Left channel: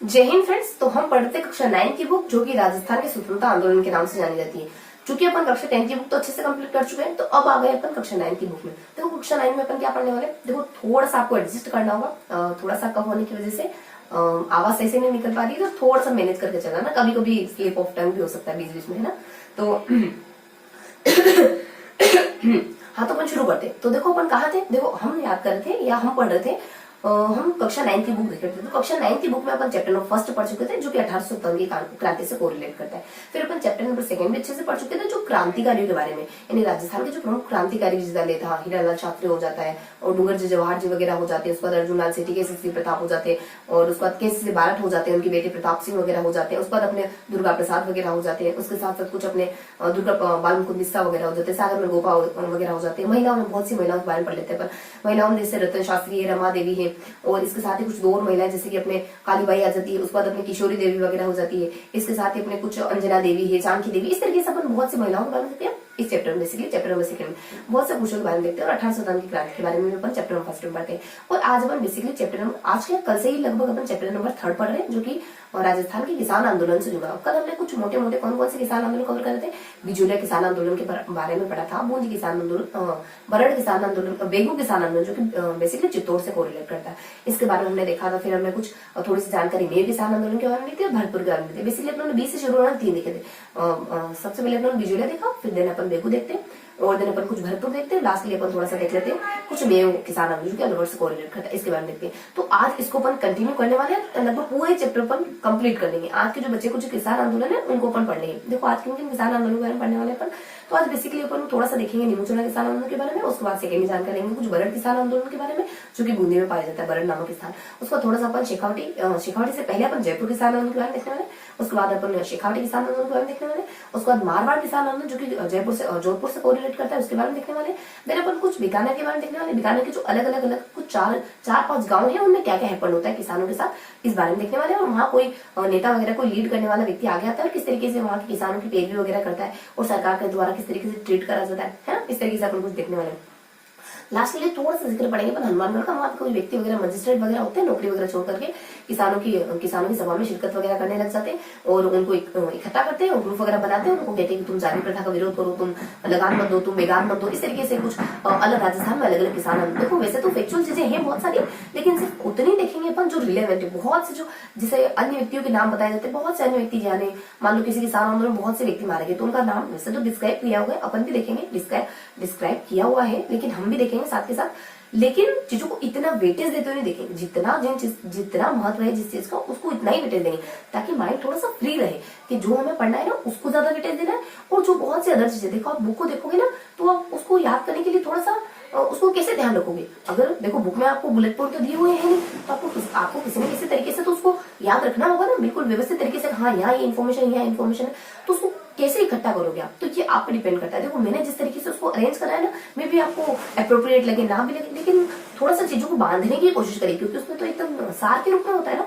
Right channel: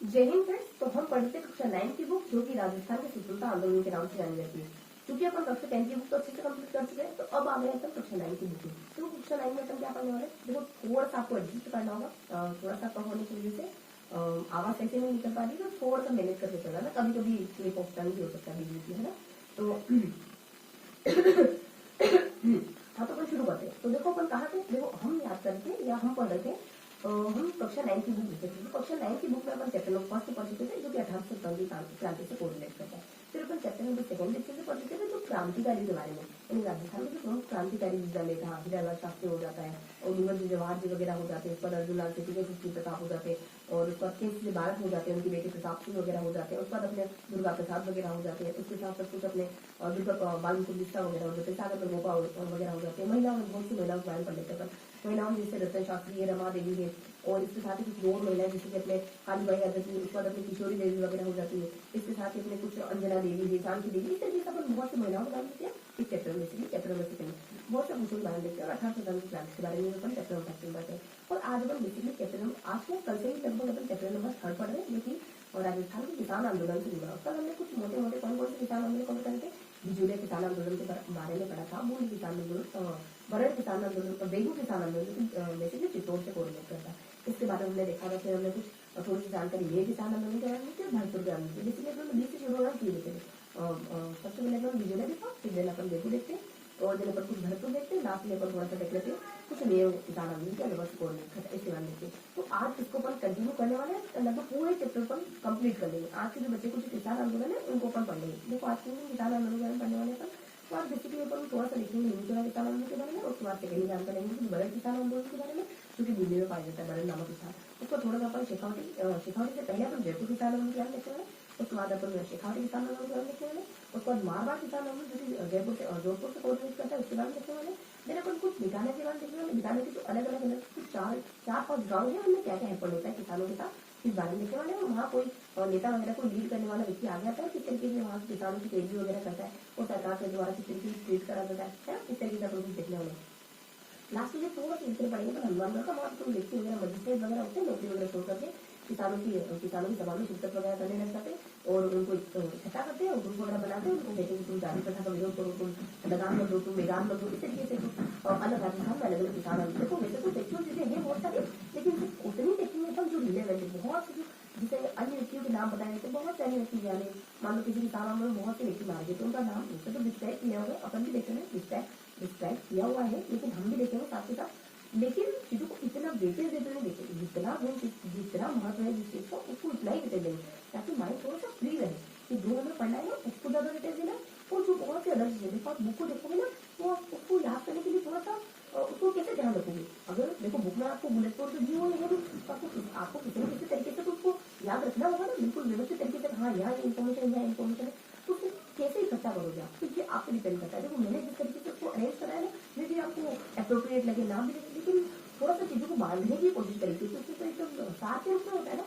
जय हिंद फ्रेंड्स। तो हम पढ़ते कक्षा 9 की बुक जो कि राजस्थान के स्वतंत्रता आंदोलन के नाम से जानी जाती है। चूंकि अपन कक्षा 10 की बुक तो अच्छे से कंप्लीट कर चुके हैं, तो अब आ गए अपन कक्षा 9 की बुक में। देखो कक्षा 9 में अपन क्या पढ़ने वाले हैं, देखो थोड़ा सा आपको एडजस्ट करना होगा। थोड़ा सा कम होने की वजह से आवाज सही से नहीं निकल पा रही, तो थोड़ा सा मैनेज करके चलना ना, कभी कभी स्लिप ऑफ टंग भी हो सकता है बीच बीच में, है ना। तो हाँ, तो अपन शुरू करते हैं। तो देखो अपन कहाँ थे, देखो हम याद कर रहे थे या हम पढ़ रहे थे, हम कक्षा 9 की बुक देख रहे थे। तो कक्षा 9 की बुक में अपन चैप्टर नंबर फर्स्ट पढ़ चुके थे जो कि 1857 की क्रांति से कोरिलेट करता है। फिर अपन चैप्टर नंबर सेकंड भी अच्छे से पढ़ चुके थे जो क्रांतिकारियों के बारे में, यानी राजस्थान के जो प्रमुख क्रांतिकारी जिसने था, हीरालाल शास्त्री हो जाता है और डूंगरजी जवाहर जी वगैरह हो जाते हैं। उसके बाद अर्जुन लाल सेठी, केसरी प्रताप हो जाते हैं, और उसके बाद केसरी बारट हो जाते हैं, उनके बेटे प्रताप सिंह वगैरह हो जाते हैं। उसके बाद अपने दुर्गा प्रसाद वगैरह हो जाते हैं। उसके साथ साथ कुछ अपने दुर्गा बाल मुकुंद मिश्रा वगैरह हो जाते हैं, सागर में गोपा वगैरह हो जाते हैं। महिलाओं में बहुत सी महिलाओं के बारे में पढ़ लेते हैं पर महिलाओं में जैसे रतन शास्त्री है, रमा देवी है, और इसके साथ ही कुछ दो और महिलाएं जैसे कि अपने कालीबाई आ जाती है। उसके बाद अपनी किशोरी देवी वगैरह हो जाती है। इसके साथ ही अपने कुछ अंजना देवी है, जानकी देवी, इस तरीके से अपन बहुत सी महिलाओं के बारे में देखते हैं इस चैप्टर में। बेसिकली चैप्टर नंबर सेकंड में बहुत से क्वेश्चन के बारे में देखते हैं और 1857 की क्रांति के बारे में अपन चैप्टर नंबर फर्स्ट में पढ़ते हैं। और आज अपन बेसिकली चैप्टर नंबर, आज के कल से ही लगभग अपन चैप्टर नंबर थर्ड पढ़ रहे हैं जो कि राजस्थान के किसान आंदोलन से जुड़ा। कल हमने कुछ मोटे मोटे कौन कौन से किसान आंदोलन कवर कर रहे थे, बिजुलिया किसान आंदोलन के बारे में पढ़ा था, बूंदी किसान आंदोलन, बरड़ किसान आंदोलन, बेगू किसान आंदोलन जो कि बेसिकली चित्तौड़ से कोरिलेट करता है, इसके बारे में हमने देखा था। फिर हमने कुछ थोड़ी सी जानकारी मेर किसान आंदोलन के बारे में दी थी, भरतपुर के बारे में दी। बेसिकली अपने 20 से शुरू होना 3 देखे थे। सबसे पहले अपने बिजुलिया देखा, फिर देन अपन बेगू देखते हैं, और दिन अपन कुछ भरतपुर देखते हैं, लास्ट अपन थोड़ा सा देख लेते हैं कुछ मेव किसान आंदोलन के अलवर से कोरिलेट करता है, इसके बारे में देखते हैं। तो आज इसको अपन कंटिन्यू करने वाले हैं, लगभग पूरे चैप्टर अपन कंप्लीट कर लेंगे। आज के जो बच्चे कुछ किसान आंदोलन है उनको अपन पढ़ लेंगे। देखो आज के किसान आंदोलन के बारे में पढ़ने वाले अपन, तो आज बेसिकली अपन थोड़ा सा देखेंगे नीमूचना किसान आंदोलन के बारे में। उसके बाद सेकेंड जानकारी लेंगे कुछ बरड़ किसान आंदोलन के बारे में जो कि बूंदी में पाया जाता है, बरड़ नामक स्थान। उसका थोड़ा सा अपन शेखावटी से पहले अपन जयपुर किसान आंदोलन के बारे में देखने वाले। उसके बाद अपन शेखावटी किसान आंदोलन के बारे में देखने वाले। उसके बाद मारवाड़ किसान आंदोलन जो कि जयपुर से जोधपुर से कोरिलेट करता है, उसके बारे में देखने वाले। फिर अपन कुछ बीकानेर के बारे में देखने वाले। बीकानेर के जो अलग अलग कुछ 4-5 गाँव है उनमें क्या क्या हैपन होता है किसानों के साथ, इस बारे में देखने वाले। और वहाँ कोई नेता वगैरह कोई लीड करने वाला व्यक्ति आ गया था और किस तरीके से वहाँ के किसानों की पैरवी वगैरह करता है और सरकार के द्वारा किस तरीके से ट्रीट करा जाता है ना, इस तरीके से अपन कुछ देखने वाले हैं। लास्ट के लिए थोड़ा सा जिक्र पड़ेंगे पर हनुमानगढ़ का, वहाँ कोई व्यक्ति वगैरह मजिस्ट्रेट वगैरह होते हैं नौकरी वगैरह छोड़ करके किसानों की सभा में शिरकत वगैरह करने लग जाते हैं और उनको इकट्ठा करते हैं और ग्रुप वगैरह बनाते हैं। उनको कहते हैं कि तुम जाति प्रथा का विरोध करो, तुम लगान मत दो, तुम बेगान मत दो, इस तरीके से कुछ अलग राजस्थान में अलग अलग किसान। देखो वैसे तो फैक्चुअल चीजें हैं बहुत सारी, लेकिन सिर्फ उतनी देखेंगे अपन जो रिलेवेंट है। बहुत से जो जिसे अन्य व्यक्तियों के नाम बताए जाते हैं, बहुत से अन्य व्यक्ति जाने, मान लो किसी किसान आंदोलन में बहुत से व्यक्ति मारे गए तो उनका नाम वैसे तो डिस्क्राइब किया हुआ है, अपन भी देखेंगे डिस्क्राइब किया हुआ है, लेकिन हम भी देखेंगे साथ के साथ। लेकिन चीजों को इतना वेटेज देते हुए नहीं देखेंगे, जितना महत्व है जिस चीज का उसको इतना ही वेटेज देंगे ताकि माइंड थोड़ा सा फ्री रहे कि जो हमें पढ़ना है ना उसको ज्यादा वेटेज देना है। और जो बहुत सी अदर चीजें, देखो आप बुक को देखोगे ना तो आप उसको याद करने के लिए थोड़ा सा उसको कैसे ध्यान रखोगे। अगर देखो बुक में आपको बुलेट पॉइंट तो दिए हुए हैं नहीं, तो आपको किसी न किसी तरीके से तो उसको याद रखना होगा ना, बिल्कुल व्यवस्थित तरीके से। हाँ, यहाँ ये इन्फॉर्मेशन है, तो उसको कैसे इकट्ठा करोगे आप, तो ये आप पे डिपेंड करता है। देखो मैंने जिस तरीके से उसको अरेंज करा है ना, मे भी आपको अप्रोप्रिएट लगे ना भी लगे, लेकिन थोड़ा सा चीजों को बांधने की कोशिश करें क्योंकि उसमें तो एकदम सार के रूप में होता है ना।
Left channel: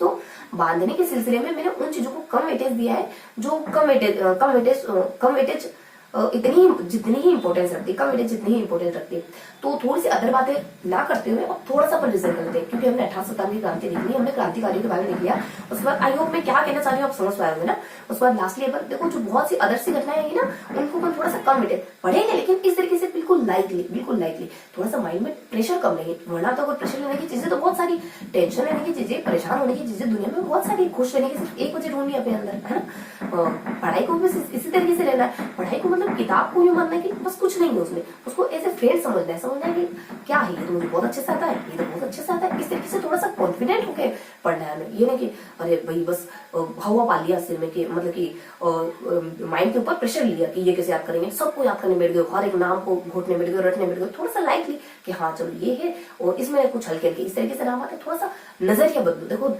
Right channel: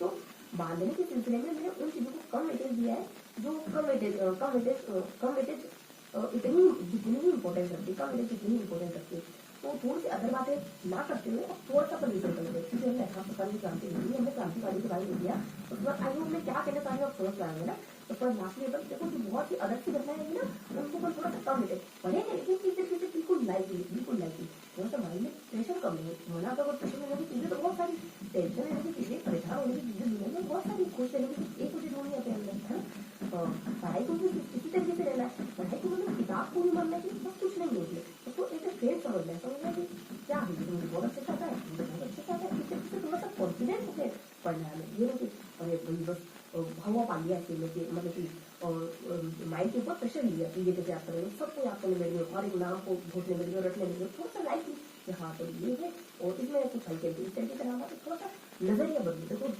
तो बांधने के सिलसिले में मैंने उन चीजों को कम वेटेज दिया है जो कम वेटेज जितनी ही इंपॉर्टेंस रखती है, कम वेटेज जितनी ही इंपॉर्टेंस रखती है। तो थोड़ी सी अदर बातें ना करते हुए और थोड़ा सा पर रिजल्ट करते हैं क्योंकि हमने 1857 की क्रांति देख ली, हमने क्रांतिकारियों के बारे में देख लिया। उसके बाद आई होप मैं क्या कहना चाह रही हूँ आप समझ पाए होंगे ना। उसके बाद लास्टली अपन देखो जो बहुत सी अदर सी घटनाएं हैं ना उनको अपन थोड़ा सा कम वेटेज पढ़ेंगे, लेकिन इस तरीके से बिल्कुल लाइटली थोड़ा सा माइंड में प्रेशर कम लेंगे। वरना तो अगर प्रेशर लेने की चीजें तो बहुत सारी, टेंशन लेने की चीजें, परेशान होने की चीजें दुनिया में बहुत सारी, खुश रहने की सिर्फ एक वजह ढूंढनी अपने अंदर, है ना। पढ़ाई को भी इसी तरीके से रहना है। पढ़ाई को मतलब किताब को यूं मानना है कि बस कुछ नहीं है उसमें, उसको ऐसे फ्रेंड समझना है कि क्या है ये तो मुझे बहुत अच्छे से आता है, ये तो बहुत अच्छे से आता है। इस तरीके से थोड़ा सा कॉन्फिडेंट होके पढ़ना है हमें। ये नहीं कि अरे भाई बस हवा पा लिया सिर में, कि मतलब कि माइंड के ऊपर प्रेशर लिया कि ये कैसे याद करेंगे, सबको याद करने बैठ गए, हर एक नाम को घोटने बैठ गए, रटने बैठ गए। थोड़ा सा लाइटली कि हाँ चलो ये है और इसमें कुछ हल्के हल्के इस तरीके से नाम आते। थोड़ा सा नजरिया बदलो। देखो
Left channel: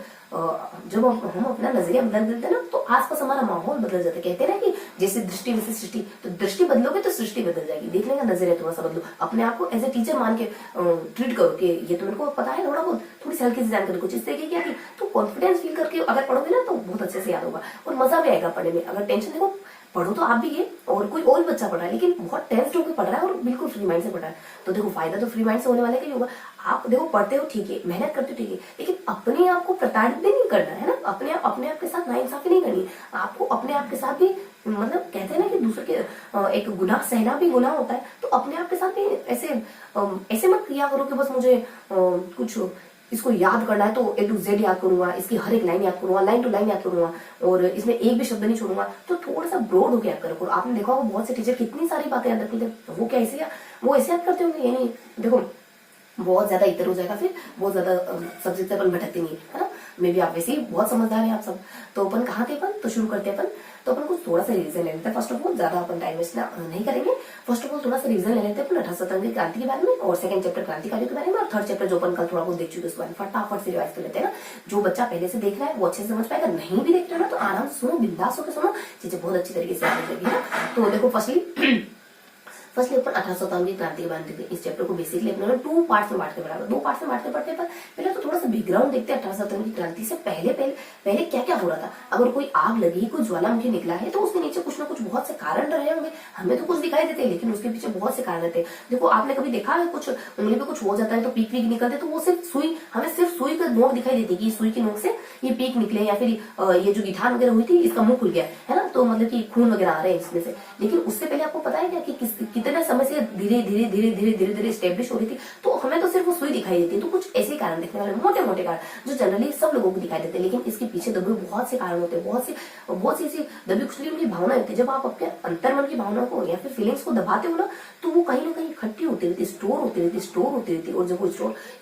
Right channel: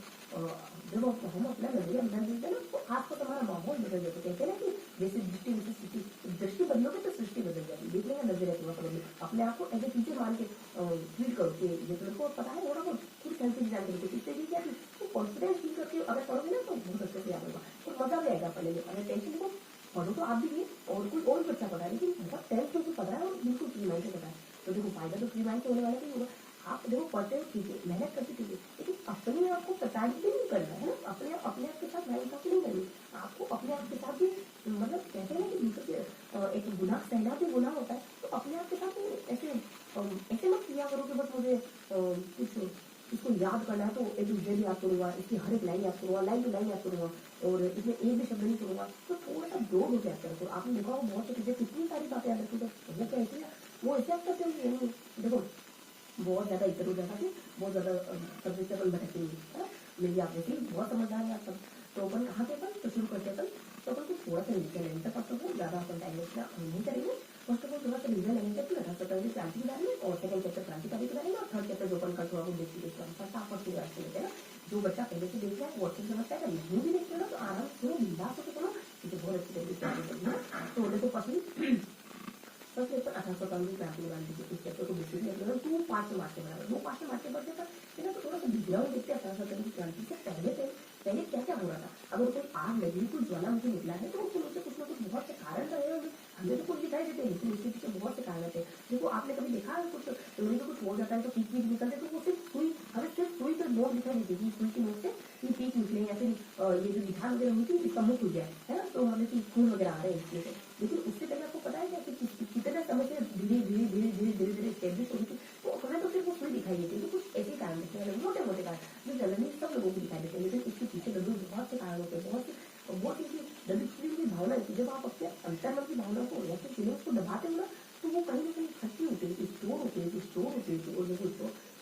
जब हम अपना नजरिया बदल देते हैं ना तो आसपास हमारा माहौल बदल जाता है। कहते हैं ना कि जैसे दृष्टि वैसे सृष्टि, तो दृष्टि बदलोगे तो सृष्टि बदल जाएगी। देखने का नजरिया थोड़ा सा बदलो। अपने आप को एज ए टीचर मान के ट्रीट करो कि ये तो मेरे को पता है थोड़ा बहुत, थोड़ी सी हल्की सी जानकारी कुछ इस तरीके की आती तो कॉन्फिडेंस फील करके अगर पढ़ोगे ना तो बहुत अच्छे से याद होगा और मजा भी आएगा पढ़ने में। अगर टेंशन, देखो पढ़ो तो आप भी ये और कोई और बच्चा पढ़ रहा है, लेकिन बहुत टेंस्ड होकर पढ़ रहा है और बिल्कुल फ्री माइंड से पढ़ रहा है, तो देखो फायदा तो फ्री माइंड से होने वाला है कि होगा। आप देखो पढ़ते हो ठीक है, मेहनत करते हो ठीक है, लेकिन अपने आप को प्रताड़ित भी नहीं करना है ना, अपने आप के साथ नाइंसाफी नहीं करनी। आपको अपने आप के साथ भी, मतलब कहते हैं ना कि दूसरे के एक गुनाह सहना भी गुनाह होता है, तो अपने आप के साथ भी ऐसे मत किया करो कि बस मुझे कुछ इसको याद करना है तो A to Z याद करूंगा, इसकी हर एक लाइन याद करूंगा, लाइन टू लाइन याद करूंगा, और इसमें एक भी शब्द नहीं छोड़ूंगा। तो थोड़ा सा ब्रॉड होकर याद करो। आपने देखा होगा बहुत से टीचर कितनी सारी बातें याद रखते थे, वो क्या ऐसे वो ऐसे याद करते होंगे? ये नहीं, देखो बहुत ज्यादा इतर हो जाएगा, फिर बहुत ज्यादा सब्जेक्ट से अपन भटकते नहीं है ना। मे बी आप वैसे ही बहुत समझदार हैं आप सब। तो अपन कहाँ थे अपन, तो शुरू करते हैं अपन। तो अपन को थोड़ा सा रिविजन ले लेते हैं। फर्स्ट ऑफ ऑल ज्यादा अपन टाइम वेस्ट नहीं करेंगे। फर्स्ट ऑफ ऑल थोड़ा सा रिविजन ले लेते हैं अपन 1857 की क्रांति के बारे में, और सेकंड चैप्टर क्रांतिकारियों के बारे में, और थर्ड चैप्टर जो अपन कल थोड़ा बहुत देख चुके उसके बारे में फटाफट से रिवाइज कर लेते हैं ना। जो बच्चा पहले से देख रहा है वो अच्छे से समझ पाएगा, नहीं भी देख रहा ना तो आराम से सुनो, बिंदास होकर सुनो, चीजें बहुत अच्छी तरीके से समझ जाएगी ना। तो देखो फर्स्टली अपन 1857 की क्रांति के बारे में देखते हैं। इस चैप्टर को बेसिकली अपने 2 पार्ट्स में बांटते पढ़ा, 2 पार्ट्स में बांटते पढ़ते पर पहले तो थोड़ा सा बैकग्राउंड देखते हैं 1857 की क्रांति से पहले क्या क्या हो रहा था। अगर कोई आग लगी, कोई ज्वालामुखी निकला है, तो उसके नीचे कुछ ना कुछ बहुत से कारण रहे होंगे। हमें तो कुछ दिखाई देते हैं, लेकिन उसके पीछे बहुत से कारण रहते हैं। देखो आपने कभी देखा है कुछ उंगली पे कुछ हो जाता है तो पीक पीक निकलते, तो वो सिर्फ सुई, हमें सिर्फ सुई का नोक दिखाई देती है कि सुई की नोक से ये पीक निकले, या फिर ये जो गिठान वगैरह हुई थी इसका मुंह खुल गया है ना, तो मतलब कि खून वगैरह आ रहे हैं इसमें से। लेकिन उससे पहले आपको पता है क्या कि कितने समय से धीरे धीरे धीरे धीरे धीरे धीरे स्टेब्लिश हो रही थी, तो हमें तो सिर्फ वो सुई दिखाई देती है। तो कुछ ऐसे कारण दिखने वाले मोटे मोटे कारण जो जनरली सब लोगों को दिखाई देते हैं, लेकिन इसके पीछे दबे बहुत से कारण होते हैं, बहुत सी ऐसी दबी कुचली उनकी भावना होती है। जब आप अपने अंतर्मन की भावना को या फिर फीलिंग्स को दबाते हो ना, तो वो कहीं ना कहीं इकट्ठी होती रहती, स्टोर होती रहती, और जब वो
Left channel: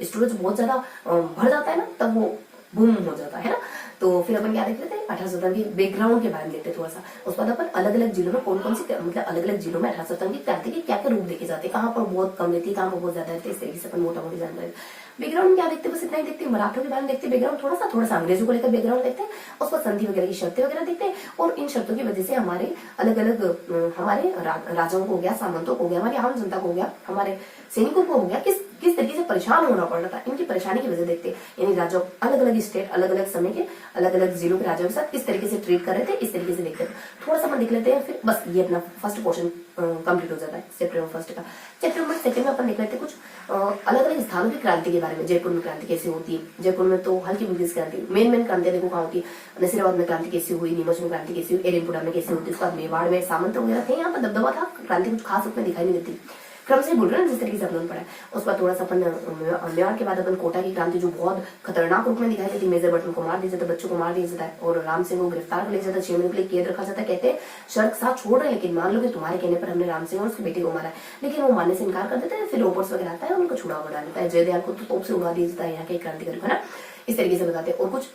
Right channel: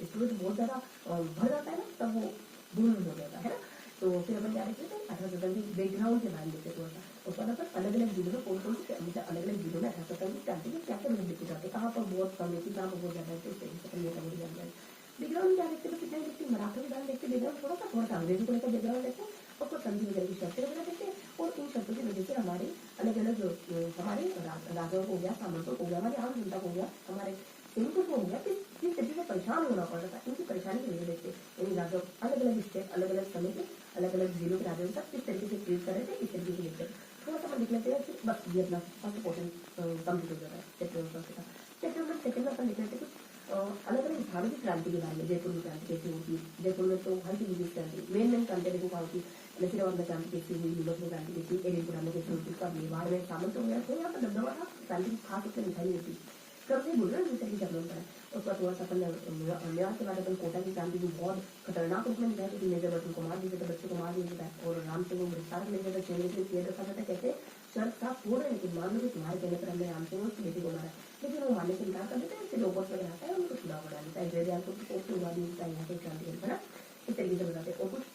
स्टोरेज बहुत ज्यादा भर जाता है ना, तब वो बूम हो जाता है ना। तो फिर अपन क्या देख लेते हैं 1857 की बैकग्राउंड के बारे में देखते हैं थोड़ा सा। उसके बाद अपन अलग अलग जिलों में कौन कौन सी, मतलब अलग अलग जिलों में 1857 की क्रांति के क्या क्या रूप देखे जाते हैं, कहाँ पर बहुत कम रहती है, कहाँ पर बहुत ज्यादा रहती है, इस तरीके से अपन मोटा मोटी जानते हैं। बैकग्राउंड क्या देखते हैं, बस इतना ही देखते हैं। मराठों के बारे में देखते हैं बैकग्राउंड, थोड़ा सा अंग्रेजों को लेकर बैकग्राउंड देखते हैं, उसके बाद संधि वगैरह की शर्तें वगैरह देखते हैं, और इन शर्तों की वजह से हमारे अलग अलग हमारे राजाओं को हो गया, सामंतों को हो गया, हमारी आम जनता को हो गया, हमारे सैनिकों को हो गया, किस तरीके से परेशान होना पड़ रहा था, इनकी परेशानी की वजह देखते हैं। यानी राजा अलग अलग स्टेट, अलग अलग समय के अलग अलग जिलों के राजाओं के साथ किस तरीके से ट्रीट कर रहे थे, इस तरीके से देखते हैं। थोड़ा सा अपन देख लेते हैं, फिर बस ये अपना फर्स्ट पोर्शन कंप्लीट हो जाता है चैप्टर नंबर फर्स्ट का। चैप्टर नंबर सेकंड में अपन देख लेते हैं कुछ अलग अलग स्थानों की क्रांति के बारे में। जयपुर में क्रांति कैसे होती है, जयपुर में तो हल्की फुल्की क्रांति, मेन क्रांतियां देखो कहाँ होती है। नसीराबाद में क्रांति कैसी हुई, नीमच में क्रांति कैसी हुई, एरेनपुरा में कैसी होती है, उसके बाद मेवाड़ में सामंत वगैरह थे, यहाँ पर दबदबा था, क्रांति कुछ खास उसमें दिखाई नहीं देती। क्रम से बोल रहे हैं जिस तरीके से अपन पढ़ा है। उसके बाद थोड़ा सा अपन मेवाड़ के बाद अपन कोटा की क्रांति जो बहुत खतरनाक रूप में दिखाई देती, मेजर बटन को मार दिया जाता है, बच्चों को मार दिया जाता है, और राम सिंह को गिरफ्तार कर लिया जाता है, 6 महीने के लिए कैद रखा जाता है। कहते हैं शर्त साथ छोड़ रहे हैं, लेकिन मान लो कि तुम्हारे कहने पर हमने राम सिंह और उसके बेटे को मारा है, लेकिन वो मानने से इनकार कर देते हैं। फिर ओपर्स वगैरह आता है, उनको छुड़ा बढ़ा देता है। जयदयाल को तो तोप से उड़ा दिया जाता है, यहाँ के क्रांतिकारी है ना, इस तरीके से बताते हैं। और कुछ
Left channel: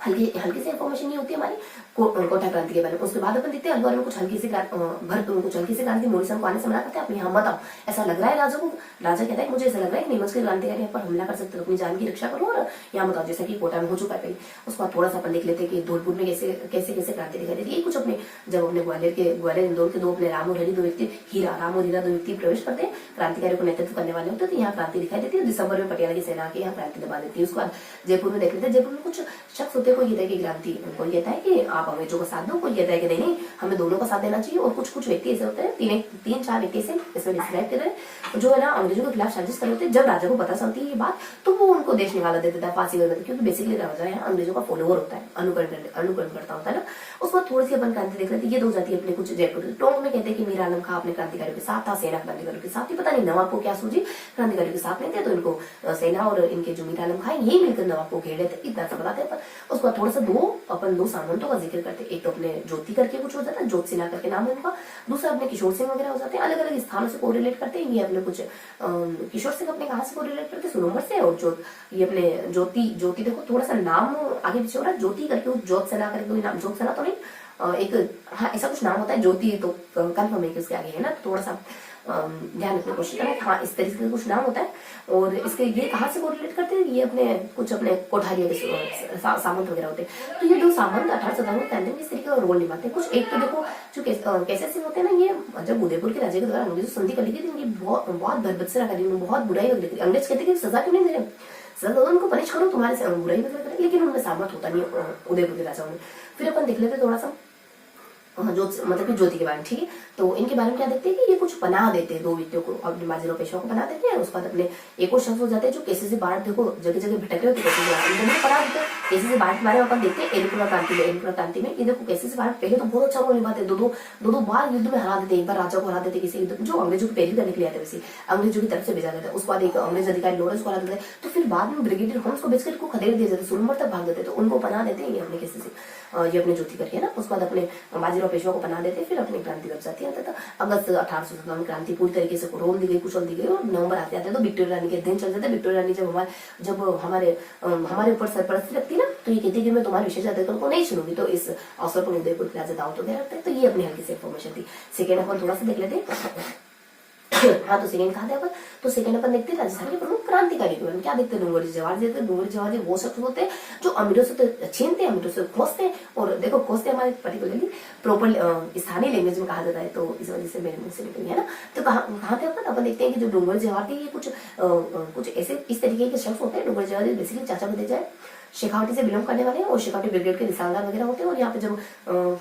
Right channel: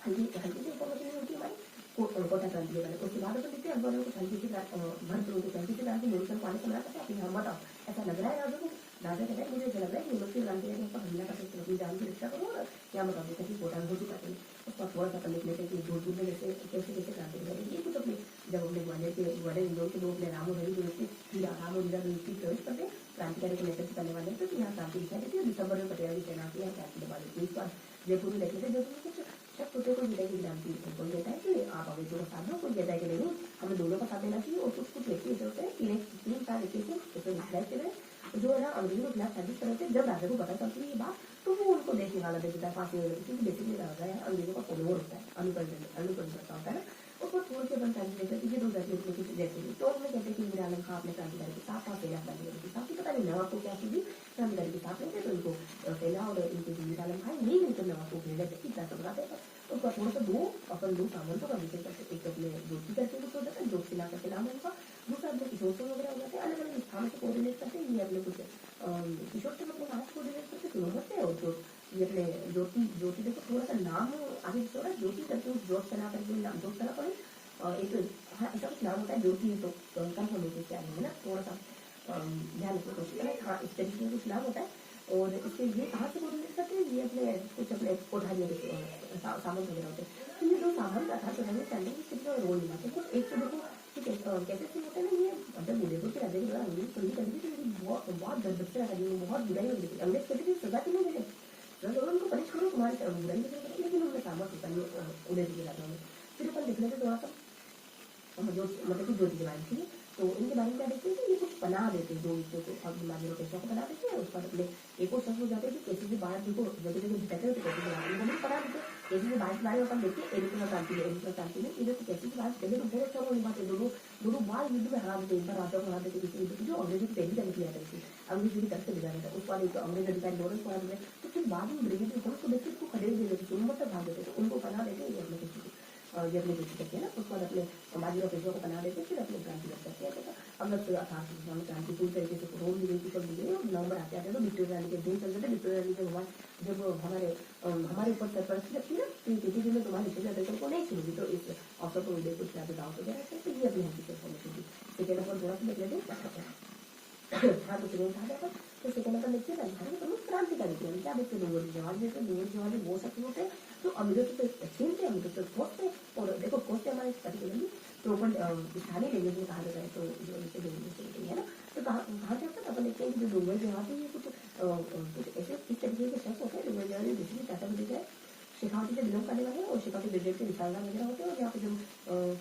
हल्की से इन्फॉर्मेशन नहीं होती हमारी कोटा क्रांति के बारे में। उसके बाद अपन देखते हैं अखबार में कुछ हल्की सी क्रांति मोरिसन को आने से मना करते हैं, आप यहाँ मत आओ, ऐसा लग रहा है राजा को। राजा कहता है मुझे ऐसा लग रहा है नीमच के क्रांतिकारी यहाँ पर हमला कर सकते हो, अपनी जान की रक्षा करो और यहाँ मत आओ, जैसा कि कोटा में हो चुका है पहले। उसके बाद थोड़ा सा अपन देख लेते हैं कि धौलपुर में कैसे क्रांति दिखाई देती है। कुछ अपने जब अपने ग्वालियर इंदौर के दो अपने राम और दो व्यक्ति प्रवेश करते हैं, क्रांतिकारी को नेतृत्व करने वाले होते हैं, तो यहाँ क्रांति दिखाई देती है। दिसंबर में पटियाला की सेना के यहाँ क्रांति दबा देती है। उसके बाद जयपुर में देख लेते हैं, जयपुर में कुछ शख्स होते हैं, कोई कहता है कि क्रांति, कोई कहता है कि आप अंग्रेजों का साथ दो, कोई कहता है कि नहीं हमें दोनों का साथ देना चाहिए। और कुछ व्यक्ति ऐसे होते हैं, 3-4 व्यक्ति से इसमें डिस्क्राइब कर रहे हैं, जो है ना अंग्रेजों के खिलाफ साजिश कर रहे थे। जब राजा को पता चलती है ये बात, तो वो उनको देश निकाला देता था, फांसी कर देता, क्योंकि बेसिकली राजा है अंग्रेजों का फॉलोअर होता है, अनुकरण करता होता है ना। उसके बाद थोड़ी सी अपन क्रांति देख रहे थे, ये दो जाती है अपने कुछ जयपुर के टोंक में कहते हैं कि मीर आलम खां अपने क्रांतिकारियों के साथ था, सेना क्रांतिकारियों के साथ ही, पता नहीं नवाब को क्या सूझी, क्रांतिकारियों के साथ नहीं थे, तो इनको सेना और इनके जो मीर आलम खां यही मिलकर नवाब को घेर लेते, इतना सा बताते हैं। उसके बाद थोड़ा सा दो सामंतों का जिक्र करते हैं। एक तो अपने ज्योति करके कुछ हो जाता है, ज्योत सिन्हा करके नाम है उनका, दूसरा अपने किशोर सिंह वगैरह हो जाते हैं। अलग अलग स्थानों से कोरिलेट करते हैं। ये अपने कुछ किशोर सिंह अपने कहाँ से कोरिलेट करते हैं, सुनोमर से, और ये अपने ज्योति देखो थोड़ा सा नाम आगे पीछे हो रहा है, ज्योति करके ज्योत सेना करके कोई नाम, ज्योत सेना तो नहीं, एक हाँ ऐसा कुछ नाम होता है, ज्योति तो कन्फर्म है कि उसके आगे है ना, थोड़ा सा ध्यान रखने की कोशिश करें। हाँ इस तरीके का कुछ नाम होता है। और इसके ये कहाँ से कोरिलेट करते हैं, ये अपने कोठारिया के सामंत वगैरह होते हैं। तो ये दो सामंत 1857 में इस तरीके का रोल निभाते हैं। कुछ एक तो देखो जो कैसे सिंह होते हैं ना, ये जब उदयपुर के राजा के द्वारा अंग्रेजों संधि कर ली थी, इनकी बहुत बर्बत्सरा करी, बहुत बुराई वगैरह करी। अंग्रेज कहते कि सजा क्यों नहीं दे रहे, सजा उनको पनिश करो, तुम्हारे से बुराई वगैरह करें, लेकिन उनमें सामर्थ होता नहीं उदयपुर के राजाओं में। फिर अपन देख लेते थोड़ा सा जो मतलब कि ज्योति के बारे में, ठीक है। तो इनके बारे में क्या देखते हैं कि ये कुछ पनाह देते हैं दो व्यक्तियों को, अपने बाजीराव पेशवा को पनाह देते हैं। उसके बाद अपने एक और शख्स हो जाते हैं जो केसी से बाहर, देखो जगह जगह भटक रहे होते कैसे पनाह देते हैं। केसी से बाहर के बारे में अपन देखते हैं एलिपुरा क्रांति में। एलिपुरा क्रांति में ये देखो केसी से बाहर पहले तो बहुत अच्छा रोल निभाते हैं, दो बार युद्ध में हरा देते, एक बार राजा को हरा देते किसी युद्ध जो अंग्रेजों की पहली करने के लिए आते, वैसे अंग्रेजों की तरफ से भेजा जाता है। उसके बाद एक अंग्रेज अधिकारी लॉरेंस को हरा देते हैं। तो फिर बाद में ब्रिगेडियर होम्स को बेचकर को खदेड़ दिया जाता, सोनमर्ग तक भाग देते, तो उनको पनाह देते हैं ये अपने केसी से, ये अपने ज्योति करके ना। उसके बाद अपने बाजीराव पेशवा को पनाह देते, फिर अपनी क्रांति दब जाती है। अगस्त 1817 में क्रांति पूरी तरीके से रोल दी गई, कुशल दी गई, और नवंबर आते आते तो विक्टोरिया रानी के दिन चल जाते। विक्टोरिया रानी जब हमारे ऊपर सरपरस्ती रखती ना, तो ये कहती है कि मैं तुम्हारे विशेष अधिकारों को नहीं सुनूंगी, तो इस अवसर को उदयपुर के राजा दाव तो दे रखते हैं। तो ये अपनी हल्की सी इन्फॉर्मेशन थी। सेकेंड अपन थोड़ा सा देख लेते हैं। हाँ, तो सेकंड कहा था अपन, तो सेकंड अपन देखते हैं राजस्थान के प्रमुख क्रांतिकारी के बारे में। क्या देखते हैं, डूंगरजी जवाहर जी। डूंगरजी जवाहर जी वो शख्स होते हैं जो अमीरों से तो छीनते हैं, अमीरों से खोजते हैं। और देखो खोजते हमारे पर्टिकुलरली प्रॉपर स्थानीय लैंग्वेज में कहा जाता है, तो इस वजह से मेरे मुंह से निकल गया ना। तो कहाँ थे अपन देखते हैं कि जो डूंगरजी जवाहर थे ये कुछ ऐसे इस तरीके के शख्स होते हैं। डूंगरजी जवाहर जी बेसिकली चाचा को दे जाए शेखावटी से बिलोंग करने वाले हैं, और शेखावटी ब्रिगेड के निशानदार वगैरह होते हैं। और यहाँ पे जब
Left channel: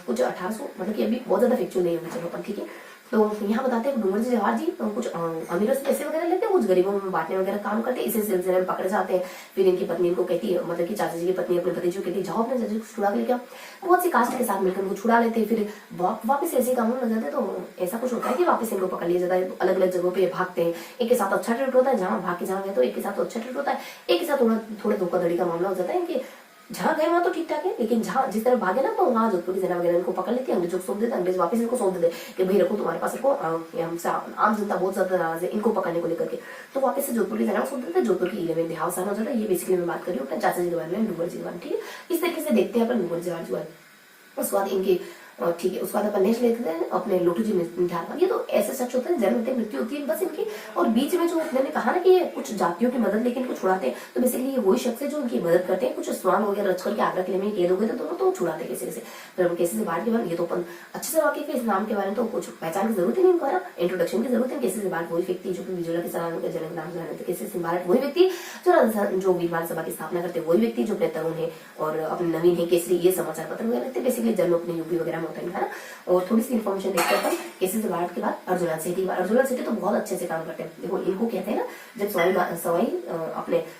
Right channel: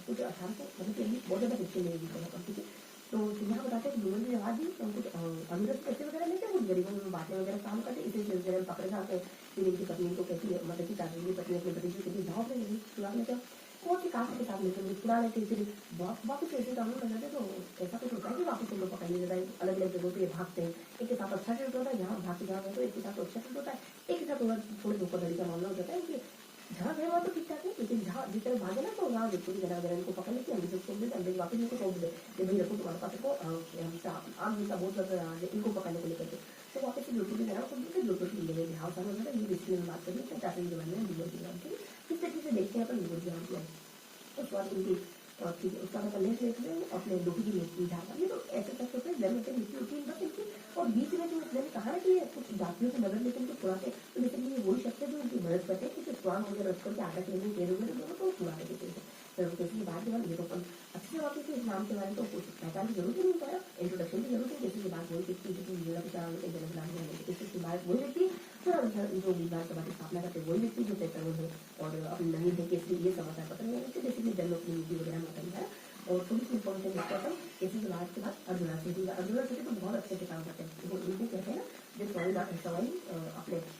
कुछ 1800 मतलब कि अभी बहुत ज्यादा फैक्चुअल नहीं होगी, चलो अपन ठीक है। तो यहाँ बताते हैं डूंगरजी जवाहर जी कुछ अमीरों से पैसे वगैरह लेते हैं, कुछ गरीबों में बांटने वगैरह काम करते हैं। इसी सिलसिले में पकड़े जाते हैं। फिर इनकी पत्नी इनको कहती है, मतलब कि चाचा जी की पत्नी अपने भतीजे को कहती है जाओ अपने चाचा जी को छुड़ा के लेके आओ। बहुत सी कास्ट के साथ मिलकर उनको छुड़ा लेते हैं। फिर वापस ऐसे कानून लग जाते हैं, तो ऐसा कुछ होता है कि वापस इनको पकड़ लिया जाता है। तो अलग अलग जगहों पे भागते हैं। एक के साथ अच्छा ट्रीट होता है, जहाँ भाग के जहाँ गए तो एक के साथ अच्छा ट्रीट होता है, एक के साथ थोड़ा धोखाधड़ी का मामला हो जाता है कि जहाँ गए वहां तो ठीक ठाक है, लेकिन जहाँ जिस तरह भागे ना, तो वहाँ जोधपुर की सेना वगैरह इनको पकड़ लेती है, अंग्रेजों को सौंप देते, अंग्रेज वापस इनको सौंप देते कि भाई रखो तुम्हारे पास, रखो हमसे आम जनता बहुत ज्यादा नाराज है इनको पकड़ने को लेकर के। तो वापस से जोधपुर की सेना को सौंप देते, जोधपुर की इले में देहावसान हो जाता है। ये बेसिकली मैं बात कर रही हूँ अपने चाचा जी के बारे में, डूंगरजी के बारे में, ठीक है। इस तरीके से देखते हैं अपन डूंगरजी जवाहर जी। उसके बाद इनकी ठीक है, उसके बाद अपन नेक्स्ट लेते हैं अपने लोटू जी निठार। ये तो ऐसे शख्स होते हैं जन्म होते मृत्यु होती है बस इनकी, और बीच में जो मैंने कहा ना कि ये कुछ जातियों की मदद लेके इनको छुड़ाते हैं, तो बेसिकली ये वही शख्स है जो इनकी मदद करते हैं। कुछ स्वांग वगैरह रच करके आगरा किले में कैद हो गए थे दोनों, तो छुड़ाते कैसे कैसे। फिर हम कैसे से बाहर के बारे में, ये तो अपन अच्छे से वाकिफ है इस नाम के बारे में, तो कुछ पहचान की जरूरत ही नहीं इनको है ना, इंट्रोडक्शन की जरूरत है। कैसे से बाहर वही व्यक्ति जो कि विजोला के सलाम के जनक नाम जाने थे, कैसे से भारत वही व्यक्ति जो राजस्थान जो विधान सभा की स्थापना करते वही व्यक्ति जो अपने तरुण है और अपने नवीन है केसरी ये समाचार पत्र वगैरह लिखते, बेसिकली जन्म अपने यूपी वगैरह में होता है ना। और थोड़ी सी इन्फॉर्मेशन देखते हैं केसी से बाहर के बाद अर्जुनलाल सेठी। अर्जुनलाल सेठी तो बहुत अच्छे से काम करते हैं। देखो इनको कहते हैं ना, जब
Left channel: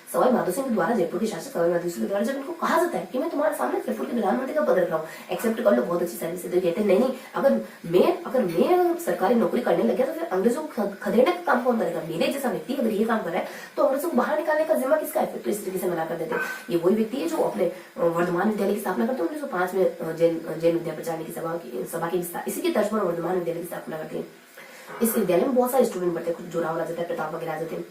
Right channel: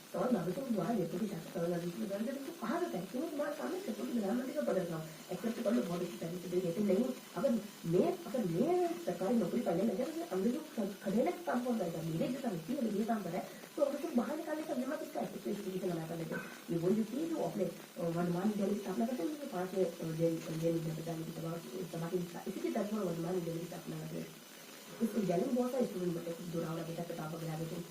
सवाई माधो सिंह द्वारा जयपुर के शासक सवाई माधो सिंह द्वारा जब इनको कहा जाता है कि मैं तुम्हारे सामने जयपुर के प्रधानमंत्री का पद रख रहा हूँ, एक्सेप्ट कर लो, बहुत अच्छी सर्विस है। तो कहते हैं नहीं, अगर मैं सरकारी नौकरी करने लग गया तो फिर अंग्रेजों को खदेड़ने का काम कौन करेगा? मेरे जैसा व्यक्ति अगर ये काम कर रहा है तो अंग्रेजों को बाहर निकालने का जिम्मा किसका है? तो इस तरीके से मना कर देते हैं। ये वही व्यक्ति है जो अपने वर्धमान विद्यालय की स्थापना करते हैं 1905 में, जैन विद्या प्रचार की सभा की इसी के तर्ज पर वर्धमान विद्यालय की स्थापना करते हैं। इस विद्यालय में बहुत सारे स्टूडेंट पढ़ते हैं, जोरावर आ जाता है, प्रताप वगैरह आ जाते हैं,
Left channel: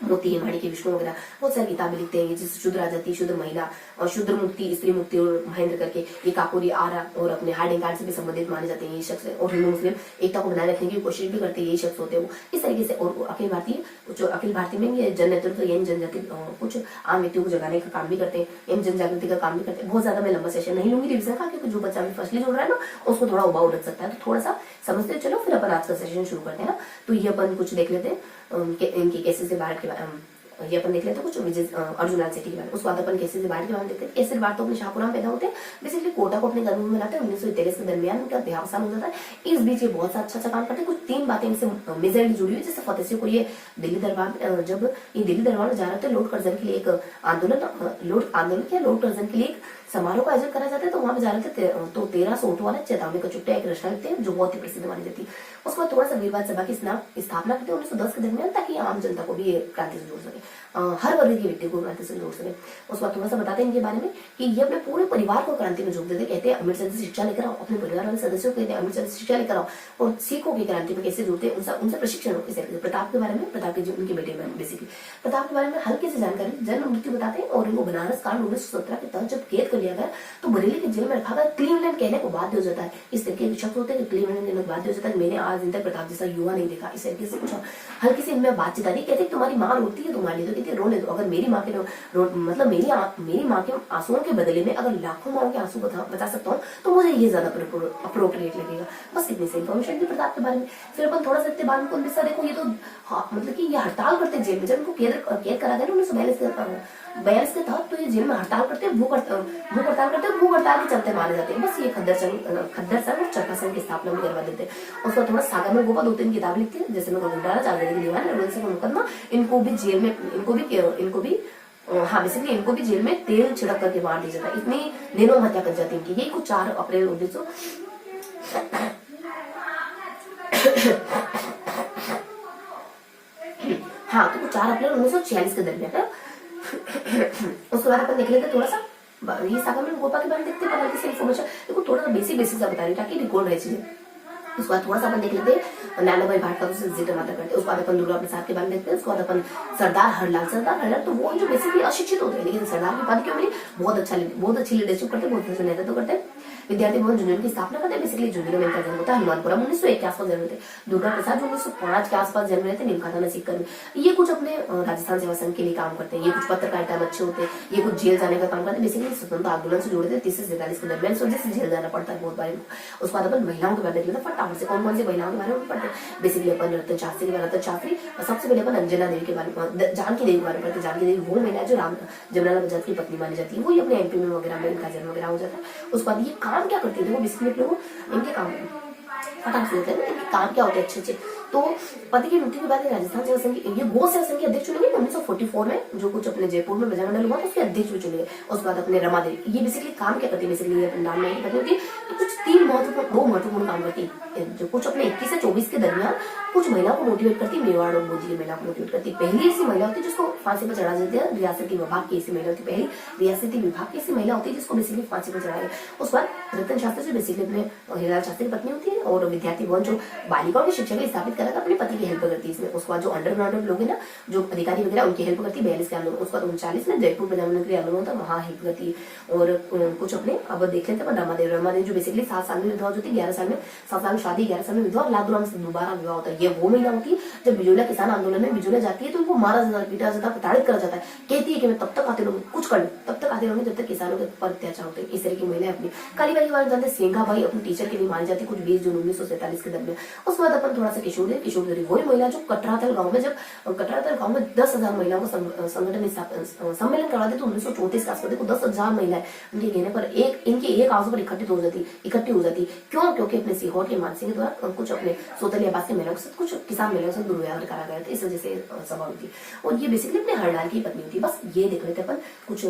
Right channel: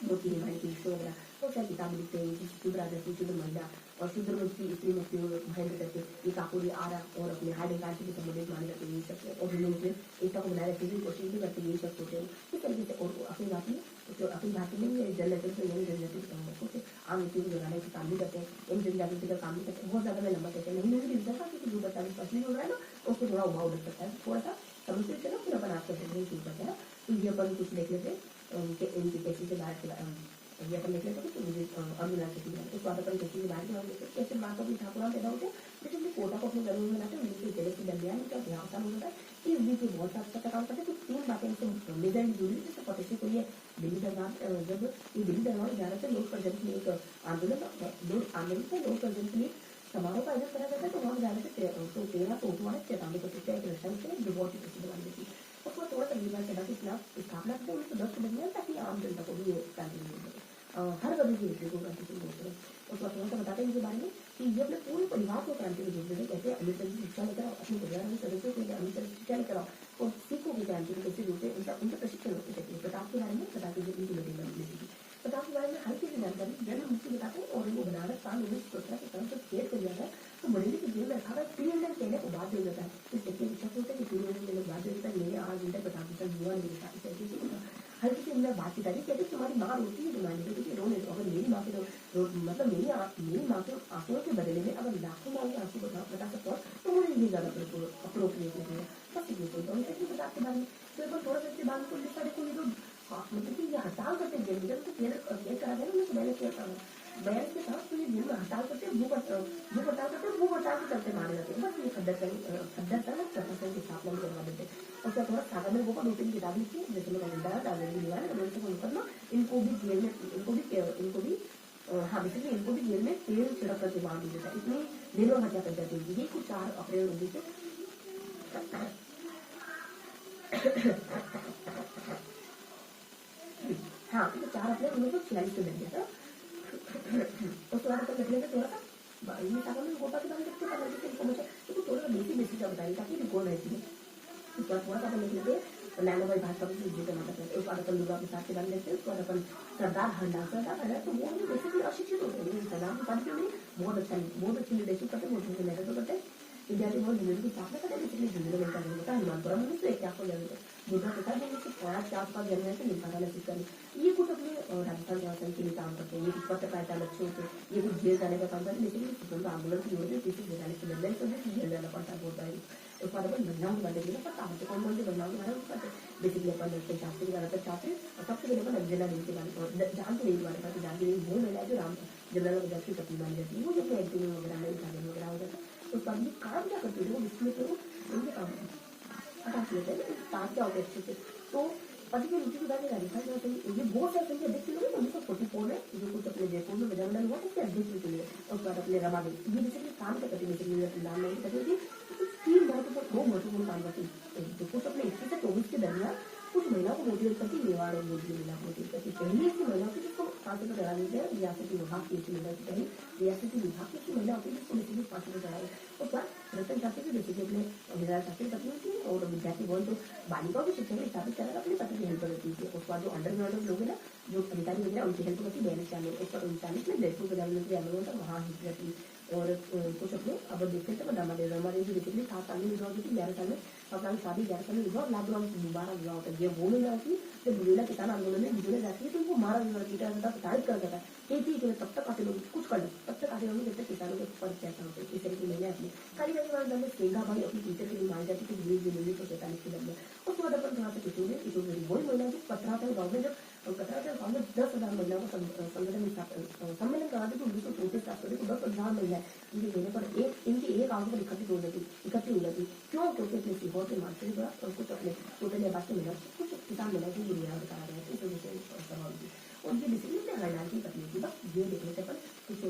मोती हिमाणी के विष्णु वगैरह बहुत सारी किताबें लिखते हैं, जैसे शुद्र आजादी, शुद्र महिला और शुद्र मुक्ति, स्त्री मुक्ति और महेंद्र करके ये काकोरी आरा और अपने हार्डिंग कार्ड से भी संबंधित माने जाते हैं ये शख्स। और हिंदू मुस्लिम एकता को बनाए रखने की कोशिश भी करते हैं ये शख्स होते हैं वो इस तरीके से। और अखिल भारतीय में ये जन नेतृत्व यंग जनजाति कुछ आम व्यक्तियों को जगाने का काम भी करते हैं, यंग जन जागृति का काम भी करते हैं। बहुत ज्यादा मैं लंबा सेशन नहीं लूंगी रिविजन का, क्योंकि जो बच्चा अभी फर्स्टली जुड़ रहा है ना उसको थोड़ा उबाऊ रख सकता है, तो थोड़ा सा समझते चलो फिर अपन आज का सेशन शुरू करते हैं ना। तो ये अपन कुछ देख लेते हैं इनके केसेस से बाहर के ये अपन देख लेते हैं कुछ अर्जुनलाल सेठी के बारे में। उसके बाद अपन केसरी बाढ़ के बारे में देखते हैं। केसरी बाढ़ तो अपने शाहपुरा में पैदा होते हैं, बेसिकली कोटा को अपने गर्भ में लाते हैं। 1943 के दरमियान उनका देहावसान हो जाता है। इस बीच ये बहुत सा अच्छा काम करते हैं। कुछ 3 बातें इनसे मेजरली जुड़ी हुई, जैसे फतेह सिंह को ये दिल्ली दरबार, जब ये दिल्ली दरबार में जा रहे थे लोड कर्जन के लिए एक लोड कर्जन के लिए एक समारोह का आयोजन करा जाता है, तो वहां पे जा रहे थे तो 1300 ऊँट वाले चेतावनी का चुट्टा एक रचना लिखते हैं जो बहुत ही प्रसिद्ध मानी जाती है। उसके बाद थोड़ा सा वीरवाद सभा की स्थापना करते हैं 1910 के दरमियान, ताकि आम जनता को भी क्रांति से जोड़ सके, हर वर्ग की व्यक्ति को क्रांति से जोड़ सके। उसके बाद थोड़ा सा बताते हैं इनके बारे में कि ये अपने पूरे परिवार को क्रांति में जोड़ देते। कहते हैं अमृतसर से शिक्षा लेकर आओ, अपने परिवार वाले सदस्यों को कहते हैं अमृतसर से शिक्षा लेकर आओ, और सिखों की क्रांति में कैसे जोड़ते हैं उनसे प्रशिक्षण हो। प्रताप के बारे में, प्रताप के उनके बेटे के बारे में, बेसिकली प्रताप के बारे में हल्की सी जानकारी, जन्म मृत्यु बताते हैं। और इनको बनारस कांड 1917 के तहत जब कैद कर लिया गया तो बरेली के जेल में रखा गया, क्लीवलैंड कहने को बाध्य हो जाता है। इस तरीके के शब्द होते हैं क्लीवलैंड कहने को बाध्य हो जाता है। मैंने आज दिन तक प्रताप जैसा युवा नहीं देखा। इस तरीके से कुछ हल्की सी इनमें बातचीत आ रही, कहते तुम्हारी माँ रोती है तुम्हारे लिए, तो कहती रोने दो। अगर मेरी माँ के मतलब मेरी माँ के आंसुओं के बदले में अगर लाखों माँ के आंसू बचा सकता हूँ तो मुझे ये ज्यादा अप्रोप्रिएट लगेगा। बस इतनी सी इन्फॉर्मेशन थी प्रताप के बारे में। फिर अपन थोड़ा सा बाद में देखो, ये तो मतलब कि ये हड़ताल करते जेल में, जब इनको कैद करा गया 1942 42 के तहत तो ये जेल में हड़ताल करते, भूख हड़ताल करते, भूख हड़ताल के चलते मारे जाते हैं। बस ये खद्दर संघ और चरखा संघ की स्थापना भी करवा देते हैं। उसको थोड़ा सागर में गोपा 2-3 किताब लिखती है, जैसे लोग घुटाला, चांदी की दीवार, से मुकदमा, इनको भी जेल में, इनको भी हाँ बेसिकली इनको भी जेल में तेल छिड़क करके मार दिया जाता है। इतनी दिनों हत्या कर जाती है इनकी। यही कुछ 4 अप्रैल 1900 हाँ तो 4 अप्रैल 1946 के दरमियान है। उसके बाद अपन देख लेते थोड़ा सा ये सागर में गोपा के बारे में देखते हैं, पता किसी इन्फॉर्मेशन देखो थोड़ा सा बेसिक सा बता रही ताकि रिकॉर्ड रह चीजें। उसके बाद थोड़ा सा अपन देख लेते हैं नाना भाई भाट का जिक्र माता करते हैं। उसके बाद अपन दुर्गा प्रसाद के बारे में देखते हैं। उसके बाद अपन सरदार हरलाल तो वो जो बेसिकली अशिक्षित होते हैं, लेकिन सरदार की बात क्यों मिली, बहुत अच्छी लीडरशिप करते, बहुत अच्छा नेतृत्व करते हैं। विद्यार्थी भवन जूनियर की स्थापना करते हैं। बेसिकली जूनियर में इनका जन्म होता है हनुमानपुरा 1901 के आसपास जन्म थे। दुर्गा प्रसाद 1905 के आसपास जन्म थे, निमखाना में सीकर में। ये कुछ अपने राजस्थान सेवा संघ के लिए काम करते हैं। ये कुछ पत्रकारिता में अच्छे होते हैं, ये कुछ जेल जाने का काम करते हैं। बेसिकली स्वतंत्रता आंदोलन से जुड़े थे 30 से 47 के दरमियान, इस वजह से जेल जाना पड़ता है बहुत बार। उसके बाद अपन महिलाओं के बारे में फटाफट से कौन कौन सी महिलाओं के बारे में पढ़ते हैं। बेसिकली अपन रतन शास्त्री और सबसे पहले अपन अंजना देवी के बारे में, जानकी देवी के बारे में पढ़ते। जानकी देवी वो महिला जो जमुनालाल बजाज की पत्नी मानी जाती है, वो अपने एमपी में वगैरह में इनका जन्म वगैरह हो जाता है। उसके बाद ये काम क्या करती है, इनके काम फटाक से होते हैं, इनके काम क्या होते हैं अच्छे। तो पति की मृत्यु के बाद राजस्थान सेवा संघ ये गो सेवा संघ के अध्यक्ष चुने गए 1944 में, जो कुछ अपने जयपुर में बजामंडल हुआ तो उसके अध्यक्ष भी चुने गए। उसके बाद अपने रमा देवी, ये बेसिकली काम क्या करती है, बेसिकली ये नाम नहीं पता होती, कुछ 3 महत्वपूर्ण काम करती है, जो कुछ अपने 21 से 24 के दरमियान कुछ महिलाओं को मोटिवेट करती है। मेवाड़ और मोदी की महिला को मोटिवेट करती है। पहली ऐसी महिला होती है जिसको फांसी पर चढ़ा देते हैं, रियासती विभाग की ऐसी महिला होती है, पहली रियासती विभाग की ऐसी महिला होती है जिसको बेसिकली फांसी पर चढ़ाया। उसके बाद रतन शास्त्री जो बेसिकली अपने हिरालाल शास्त्री की पत्नी होती है, और विद्यार्थी भवन जो बालिकाओं की शिक्षा के लिए स्थापित करा था, अपने पति की हेल्प करती है इसमें। उसके बाद जो अंडरग्राउंड लोग हैं ना, जो अधिकारी वगैरह, उनकी हेल्प करती है 42 के आंदोलन। उसके बाद 39 में जयपुर बजामंडल के आंदोलन होता है, वहां हेल्प करती है। और कुछ अपने अब देख लेते हैं रमादेवी जो बेसिकली 7 साल में विधवा होती है, 11 साल में 7 साल में शादी, 11 साल में विधवा, लादुराम से दोबारा विवाह होता है। ये वो महिला होती है जब बिजोलिया किसान आंदोलन में बिजोलिया जाती है तो उनको मारा जाता है, पीटा जाता है, प्रताड़ित करा जाता है। कहती है कि मैं तब तक आते रहूंगी, कुछ कर तब तक आते रहूंगी जब तक किसानों के ऊपर अत्याचार होते हैं। इस तरह की महिला अपनी काली वाली बात जानते। सेंगा भाई अपने टीचर के लिए मारी जाती कुछ 20 जून 1947 के दरमियान। उसके बाद अपन थोड़ा सा किशोरी वही महिला जो कटरातल गाँव में, जब कटरातल गाँव में 10,000 महिलाओं का संगठन सम्मेलन करवाते तो 1934 के आसपास देखो 10,000 महिलाएं उनके कहने पर इनके एक आवाज पर इकट्ठी हो जाती। क्यों? क्योंकि अपने सीहोर के मानसिंह द्वारा कुछ अपने सोतली आबाद के महिलाओं के साथ कुछ किसान महिलाओं से दुर्व्यवहार करा गया था, इस वजह से सभा हुई थी। और ये बेसिकली अपने हरलाल की पत्नी होती। बस ये देख लेते अपन कुछ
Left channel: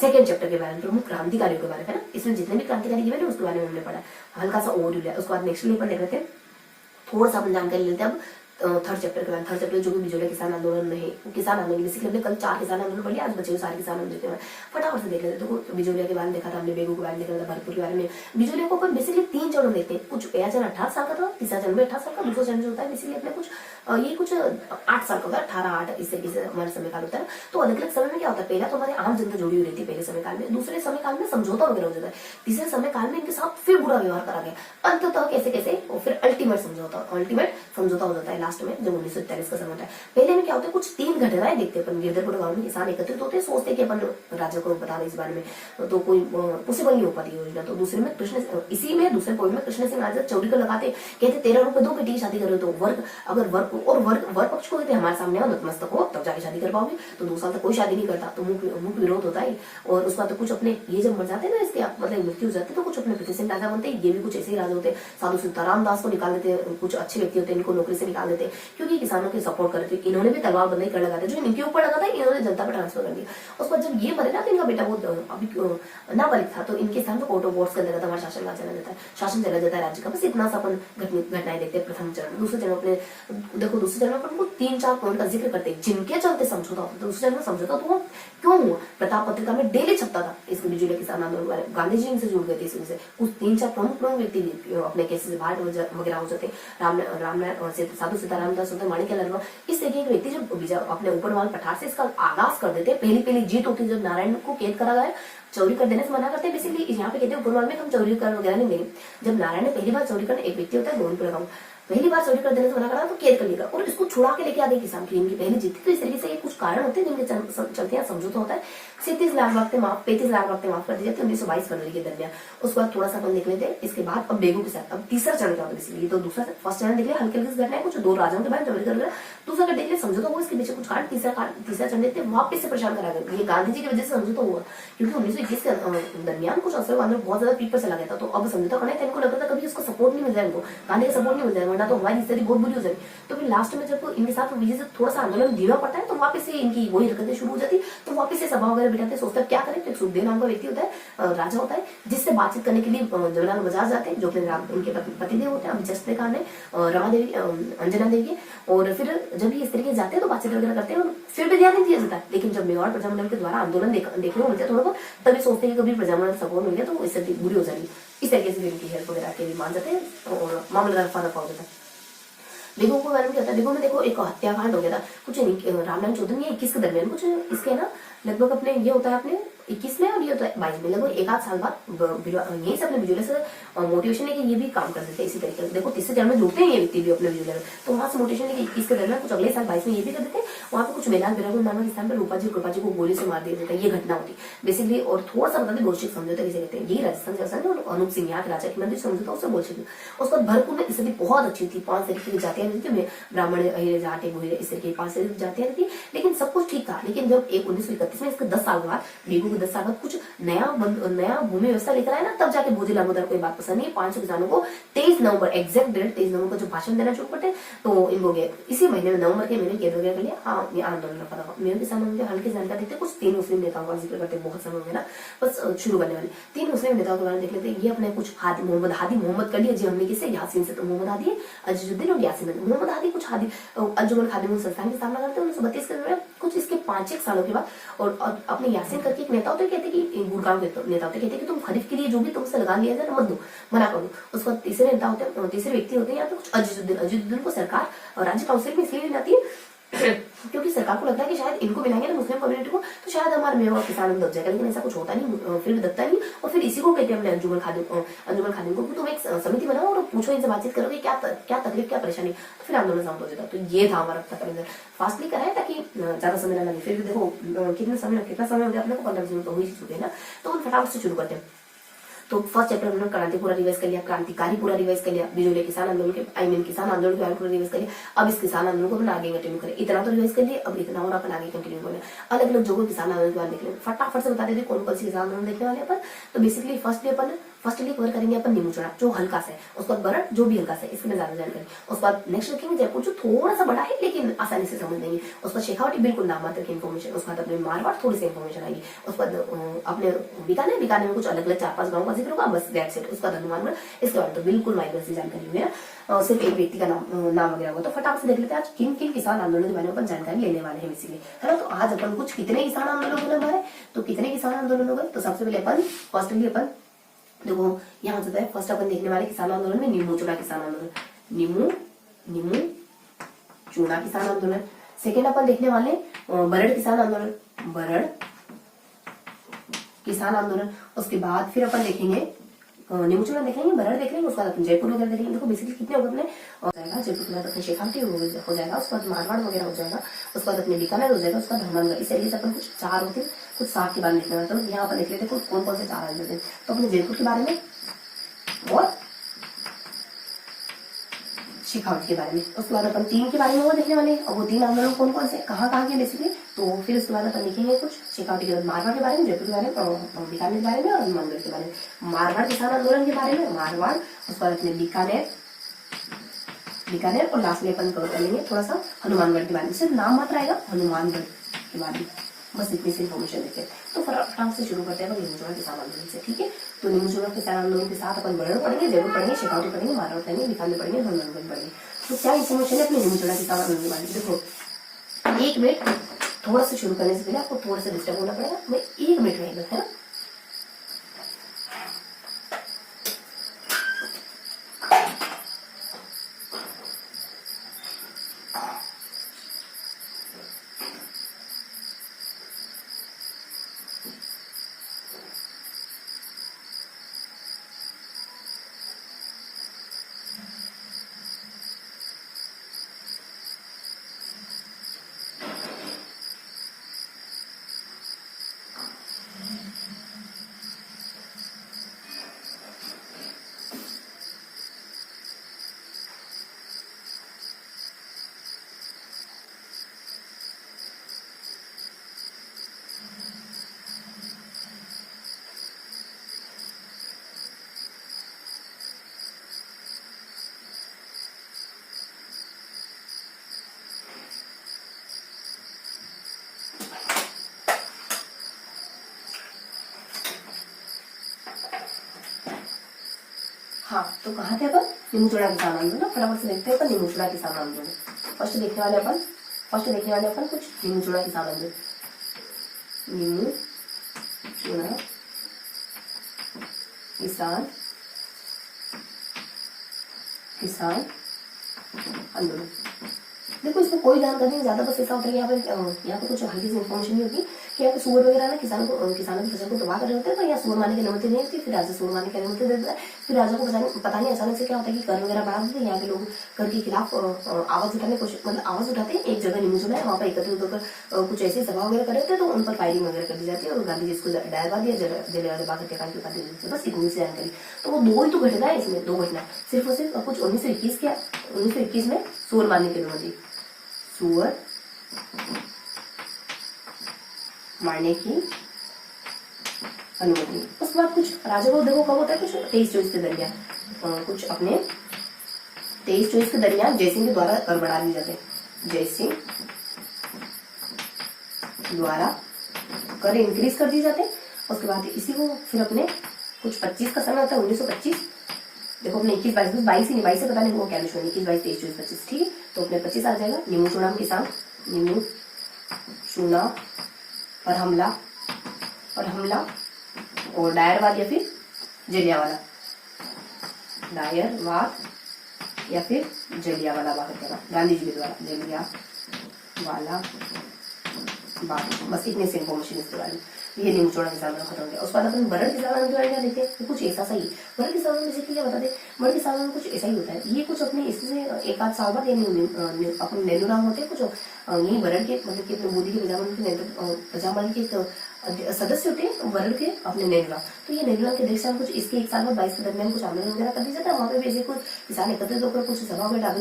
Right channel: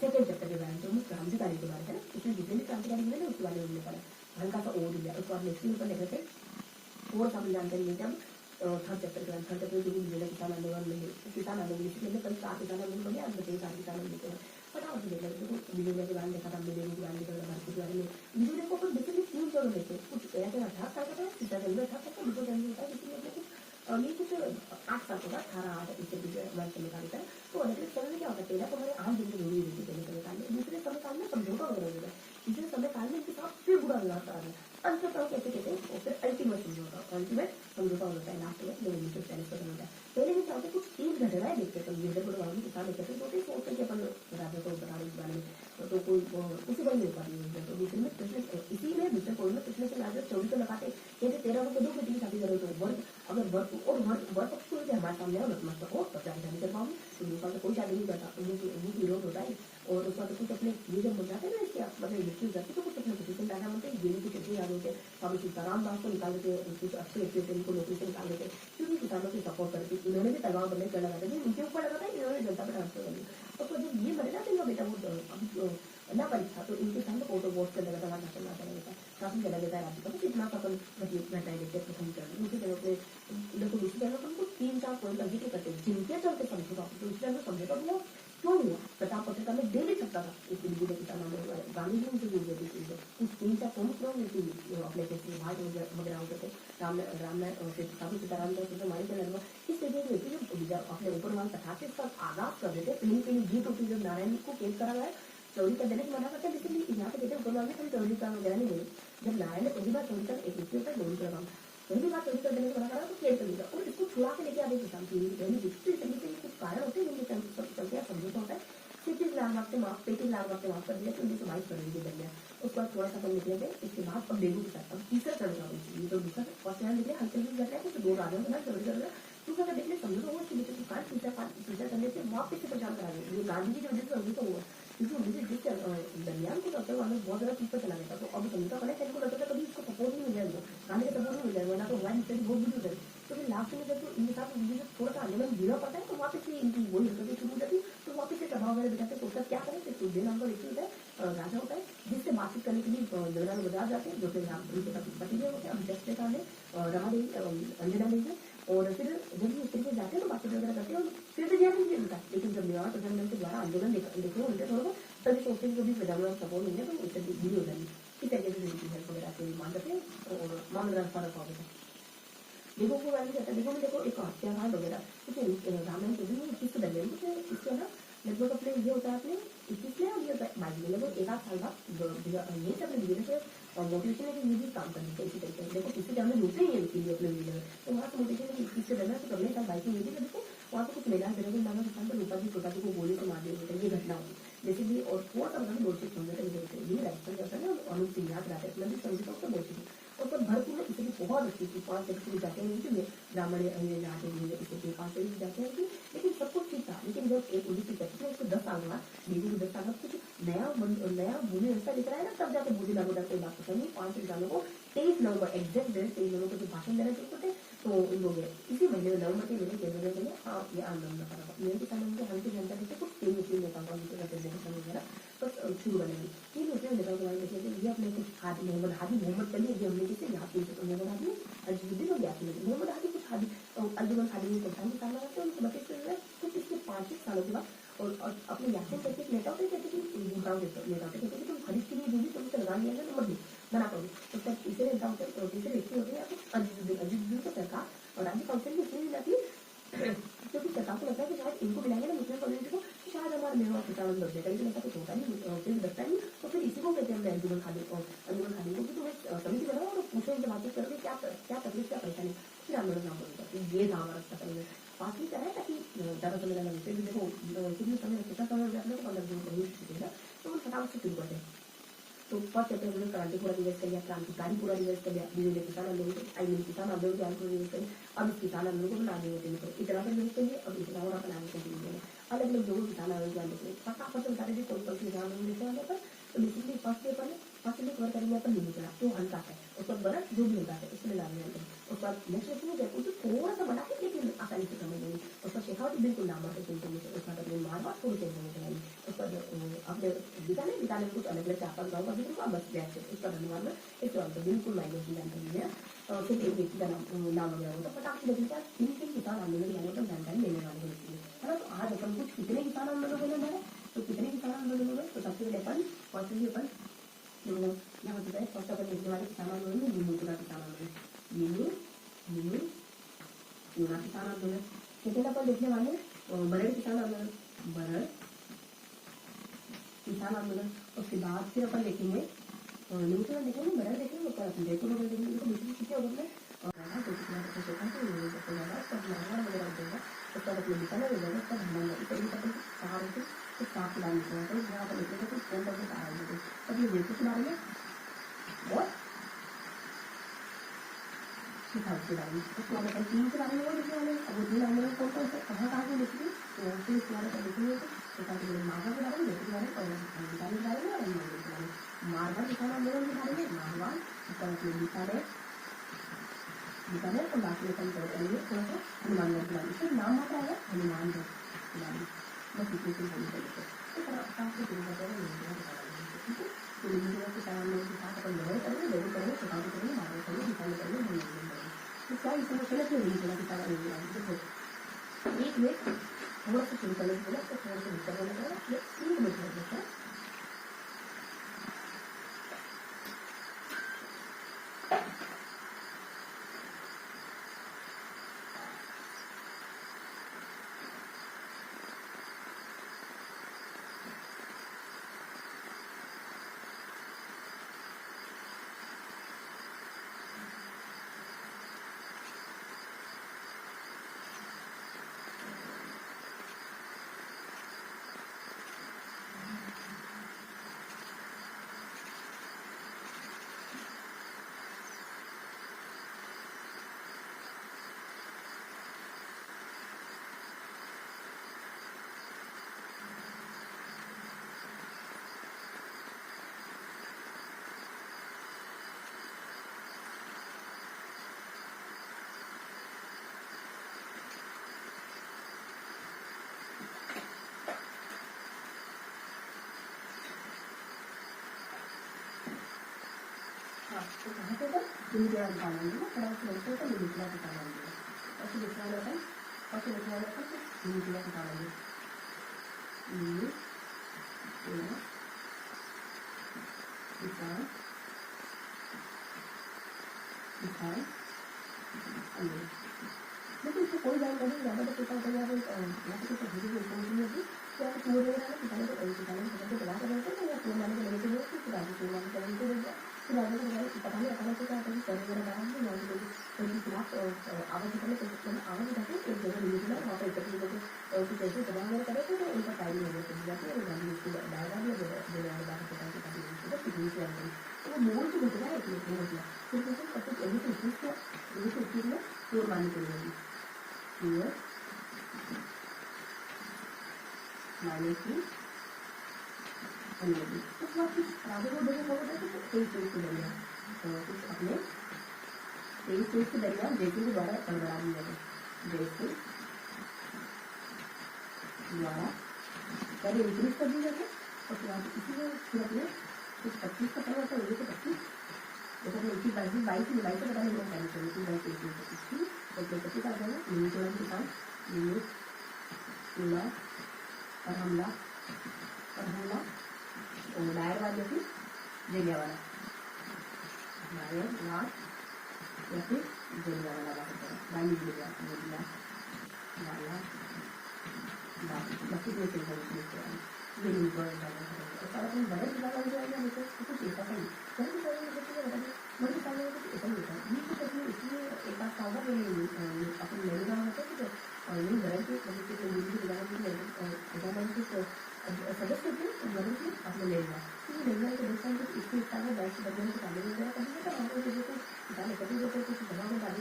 सेकंड चैप्टर के बारे में, प्रमुख क्रांतिकारियों के बारे में, इसमें जितने भी क्रांतिकारी जीवन है उसके बारे में हमने पढ़ा, हल्का सा ओवरव्यू लिया। उसके बाद नेक्स्ट लेवल पर देख लेते हैं, थोड़ा सा अपन जानकारी लेते हैं अब थर्ड चैप्टर के बाद। थर्ड चैप्टर जो भी बिजोलिया किसान आंदोलन में है, किसान आंदोलन बेसिकली हमने कल 4 किसान आंदोलन पढ़े, आज बचे सारे किसान आंदोलन देते हैं। फटाफट से देख लेते हैं। तो बिजोलिया के बारे में देखा था हमने, बेगू के बारे में देखा था, भरतपुर के बारे में। बिजोलिया को अपन बेसिकली 3 चरण देखते हैं। कुछ पहला चरण 18 साल का था, तीसरा चरण में 18 साल का, दूसरा चरण जो होता है बेसिकली अपने कुछ 8 साल का होता है, 18-8 इस तरीके से हमारे समय काल होता है। तो अलग अलग समय में क्या होता है, पहला तो हमारे आम जनता जुड़ी हुई रहती है पहले समय काल में, दूसरे समय काल में समझौता वगैरह हो जाता है, तीसरे समय काल में इनके साथ फिर बुरा व्यवहार करा गया, अंततः कैसे कैसे और फिर अल्टीमेट समझौता हो जाता है लास्ट में, जब 1943 का समय होता है। पहले में क्या होता है, कुछ 3 घटनाएं देखते हैं अपन। गिरधरपुर गांव में किसान एकत्रित होते हैं, सोचते हैं कि अपन राजा को बता दें इस बारे में, तो कोई पॉसिबल नहीं हो पाती योजना। तो दूसरे में इसी में दूसरे पॉइंट में कृष्ण सिंह आजाद चौरी को लगाते, कहते 13 रुपए दो, बेटी की शादी करो। तो वर्ग पक्ष को कहते हमारे सामने आओ, नतमस्तक हो, तब जाके शादी कर पाओगे। तो 2 साल तक कोई शादी नहीं करता, तो मुख विरोध होता है। और उसके बाद तो कुछ अपने ये जब मर जाते हैं ना, इसके मतलब मृत्यु हो जाती है, तो कुछ अपने पृथ्वी सिंह राजा बनते हैं। ये भी कुछ ऐसे ही राजा होते हैं। साधु सीताराम दास को निकाल देते हैं, कुछ अच्छे व्यक्ति होते हैं, इनको नौकरी से निकाल देते हैं, क्योंकि किसानों की सपोर्ट करते हैं। इन्होंने भी तलवार बंदी कर लगाते, जो इनके ऊपर लगा था इन्होंने जनता पर ट्रांसफर कर दिया। उसके बाद जब ये मरे ना, तो इनका बेटा बहुत अभी नाबालिग था, तो इनके स्थान पर कोर्ट ऑफ वॉर्स कर देता था, हमारा शासन चला जाता है राज्य का। बस इतना सा अपन घटनाएं देखते हैं प्रथम चरण। दूसरे चरण अपने देखो, दूसरे चरण पर 3-4 पॉइंट का जिक्र करते हैं जिनके चलते समझौता होता है। दूसरे चरण में समझौता तो क्यों हुआ, प्रताप पत्रिका में डेली छपता था इसको बिजोलिया किसान आंदोलन, गांधी जी इनसे जुड़ गए थे। इस वजह से कुछ 3-4 प्रमुख व्यक्ति अपने केसेस भाट वगैरह हो जाते। साधु सीताराम दास माणिक्य लर्मा, इस तरीके के व्यक्ति जब अपने ऊपर वाले पठार से इसका आगाज कर देते। पहली जीत होती है जब नारायण को कैद करा गया, चोरी कर देने से मना करते हैं। बेसिकली यहाँ पे कहते हैं उपरवाल में हम चोरी कर वगैरह नहीं देंगे। जब नारायण ने पहली बार चोरी करने, एक व्यक्ति होता है गोविंदपुरा गाँव, पहली बार सर्वे कर देने से मना करा तो कैद कर लेगा और इसको छुड़ा के लेके आ गए किसान की इनकी पहली जीत। तो इस तरीके से ये कुछ कारण होते हैं जिनके चलते यहाँ समझौता होता है। 37 लाख वक्त माफ 35 लाख वक्त माफ कर दी जाती है 1922 फरवरी के दरमियान। उसके बाद थोड़ा सा अपन देख लेते हैं इसके बाद अब बेगू के साथ अब तीसरा चरण क्या होता है बेसिकली। तो दूसरा फर्स्ट चरण देख लिया हल्के हल्के घटना है कुछ दो राजाओं के बारे में। दूसरा का देख लिया समझौता हुआ इसके पीछे कुछ कारण। तीसरा चरण देखते हैं वापस से परेशान करा गया। ये गांधी जी की वजह से समझौता हुआ क्योंकि 1921 के दरमियान कुछ असर वालों बहुत ज्यादा पीठ पर चला गया था। तो अब समझौता करना है इनको लगता था कभी उसको सपोर्ट नहीं मिल जाए, इनको गांधी का सपोर्ट नहीं मिल जाए वरना तो हमारी स्थिति बहुत बुरी हो जाएगी। तो फिर लास्ट में जब इनके साथ विजय से थोड़ा सा आंदोलन धीमा पड़ता है तो वापस से इनकी वही हरकतें शुरू हो जाती। तो वापस से सभा वगैरह बिठाते सोचते क्या करें। तो एक सुखदेव नाम का व्यक्ति होता है राजा होता है जिससे बातचीत करने के लिए जवाहरलाल बजाज जाते हैं जो अपने उनके पतिदेव होते हैं। अब जस्ट देखा रमा देवी अंजना देवी। और फिर जब ये इस तरीके जाते हैं तो बातचीत वगैरह करते हैं और फिर भी ध्यान नहीं दिया जाता। लेकिन जब मेवाड़ प्रजामंडल के द्वारा आंदोलन देखने को मिलते हैं थोड़ा बहुत तभी सोचते हैं कि कभी प्रजामंडल सपोर्ट मिल गया तो इससे बुरी हो जाएगी। इस तरीके से इनकी हेल्प वगैरह के लिए मान जाते हैं और मामला रफा दफा हो जाता है। बेगू को बारे में क्या होता है। बेगू में देखो एक हत्याकांड हो गया था कुछ रामनारायण चौधरी 21 के दरमियान कुछ इसके ना लगभग अपने ये होता है अपने 21 में और ये होता है 22 में लगभग एक आध साल बाद यही से अपने विजुअल से मोटिवेशन है कि ये भी काम कर देते हैं इसी तरीके से। देखो तीसरे चरण में जुड़ते हैं ये व्यक्ति भी अपने विजुअल में तो वहां से मोटिवेशन है कि 21 के दरमियान कुछ अगले साल 22 में ये भी कर देते हैं। वहां पे कुछ बेलाल बिरागुल नामक स्थान पर रूपा जी कृपा जी को गोली से मार दिया जाता है। ये घटना होती बेसिकली। और थोड़ा सा बताते बोल्शेविक समझौता किसे कहते हैं। ये राजस्थान के राजा और अनूप सिंह यहाँ के राजा की मंदिर समझौता उससे बोल्शेविक। उसके बाद भरतपुर में स्थिति बहुत अच्छी थी। 5 तरीके की जातियां थी ब्राह्मण जाटे बुरे इस तरीके 5 तरीके की जातियां थी लेकिन सब कुछ ठीक था। लेकिन जब 1931 में इसके 10 साल बाद बेगू के 10 साल बाद कुछ नया भूमि व्यवस्था लेकर आया ना तब जाके भोजी लामोदर को बात पसंद नहीं। 500 किसानों को 23 नवंबर एग्जैक्ट डेट 23 नवंबर को जो भाषण देना शुरू करते तो इनको गए इसी महीने में नवंबर के महीने कैद वगैरह के लिए ये आंदोलन कर रहा। मेरे किसानों में हल्की जानकारी देते कुछ 3 मुस्लिम नेताओं का जिक्र करते बहुत समय वगैरह बस शुरू करने वाले 3 मुस्लिम नेताओं के बारे में देख लेते हैं। ये अपने कुछ हादी मोहम्मद कर लिया जी हमने किसे यासीन से तो मोहम्मद हादी अजीजुद्दीन और यासीन मोहम्मद हादी कुछ हादी अंजुमन खादिम संस्थान की स्थापना करते हैं 1932 के कुछ इसके 5-1 सालों के बाद। और अपने यासीन करके एक नेता होते कहते कि गुड़गांव के नेता होते कहते कि तुम खरीफ के लिए जो भी तुमसे लगा लिया जाए मत दो मना कर दो। उसके बाद तीसरे नेता होते हैं तीसरे व्यक्ति होते हैं यहाँ पे कुछ अजीजुद्दीन को सरकार और राज्य काउंसिल में इसलिए जाती है क्योंकि सरकार को लगता है कि शायद इनको मिलाएंगे ना मुस्लिम कम्युनिटी को तो शायद हमारे मेवा किसान दब जाएगा। लेकिन ऐसा कुछ होता नहीं फिर भी दबता नहीं। और फिर इसी को कहते हैं अपने अंजुमन खादिम को तुम एक समिति बनाओ और पूछो इनसे बातचीत करो कि क्या तकलीफ क्या परेशानी तो फिर आंदोलन शांत हो जाता। तो ये था हमारा फास्टली कराए ताकि ज्यादा समय ना लगे। फिर भी देखो कितना समय हो गया अपने को 15 मिनट तो हुई चुके हैं ना तो फटाफट से शुरू करते हैं। तो फर्स्ट चैप्टर हमने क्रांति पूरा रिवाइज कर लिया क्रांतिकारी पूरा रिवाइज कर लिया बिजोले किसान आंदोलन के किसान आंदोलन के पूरा रिवाइज कर लिया। अब इस किसान आंदोलन को अपन आगे कंटिन्यू करें इतना तो रिवाइज कर लिया अब इतना और अपन आगे कंटिन्यू करें। अलग अलग जगहों किसान आंदोलन के बारे में देख लें फटाफट से बता देते कौन कौन सी किसान आंदोलन देखने वाले अपन। तो बेसिकली फर्स्टली कवर करेंगे अपन नीमू चढ़ा जो हल्का सा है उसके बाद बरट जो भी हल्का सा है इसमें ज्यादा जानकारी। उसके बाद नेक्स्ट रखेंगे जयपुर जो थोड़ा सा बड़ा है लेकिन आसानी से समझ लेंगे। उसके बाद शेखावटी बिल्कुल नाम मात्र की इन्फॉर्मेशन। उसके बाद अपने मारवाड़ थोड़ी सी इन्फॉर्मेशन आएगी। उसके बाद अपने बीकानेर में कुछ अलग अलग 4-5 गाँव का जिक्र होगा बस दैट्स इट। उसका हनुमानगढ़ इसके बारे में तो बिल्कुल माइनर से जानकारी है सिर्फ एक व्यक्ति का नाम वगैरह होगा। तो फटाफट से देख लेते हैं आज किन किन किसान आंदोलन के बारे में अपन जानकारी लेने वाले हैं इसीलिए है ना। तो आज अपन कुछ कितने किसान आंदोलन हो गए हमारे तो कितने किसान आंदोलन हो गए। तो सबसे पहले अपन फर्स्टली अपन देखो यहाँ होता है फर्स्ट अपन देखने वाले किसान आंदोलन में नीमू चूड़ा किसान आंदोलन नीमू चूड़ा किसान आंदोलन। सेकेंड अपन देखने वाले बरड़ किसान आंदोलन बरड़ किसान आंदोलन। उसके बाद फिर अपन देखेंगे नीमू चूड़ा देखेंगे बरड़ देखेंगे उसके बाद अपन जयपुर वगैरह देखेंगे। देखो बेसिकली कितने हो गए अपने जयपुर के बाद अपने शेखावटी हो जाएगा उसके बाद मारवाड़ वगैरह हो जाएगा उसके बाद अपने बीकानेर हो जाएगा उसके बाद हनुमानगढ़। इस तरीके से अपन कुछ 4 होते कुछ 7 के बारे में देखना। तो यहाँ पर देख लेते हैं कौन कौन से 4 होते हैं। तो अपने जयपुर के बारे में और शेखावटी के बारे में उसके बाद अपन 3 के बारे में वो देखने वाले और वो 3 आंदोलन कौन कौन से कहाँ के बेसिकली। तो फिर उसके बाद अपन लिखेंगे कुछ शेखावटी के बाद मारवाड़ के बारे में जयपुर के बारे में और बीकानेर के बारे में और हनुमानगढ़ के बारे में। मारवाड़ किसान आंदोलन के बारे में मारवाड़ उसके बाद अपने बीकानेर और लास्ट में अपन कवर करेंगे थोड़ा सा हनुमानगढ़ के बारे में। सिर्फ नाम मात्र आएगा हनुमानगढ़ के बारे में बस इतनी सी इन्फॉर्मेशन देखें। तो फटाफट से शुरू करते हैं नीमू चूड़ा किसान आंदोलन से ठीक है। तो नीमू चूड़ा किसान आंदोलन के साथ अपन बरड़ पढ़ेंगे जयपुर पढ़ेंगे शेखावटी पढ़ेंगे मारवाड़ पढ़ेंगे बीकानेर पढ़ेंगे हनुमानगढ़ पढ़ेंगे। तो क्या इन्फॉर्मेशन है अपने नीमू चूड़ा किसान आंदोलन के बारे में। देखो 1 मिनट थोड़ा सा शुरू करने से पहले आपको थोड़ा सा डिस्टर्ब होना पड़ेगा। मैं 1 मिनट रहेगा है ना। हाँ, तो कहाँ थे अपन? निमुचुड़ा किसान आंदोलन। फटाफट से देखते हैं अपन निमुचुड़ा किसान आंदोलन। फर्स्ट देखने वाले अपन कुछ निमुचुड़ा किसान आंदोलन। निमुचुड़ा किसान आंदोलन। देखो इसमें कोई जानकारी नहीं ज्यादा, बस ऐसा होता है यहाँ पे कुछ हल्की सी इन्फॉर्मेशन नहीं होती कि यहाँ पे सुअर वगैरह ना किसानों की फसल को तबाह कर रहे होते हैं, तो यहाँ सुअर मारने की अनुमति नहीं होती। फिर राजा सुअर मारने की अनुमति दे देता है। फिर राजा को पता नहीं अचानक से क्या होता है कि कर वगैरह बढ़ा देते हैं। यहाँ के लोग कर के खिलाफ आवाज उठाने मतलब आवाज उठाते हैं। एक जगह निमुचुड़ा है, वहाँ पर एकत्रित होकर कुछ ऐसी सभा वगैरह कर रहे थे, तो उन पर फायरिंग वगैरह कर दी जाती है और गांधी जी इसको डायरवा दिया जलियांवाला बाग हत्याकांड की उपाधि दी। बस इतनी सी जानकारी। तो वो दो ही तो घटना है इसमें, दो घटना सिर्फ और सिर्फ कुछ 1921 में सुअर मारने की अनुमति, सुअर मारने की अनुमति। उसके बाद कुछ राजा को देखो कब होता है, कुछ 23-24 के दरमियान, कुछ अपने 23-24 के दरमियान जयसिंह के द्वारा कर बढ़ा दिए जाते हैं। जयसिंह द्वारा कर इंक्रीज कर दिए जाते हैं। उसके बाद इसी को फिर अपने कुछ 25 का समय होता है, 1925। देखो अपने 21-22 ही नहीं, 22 से पता नहीं वो क्या लिखना है, 21-22-23-24-25, ठीक है। तो अपने 25 आ जाएगा। निमुचुड़ा किसान, निमुचुड़ा पर हमला और डायरवाद या फिर जलियांवाला, डायरवाद या फिर जलियांवाला बाग हत्याकांड, गांधी जी के द्वारा जलियांवाला बाग। बस इतने से इन्फॉर्मेशन इसके बारे में। ये निमुचुड़ा किसान का खत्म हो गया। उसके बाद अपन बरड़ किसान आंदोलन देखे तो कुछ ऐसा सही। बरड़ किसान बेसिकली क्या बता दे, बरड़ किसान में कुछ ऐसा ही होता है। ये कुछ अपने इससे एक आध साल बाद अपने नेहरू होते हैं कुछ यही बरड़ के मतलब कि अपने मोदी के प्रजामंडल के सदस्य होते हैं बरड़ के अपने नेहरू। तो ये नेहरू के देश से कुछ इसके एक साल बाद 22 के दरमियान कुछ आंदोलन वगैरह कर दिया जाता है। वहाँ पे भी ऐसे कुछ किसान एकत्रित होकर कुछ सभा में करते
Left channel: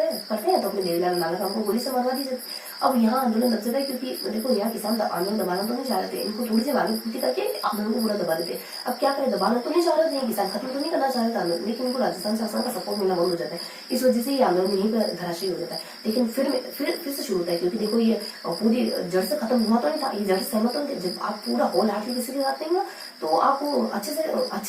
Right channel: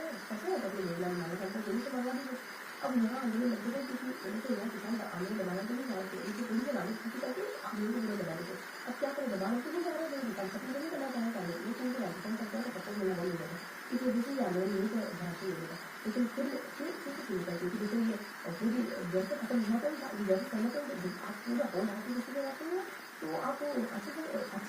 हैं, तो अपने नेहरू नानक को गोली से मरवा दी जाती है। अब यहाँ आंदोलन लग जाता है क्योंकि देखो यहाँ किसान आंदोलन दबाना तो नहीं चाह रहे थे, इनको थोड़ी सी वादी करके आंदोलन को पूरा दबा देते। अब क्या करें, दबाना तो नहीं चाह रहे थे, किसान खत्म तो नहीं करना चाह रहे थे आंदोलन, लेकिन इनको राजस्थान शासन का सपोर्ट मिलना बंद हो जाता है। इस वजह से ये आंदोलन यहीं पर धराशायी हो जाता है। लेकिन फिर से शुरू होता है क्योंकि देखो ये पूरी जड़ से खत्म हुआ तो नहीं था, ये जड़ से सहमत हो। जब आप पूरा होल हार्टली किसी के साथ नहीं ना, तो आप अच्छे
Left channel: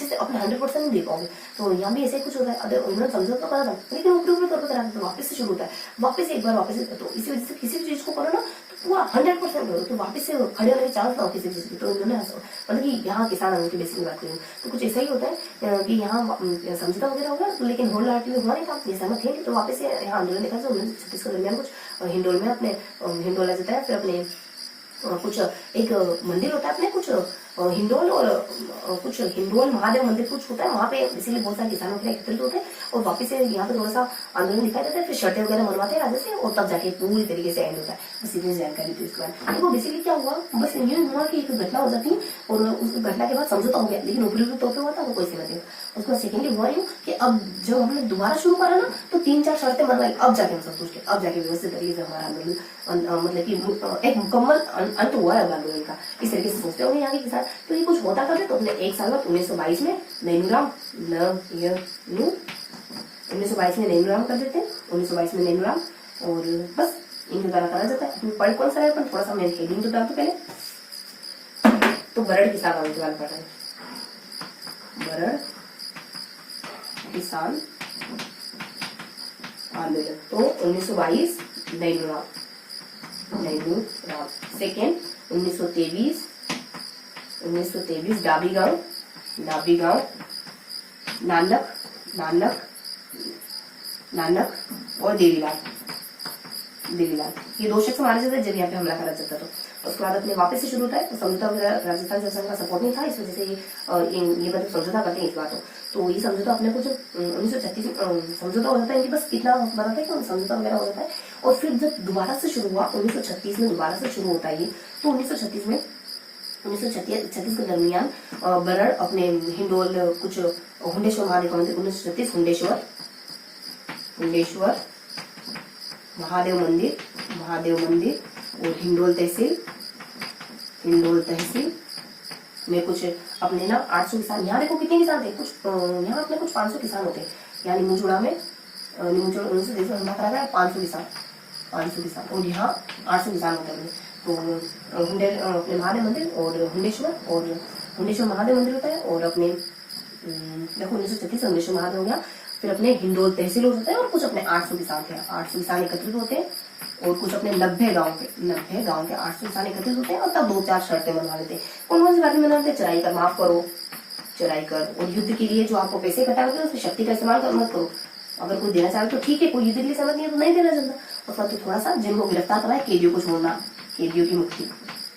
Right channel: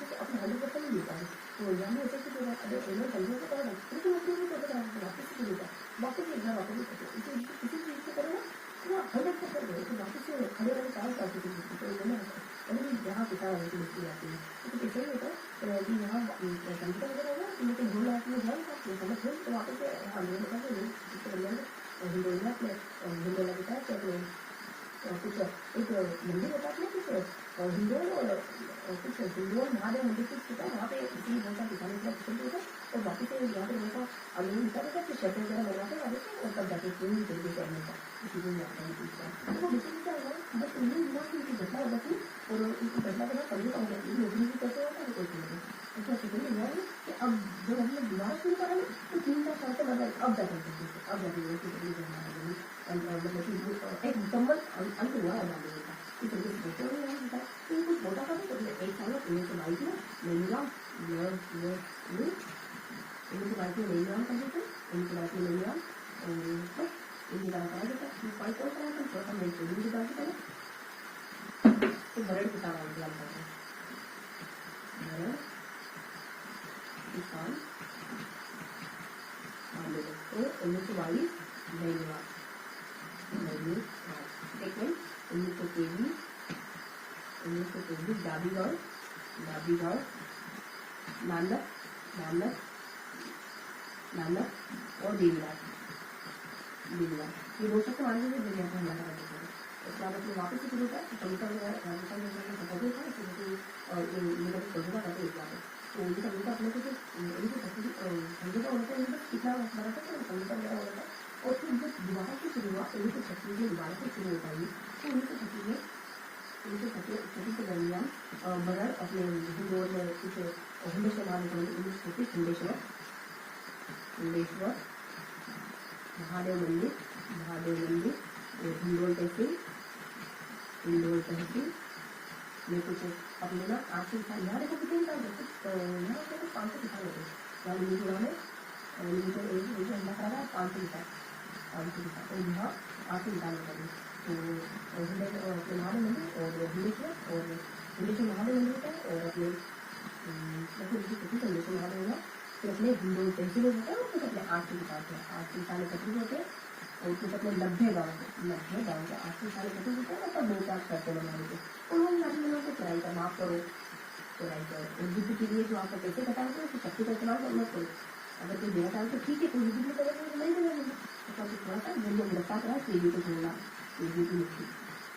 से अपने 100% नहीं दे पाओगे। तो यहाँ भी ऐसे ही कुछ होता है। अगर उन्होंने समझौता तो करा था, लेकिन ऊपर करते रहते तो वापस से शुरू होता है, वापस एक बार वापस। तो इसी वजह से किसी भी चीज को करो ना पूरा 100% करो तो वापस से खड़े होने के चांस ना हो किसी चीज की। तो उन्होंने मतलब कि यहाँ किसान आने की बेसिकली बात करें तो कुछ ऐसा ही होता है कि यहाँ समझौता वगैरह हो गया, लेकिन होल हार्टली हुआ नहीं था, सहमत थे। तो वापस से यहाँ आंदोलन देखा 1936 के दरमियान कुछ हिंडोल में अपने हिंडोला जाता है। फिर अपने कुछ एक मंदिर होता है अपने कुछ हिंडोल और कुछ हिंडोल महादेव मंदिर कुछ होता है, वहाँ पे इसीलिए बहुत सारे किसान अपने एकत्रित होते हैं और वापस से यहाँ पे थोड़ा सा आंदोलन दिखाई देता है। फिर शर्तें वगैरह मनवाते हैं राजा से और तब जाके पूरी तरीके से एंड होता है। बस इतनी जानकारी थी इसके बाद। देखो बेसिकली क्या हुआ, बस ये हुआ कि एक घटना हो जाती और उस घटना के बाद समझौता हो गया, लेकिन ऊपरी तौर पर हुआ था वो कोई समझ नहीं। उसके बाद सेकेंडली हुआ यूँ कि अब जब हमने दोबारा शुरू करा ना तो 3-4 शर्तें मनवाई, अब जाके हम सब कुछ के अब जाके व्यवस्थित तरीके से हमारा आंदोलन मतलब कि एक मुकम्मल अंत हुआ है आंदोलन का। इस तरीके से सोचते होंगे यहाँ के किसान। तो ये कुछ होता करते तो अपने एक साल बाद 1922 में नैनूराम कर देते हैं। 1922 में नैनूराम और बस इनके द्वारा करा जाता है। पढ़ कौन सा है अपन थोड़ा सा मेरे हेडिंग तो डालते पहले। तो बरड़ किसान आंदोलन पढ़ रहे हैं, बरड़ किसान आंदोलन। तो 1922 नैनूराम। सेकेंड 1923 डाबीगांव नानक और देवीलाल। ये 2 शख्स मारे जाते जब यहाँ पे हमला करा जाता था। उसके बाद अपने वापस से शुरू होता है। तो समझौता वगैरह राजस्थान शासन का सपोर्ट नहीं था, इस वजह से ये बड़े समझौता करते हैं इस बात। तो ये समझौता अपने को जो 1936 में समझौता हो जाता है, बस इतना बताता है कि समझौता वगैरह हो जाता है। और फिर जब दोबारा से शुरू हुआ 1936 में दोबारा से शुरू होता है ये, तो 1936 के दरमियान बरड़ अपने हिंडोल कुछ हुंडेश्वर महादेव मंदिर 1936 हुंडेश्वर महादेव मंदिर और हिंडोल तहसील में कुछ अपने ना 800 किसान। यहाँ देखो कितने किसान थे, कुछ यहाँ अपने कुछ 500 किसान होते हैं। यहाँ निमुचुड़ा में 1930 हमला करा गया 500 किसान और यहाँ 800 किसान होते हैं। तो अपने महादेव मंदिर और हुंडेश्वर महादेव मंदिर होता है और अपने देखो 1936 अमलेश्वर महादेव हो गया, फिर अपने हिंडोल तहसील हो जाता है, और कुछ अपने 800 किसान थे, 800 किसान एकत्रित होते हैं, और कुछ अपने 90 गांव के 800 किसान एकत्रित होते हैं, और तब 2-4 शर्तें बनवा लेते हैं। कौन सी बातें बना लेते हैं? चराई कर माफ करो, चराई कर, और युद्ध के लिए जो आपको पैसे इकट्ठा होते हैं उसमें शक्ति का इस्तेमाल मत करो। अगर कोई देना चाहे तो ठीक है, कोई युद्ध के लिए समझ नहीं है तो नहीं देना चाहता, और फिर तो थोड़ा सा जिनको गिरफ्तार करना है, कैदियों को छोड़ना, कैदियों की मुक्ति,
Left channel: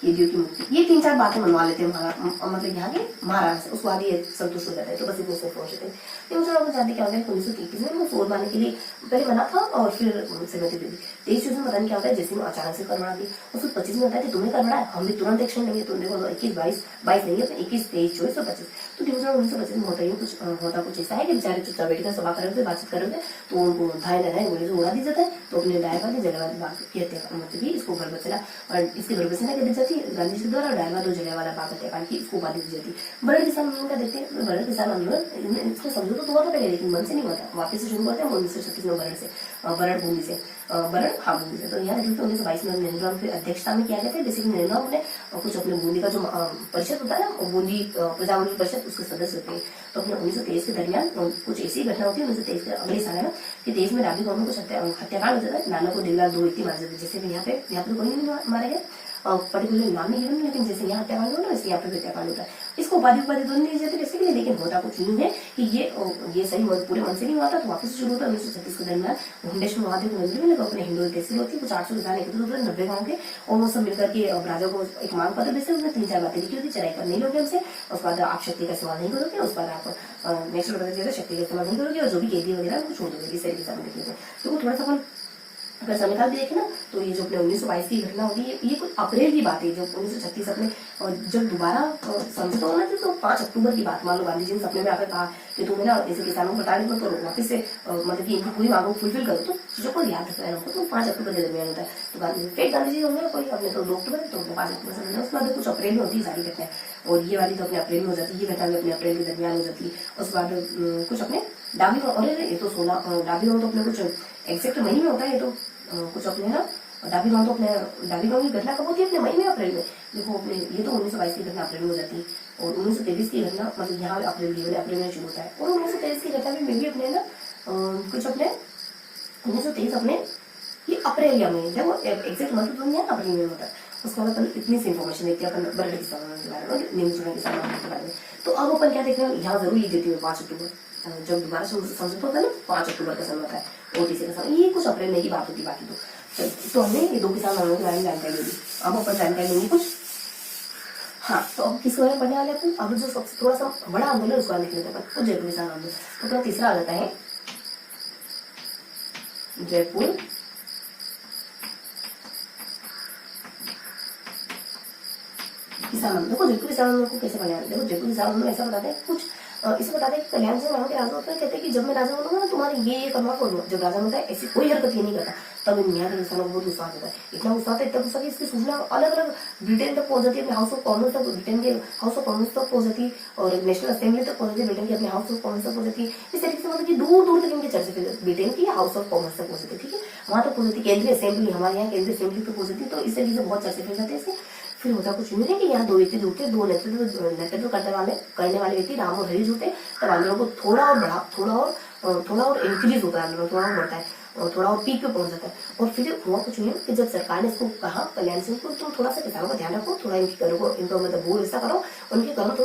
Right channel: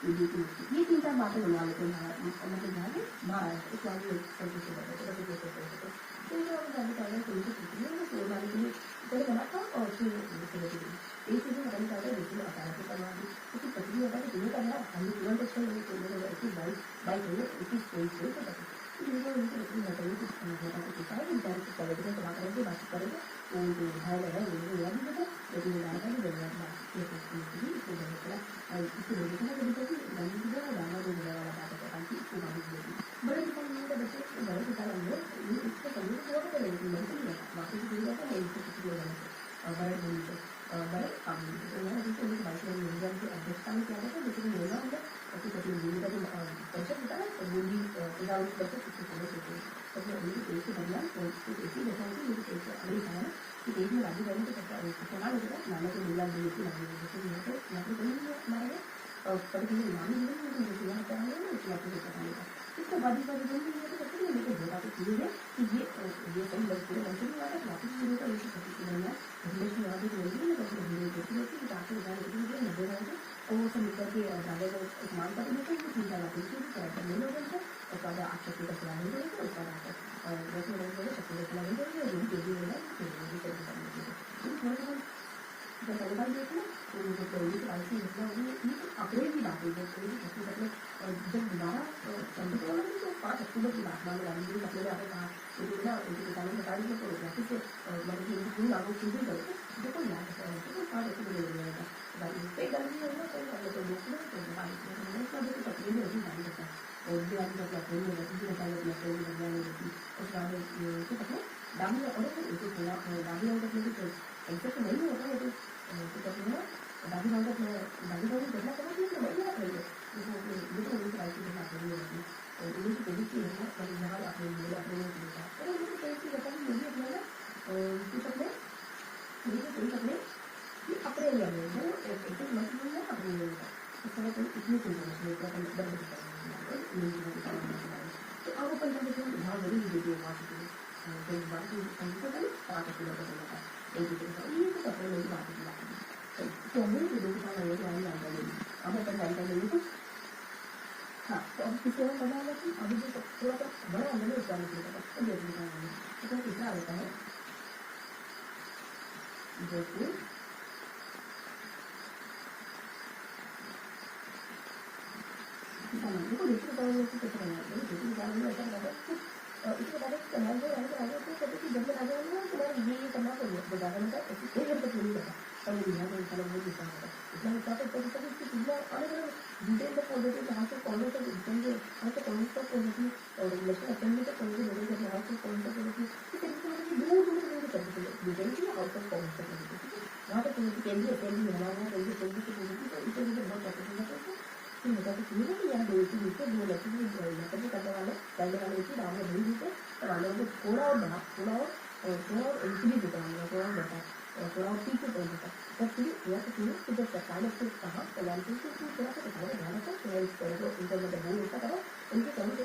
ये 3-4 बातें मनवा लेते हैं मतलब यहाँ के महाराज से, उसके बाद ये संतुष्ट हो जाता है। तो बस इतने से पहुंचते हैं। तो मुझे आपको जानते क्या होता है, 1921 में वो सोल मारने के लिए पहले बना था, और फिर सहमति दे दी। 23 में पता नहीं क्या होता है, जैसे में अचानक से कर बढ़ा दी, और फिर 25 में होता है कि तुमने कर बढ़ाया, हम भी तुरंत एक्शन लेंगे। तुमने 21-22 नहीं है, 21, 23, 24 और 25। तो 1925 में होता कुछ ऐसा है कि बेचारे चुपचाप बैठ कर सभा कर रहे थे, बातचीत कर रहे थे, तो उनको धाय न गोले से उड़ा दी जाता है। तो अपने डायवादी जलियांवाला बाग की हत्या की, इसको बरबसेरा, और इसके बरबसेरा कर दी जाती है गांधी जी द्वारा, डायवाद और जलियांवाला बाग हत्याकांड की इसको उपाधि दी जाती है। बड़े किसान आंदोलन का देखते हैं, बड़े किसान आंदोलन इसको समझो तो हुआ था पहले, लेकिन मन से नहीं हुआ था, वापस से शुरू हुआ था 1936 में बरड़ भूमि से। तो यहाँ 1922 में नेहरू राम की अध्यक्षता में किया गया था। बेसिकली नेहरू राम ने कुछ अपने बूंदी का जो परिषद होता है ना, बूंदी प्रजामंडल परिषद, उसके सदस्य होते हैं। तो अपने 1923 के दरमियान कुछ ऐसी घटना होती है, 1923 के अगले साल है ना, कि देश में राबी गांव में कुछ हत्याकांड हो जाता है। नाना को देवलाल 2 व्यक्ति मारे जाते हैं, जैसे यहाँ पे कोई नहीं मारे गए, पर्टिकुलर नाम नहीं है, लेकिन जैसे यहाँ हत्याकांड होता है वैसे यहाँ पे हत्याकांड होता है। इसको उपाधि दोनों नहीं जाते बेसिकली, लेकिन होता कुछ नहीं है कि ये सही पूरे मन से नहीं हुआ था। तो वापस से शुरू होता है 1936 के दरमियान घुंडेश्वर महादेव के मंदिर में, अपने हिंदू तहसील होती है, कुछ 800 किसान एकत्रित होते हैं 90 गाँव के, और वो सब मिलकर के राजा को एक मांग पत्र देते हैं। 3-4 बातें लिखी होती है, चराई कर नहीं लोगे हमसे, उसके बाद आप शक्ति का इस्तेमाल नहीं करोगे, उसके बाद आप नेक्स्ट बताते शक्ति का इस्तेमाल नहीं करोगे, और जो भी कैदी वगैरह वो छोड़ दोगे, सारी किसान लिखे होते हैं। तो वो थोड़ा सा अगर समय काल भी देखे ना, तो ये जो अपने 1922 की घटना होगी, ये कुछ अप्रैल की बात है। जब 1936 अपने जब दोबारा समझौता होना थी, तो 5 अक्टूबर की बात, मान लो गांधी जी ने सपने में आकर कहा कि तुम्हें ना ऐसे किसानों को बता दें तो वापस से मतलब कि इनकी पूरी मांगों को फुलफिल करो, तो चीजों को याद रखना है। तो 5 अक्टूबर के दरमियान होता है। तो गांधी जी होंगे कोई अपने तो 2 अक्टूबर, तो 5 अक्टूबर से उसके बाद कुछ अप्रैल में होती है सारी घटनाएं, और ये वाली तो अपने अप्रैल में हो जाती है, ये घटना भी अपने अप्रैल के दरमियान हो जाती है। उसके बाद कुछ अपने डाबी गाँव, और ये तो 16 डाबी गाँव तो अपने कुछ एग्जैक्ट महीने में होता है, ये तो कुछ अपने है डाबी गाँव, तो अपने डाबी गाँव की घटना कब होती है? अपने मई में, अप्रैल में। देखो अपने ये तो 1922 की घटना अप्रैल में हो जाती है, और 1923 की घटना मतलब यहाँ अप्रैल में शुरू होता है। और 1923 की घटना भी मेरी अपने ना कुछ अपने 1923 अपने ये अप्रैल या मई, देखो एग्जैक्ट मंथ तो नहीं है, अप्रैल में होता है। उसके बाद अपन इतनी सी इन्फॉर्मेशन देखते हैं अपन बरड़ किसानों के बारे में, नीमचूड़ा किसानों के बारे में। तो अब अपन क्या देखते हैं, यहाँ जरूर ये देती हूँ 5 अक्टूबर, जब दोबारा समझौता होता है ना, 5 अक्टूबर का समय होता है, OTC का समय, ये कुछ अप्रैल में की बात होती है। बाकी तो हमने ये 2 किसान आंदोलन के बारे में जानकारी ली। अब अपन जानकारी लेंगे कुछ, हाँ। तो अब किस बारे में पढ़ने वाले अपन, अब जो सबसे थोड़ा सा बड़ा आंदोलन है उसका लिख लेते हैं। तो जयपुर किसान आंदोलन, तो अपना तीसरा आ जाता है जयपुर किसान आंदोलन। देखो जयपुर किसान आंदोलन को कैसे बनाया, देखो जयपुर किसान आंदोलन ऐसा बताते हैं कुछ इसे बताते हैं कि कल्याण सिंह वहां के राजा होते हैं, कहते हैं कि जब मैं राजा बनूंगा ना, तुम्हारी ये करना को, जब राजा बनता है ऐसी कोई हरकत ये नहीं करता। तब यहाँ के किसानों को बहुत गुस्सा होता है, इतना गुस्सा होता है, इतना गुस्सा कि इसकी सूचना अलग अलग ब्रिटेन तक पहुंच जाती है, हाउस ऑफ कॉमन्स तक, ब्रिटेन के हाउस ऑफ कॉमन्स तक पहुंच जाती है, और नेशनल असेंबली तक पहुंच जाती है, ब्रिटेन के अपने हाउस ऑफ कॉमन्स तक पहुंच जाती है। इस तरीके से मतलब कि दूर दूर तक इनकी चर्चा ब्रिटेन की हाउस ऑफ कॉमन्स तक पहुंच जाती है, ठीक है, वहां तक पहुंच जाती है। केंद्रीय असेंबली, हमारे यहाँ केंद्रीय असेंबली तक पहुंच जाती है। तो इस तरीके से बहुत चर्चा हो जाते हैं इससे। फिर होता कुछ नहीं है कि यहाँ 2 व्यक्ति जुड़ते, 2 नेतृत्व करने वाले व्यक्ति राम और हरीश होते हैं। तब आंदोलन को थोड़ा और इंक्रीज होता है, आंदोलन थोड़ा और बढ़ता है, और थोड़ा और पीक पे पहुंच जाता है। और फिर हुआ कुछ नहीं है कि जब सरकार ने इसको कहा कल्याण सिंह को, तुम थोड़ा सा किसानों का ध्यान रखो, थोड़ा इनकी करो, इनको मतलब बोल ऐसा करो, उनकी करो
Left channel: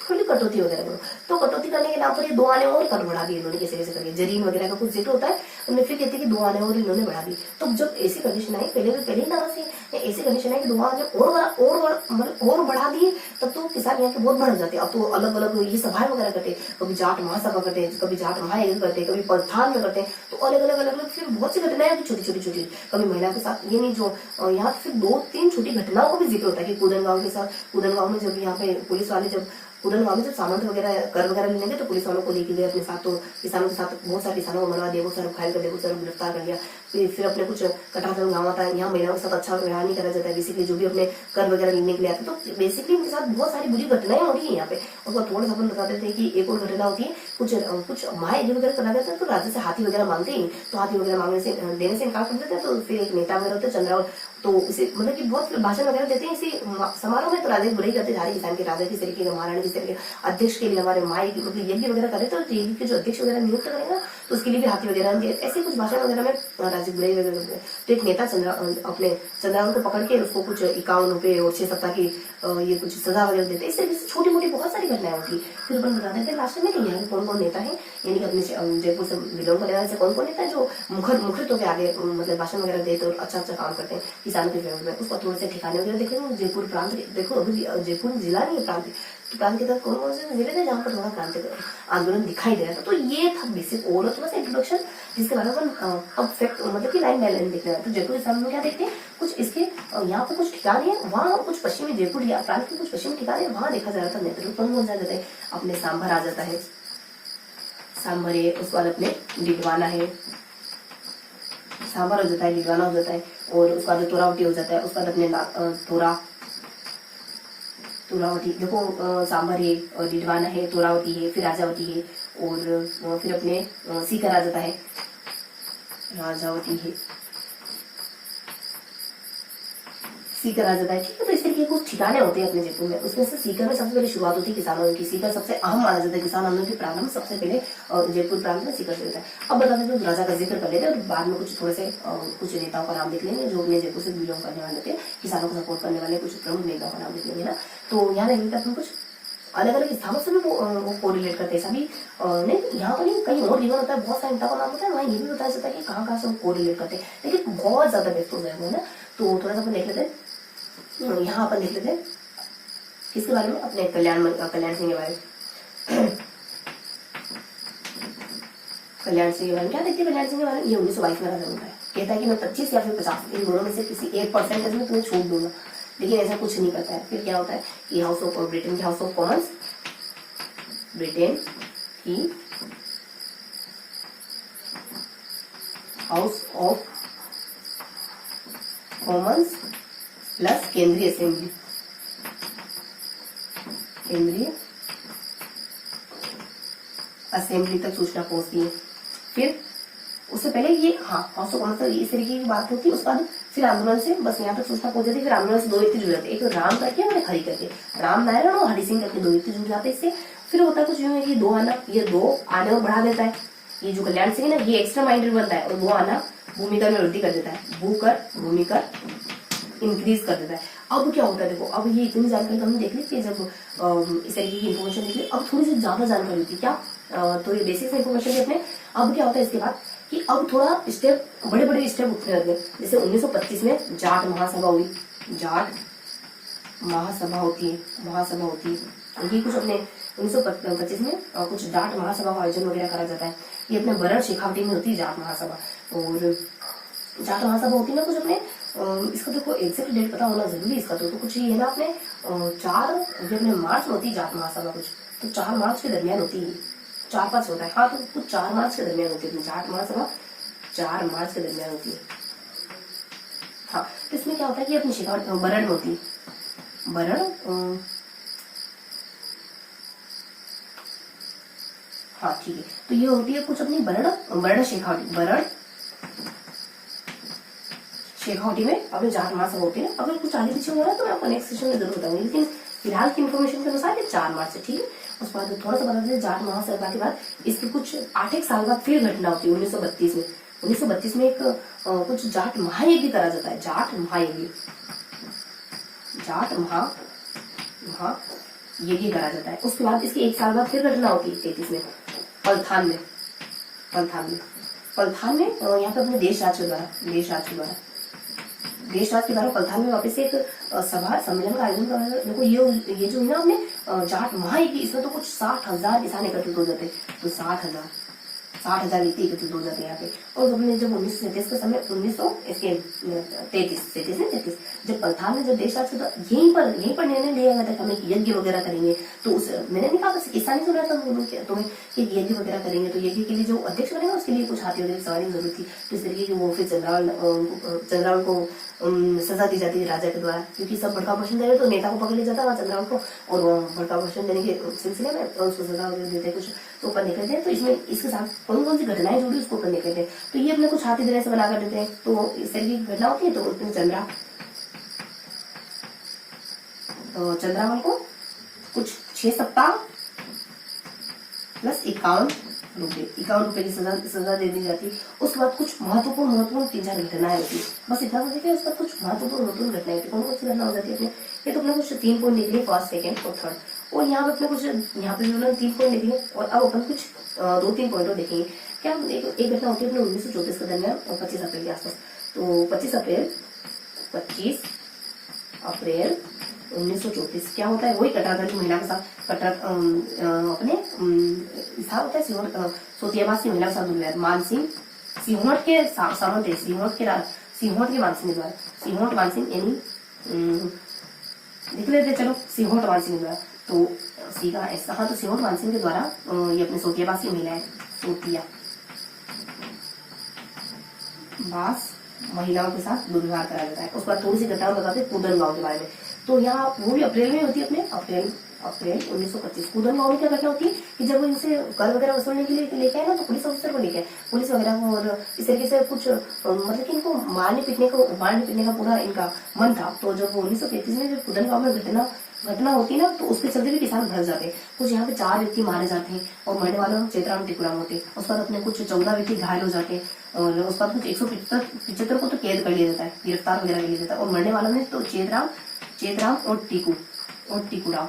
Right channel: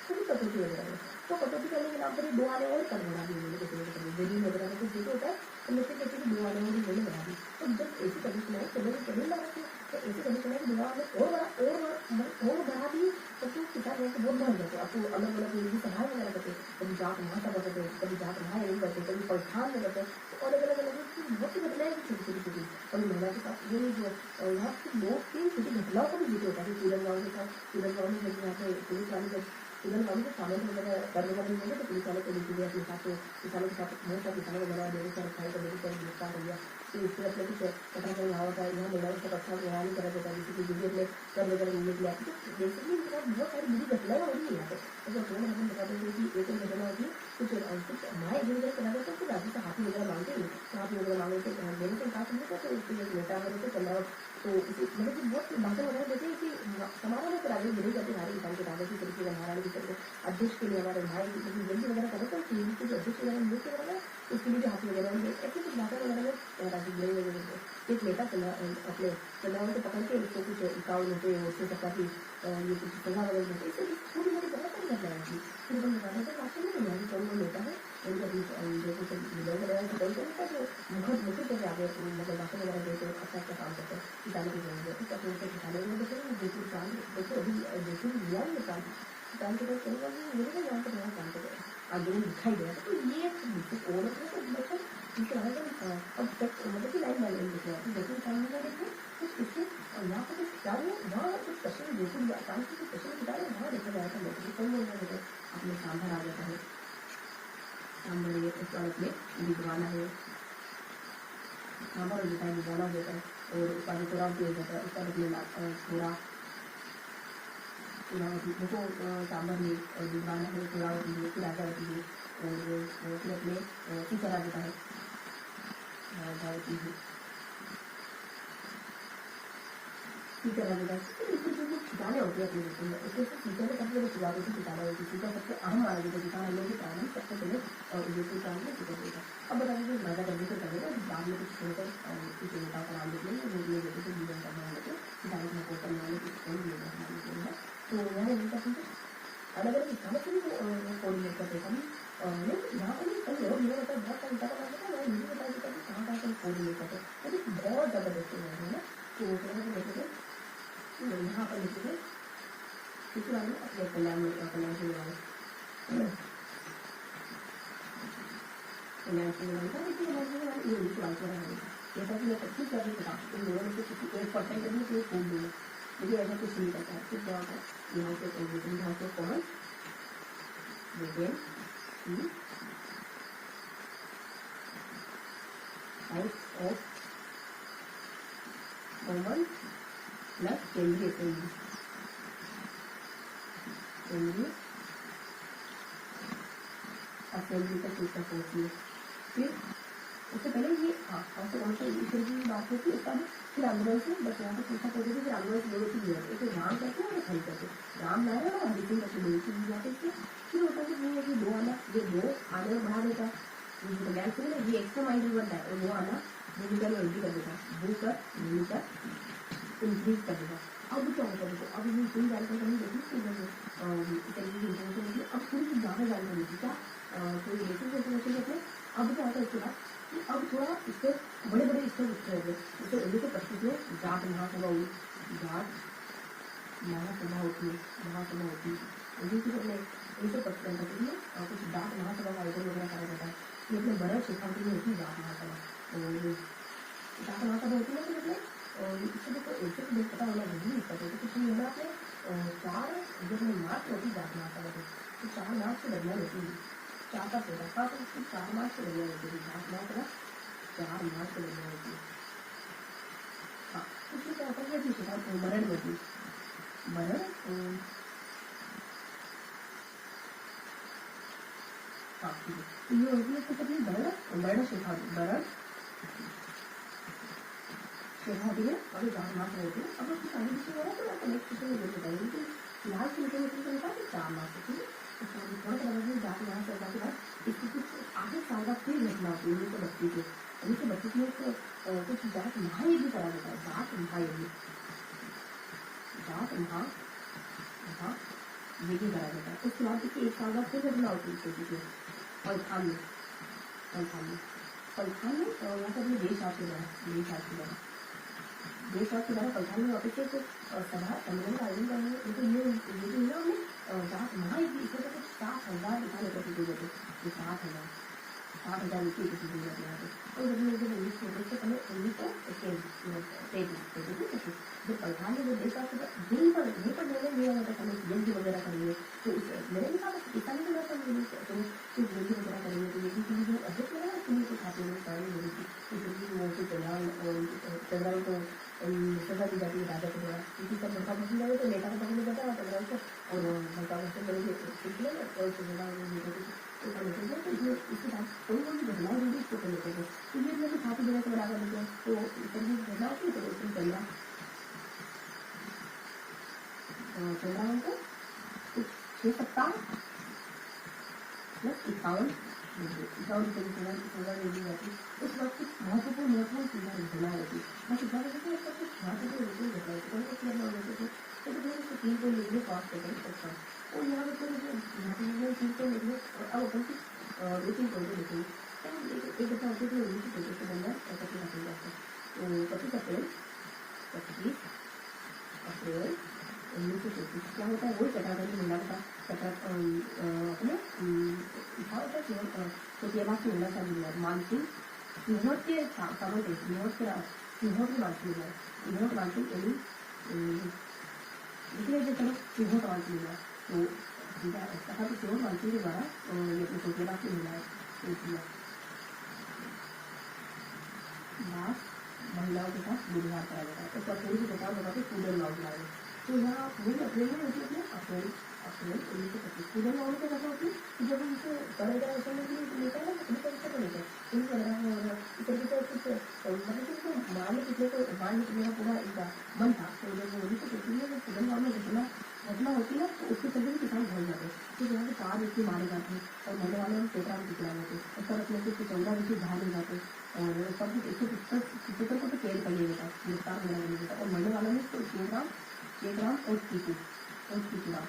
थोड़ी कटौती वगैरह करो। तो कटौती करने के नाम पर ये 2 आने और कर बढ़ा दिए इन्होंने, कैसे करके जरीन वगैरह का कुछ जिक्र होता है, उनमें फिर कहते हैं कि 2 आने और इन्होंने बढ़ा दी। तो जब ऐसी कंडीशन आई, पहले ही ना ऐसी कंडीशन है कि 2 आने और बढ़ा दिए, तब तो किसान यहाँ के बहुत बढ़ जाते हैं। अब तो अलग अलग ये सभाएं वगैरह करते हैं, कभी जाट महासभा करते हैं, कभी जाट महायज्ञ करते हैं, कभी प्रधान में करते हैं। तो अलग अलग फिर बहुत सी घटनाएं छोटी, कभी महिला के साथ, ये नहीं जो यहाँ फिर 2-3 छोटी घटनाओं का भी जिक्र होता है कि कूदन गांव के साथ, कूदन गांव में जब यहाँ पे पुलिस वाले कूदन गांव में जब सामंत वगैरह कर वगैरह लेने गए, तो पुलिस वालों को लेके गए अपने साथ। तो किसानों के साथ बहुत सारे किसानों को मरवा दिया, बहुत सारे घायल कर दिया, बहुत सारे गिरफ्तार कर लिया। फिर अपने कुछ कटारगंज गाँव आता है, यहाँ महिलाओं के साथ अच्छा व्यवहार नहीं करा जाता है, बेसिकली जो भी अपने कर वगैरह लेने के लिए आते। तो बेसिकली उनके साथ बहुत सारी बुरी घटनाएं हो रही है यहाँ पे। उसको थोड़ा सा अपन बताते थे कि एक और घटना होती है, कुछ महायज्ञ वगैरह करा जाता है, तो राज्य से हाथी वगैरह मांगते ही, तो हाथी वगैरह मांगने से देने से इनकार कर देते हैं। तो फिर एक नेता वगैरह होते हैं चंद्रावल, तो इसे मतलब कि बहुत भाषण वगैरह देते हैं इसी समारोह में। तो राजा की बुराई करते जा रहे किसान के, राजा किस तरीके के, महारानी किस तरीके, अध्यक्ष के लिए हमारे माई मतलब यज्ञ वगैरह करे तो यज्ञ के जो अध्यक्ष वगैरह नियुक्त करेगा तो उसके लिए भी हाथी वगैरह ऐसे कुछ भाषण वगैरह में राजा की बुराई वगैरह करते हैं। तो एक नेता अपने चंद्रावन को पकड़ के उसको कुछ 51 रुपए और 6 सप्ताह की ये कुछ सजा वगैरह देते हैं। इस तरीके से छोटी मोटी बहुत सारी घटनाएं होती। फिर अपन बता देते हैं लास्ट में कि यहाँ के कौन कौन नेता है, यानी कि अपने जयपुर से बिलोंग करने वाले से कौन कौन नेता है जो मुखरित होकर आगे मतलब भाषण वगैरह देते और अच्छा काम करते हैं किसानों के विरोध में। उसको थोड़े से ठिकाने वगैरह देखेंगे। जयपुर प्रांत देखो, अभी जयपुर जिला नहीं है, प्रांत के तहत कौन कौन से जिले थे जहाँ पर थोड़ा क्रांति आंदोलन दिखाई दे रहा था। तो ये था बेसिक ओवरऑल थोड़ा सा इंट्रोडक्शन, जिसके बारे में अपन अब फैक्ट मतलब कि लाइन बाय लाइन देखते हैं। तो जयपुर के में क्या देखते हैं, कुछ इसके यहाँ पर कुछ ठिकाने हैं, वहाँ कुछ पश्चिमी जयपुर या प्रांत के कुछ पश्चिमी ठिकाने वहाँ देखा जा रहा था नेतृत्व कौन कौन सा जाता है। अपने सांभर आ जाता है, सांभर है, उसके बाद अपने डिडवाना है, सांभर हो जाता है, डिडवाना हो जाता है, और उसके बाद तोरावटी हो जाता है। उसके बाद अपने तोरावटी देखो, सांभर है, डिडवाना है, तोरावटी है, फिर राजावती है, और फिर अपने सीकर आ जाता है, राजावती है, सीकर आ जाता है। ठीक है, तो इस तरीके के कुछ ठिकाने होते हैं अपने जयपुर में। उसमें से सीकर में सबसे पहले शुरुआत होती है किसानों की। सीकर सबसे अहम माना जाता है, किसान आंदोलन के प्रारंभ सबसे पहले जयपुर प्रांत में सीकर से होता है। अब बता देते हैं राजा का जिक्र कर लेते हैं और बाद में कुछ थोड़े से कुछ नेताओं का नाम देख लेंगे जो अपने जयपुर से बिलोंग करने वाले थे, किसानों को सपोर्ट करने वाले कुछ प्रमुख नेताओं का नाम देख लेंगे ना। तो यहाँ देख लेते हैं कुछ अलग अलग स्थानों से भी वो कोरिलेट करते हैं सभी नहीं। यहाँ पर कहीं और रिवर होता है, बहुत सारे नेताओं का नाम होता है, वहाँ ये भी बताया जाता है कि कहाँ कहाँ से वो कोरिलेट करते हैं, लेकिन बहुत ज्यादा व्यक्त हो जाएगा ना। तो थोड़ा सा अपन देख लेते हैं, यहाँ अपन देख लेते हैं इसके बारे में, अपने कल्याण सिंह के बारे में। कल्याण सिंह के बारे में क्या देखते हैं, कल्याण सिंह के बारे में ये 1922 में राजा बनता है। कहता है कि मैं 25 या फिर 50 इन दोनों में से किसी 1% में तुम्हें छूट दूंगा, लेकिन ऐसा कुछ नहीं करता है। फिर क्या होता है कि ब्रिटेन के हाउस ऑफ कॉमन्स, ब्रिटेन की हाउस ऑफ कॉमन्स प्लस केंद्रीय असेंबली, केंद्रीय असेंबली तक सूचना पहुंचती है। फिर उससे पहले ये हाउस ऑफ कॉमन्स इस तरीके की बात होती है। उसके बाद फिर आंदोलन से बस यहाँ तक सूचना पहुंच जाती है। फिर आंदोलन से 2 व्यक्ति जुड़ जाते हैं, एक राम करके और एक हरि करके, राम नारायण और हरि सिंह करके 2 व्यक्ति जुड़ जाते हैं इससे। फिर होता है कुछ यूं है कि 2 आना, ये 2 आने और बढ़ा देता है। ये जो कल्याण सिंह है ना, ये एक्स्ट्रा माइंडेड बनता है और 2 आना भूमिका में वृद्धि कर देता है, भूमिका इंक्रीज कर देता है। अब क्या होता है देखो, अब ये इतनी जानकारी हमने देख ली कि जब इस तरीके की इन्फॉर्मेशन देख ली, अब थोड़ी सी ज्यादा जानकारी थी क्या, तो ये बेसिक इन्फॉर्मेशन थी अपने। अब क्या होता है इसके बाद कि अब थोड़ा स्टेप, बड़े स्टेप उठने लगे। जैसे 1925 में जाट महासभा हुई, जाट महासभा होती है। ये कुछ अपने 1925 में कुछ जाट महासभा का आयोजन वगैरह करा जाता है। ये अपने बरड़ शेखावटी में होती है जाट महासभा। और जाट महासभा होती है ना कुछ अपने इसका देखो एग्जैक्ट डेट पता होना जरूरी है इसका। तो कुछ ये है ना अपने 4 अपने मार्च में होती है जाट महासभा कुछ, तो 4 मार्च के दरमियान होती है, 4-5 होता है। हाँ, तो कुछ 4 मार्च के दरमियान होती है जाट महासभा, 4 मार्च के दरमियान होती है। हाँ, तो इसमें क्या होता है कि अपनी शेखावटी बरड़ में होती है, बरड़ हाँ ठीक है। तो ये होती है कुछ अपनी बरड़ शेखावटी में अपने जाट महासभा होती है। अगर कुछ आगे पीछे हो रहा है तो मैं आपको नेक्स्ट सेशन में जरूर बताऊंगी, लेकिन फिलहाल की इन्फॉर्मेशन के अनुसार ये 4 मार्च है। ठीक है, उसके बाद थोड़ा सा बता दें, जाट महासभा के बाद इसके कुछ 8-1 साल बाद फिर घटना होती है 1932 में। 1932 में एक कुछ जाट महायज्ञ करा जाता है, जाट महायज्ञ करा जाता है। उसके बाद इसके 1 साल बाद फिर घटना होती है 33 में पलथान में यहाँ पे अपने देश राज के द्वारा पलथान में वापस एक सभा सम्मेलन का आयोजन करा। देखो ये जो है ना अपने जाट महायज्ञ, इसमें तो कुछ 60,000 किसान एकत्रित हो जाते, तो 60,000 व्यक्ति एकत्रित हो जाते हैं यहाँ पे। और जब 1937 का समय 1933 जब पलथान में जब देश राज होता, यहीं पर निर्णय लिया गया था कि हमें यज्ञ वगैरह करेंगे। तो उस मैंने नहीं कहा किसान ही तो रहता तुम्हें एक यज्ञ वगैरह करेंगे, तो यज्ञ के लिए जो अध्यक्ष बनेगा उसके लिए कुछ हाथी वगैरह सवारी जरूर थी। तो इस तरीके की वो फिर चंद्रावल को सजा दी जाती है राजा के द्वारा, क्योंकि सब भड़का भाषण दे रहे तो नेता को पकड़ लिया जाता है चंद्रावल को, और भड़का भाषण देने के सिलसिले में उसको सजा देते कुछ तो ऊपर निकलते हैं। तो इसमें इसके साथ कौन कौन सी घटनाएं जुड़ी उसको ऊपर निकलते हैं। तो ये अपने कुछ हाथी तरह से बना कर देते हैं। तो इस तरीके की घटना होती है। तो उसमें चंद्रावन को कुछ 6 सप्ताह प्लस 51 रुपए की सजा दे दी जाती। उसके बाद कुछ महत्वपूर्ण 3-4 घटनाएं होती। बस इतना तो देखिए, उसके बाद कुछ महत्वपूर्ण घटनाएं होती। कौन सी घटना हो जाती है? ये तो अपने कुछ 3 पॉइंट निकले, फर्स्ट, सेकंड और थर्ड। और यहाँ पे अपने कुछ, यहाँ पे भी 3 पॉइंट निकले और अब अपन कुछ 2-3 पॉइंट देखेंगे। क्या एक घटना होती है अपने 1934 के दरमियान और 25 अप्रैल के आसपास। तो 25 अप्रैल 1934 क्या होता है? वही कटारगढ़ महिला के साथ अपने था होता है सोतियाबासी महिला के साथ हुआ है। मानसिंह सिंहोट के सामंत है, सिंहोट के मानसिंह द्वारा, सिंहोट मानसिंह यानी लिख लेते चलो, सिंहोट मानसिंह द्वारा। तो सीधा ऐसा, हाँ, तो सिंहोट मानसिंह के द्वारा ये अपने सोतियाबासी महिला है, सोतिया बास महिलाओं के साथ दुर्व्यवहार करा जाता है। उसके बाद थोड़ी सी घटना बताते हैं कूदन गांव के बारे में। तो यहाँ वो भी अप्रैल में होती है, अपने अप्रैल 1925। कूदन गांव में क्या घटना होती है कि जब वो इनसे कर वगैरह वसूलने के लिए लेके आए ना, तो पुलिस ऑफिसर को लेके आए, पुलिस वगैरह को, और इस तरीके से कुछ मतलब कि इनको मारने पीटने का पूरा इनका मन था। तो जब 1933 में जब कूदन गांव में घटना होती है ना, तो उसके चलते भी किसान भर जाते हैं। कुछ यहाँ पे 4 व्यक्ति मारे जाते हैं और मरने वालों में चेतराम टिकुराम होते हैं। उसके बाद अपने कुछ 14 व्यक्ति घायल हो जाते हैं और उसके बाद कुछ 175 को तो कैद कर लिया जाता है, गिरफ्तार वगैरह कर लिया जाता है। और मरने वालों में तो चेतराम और टीकाराम,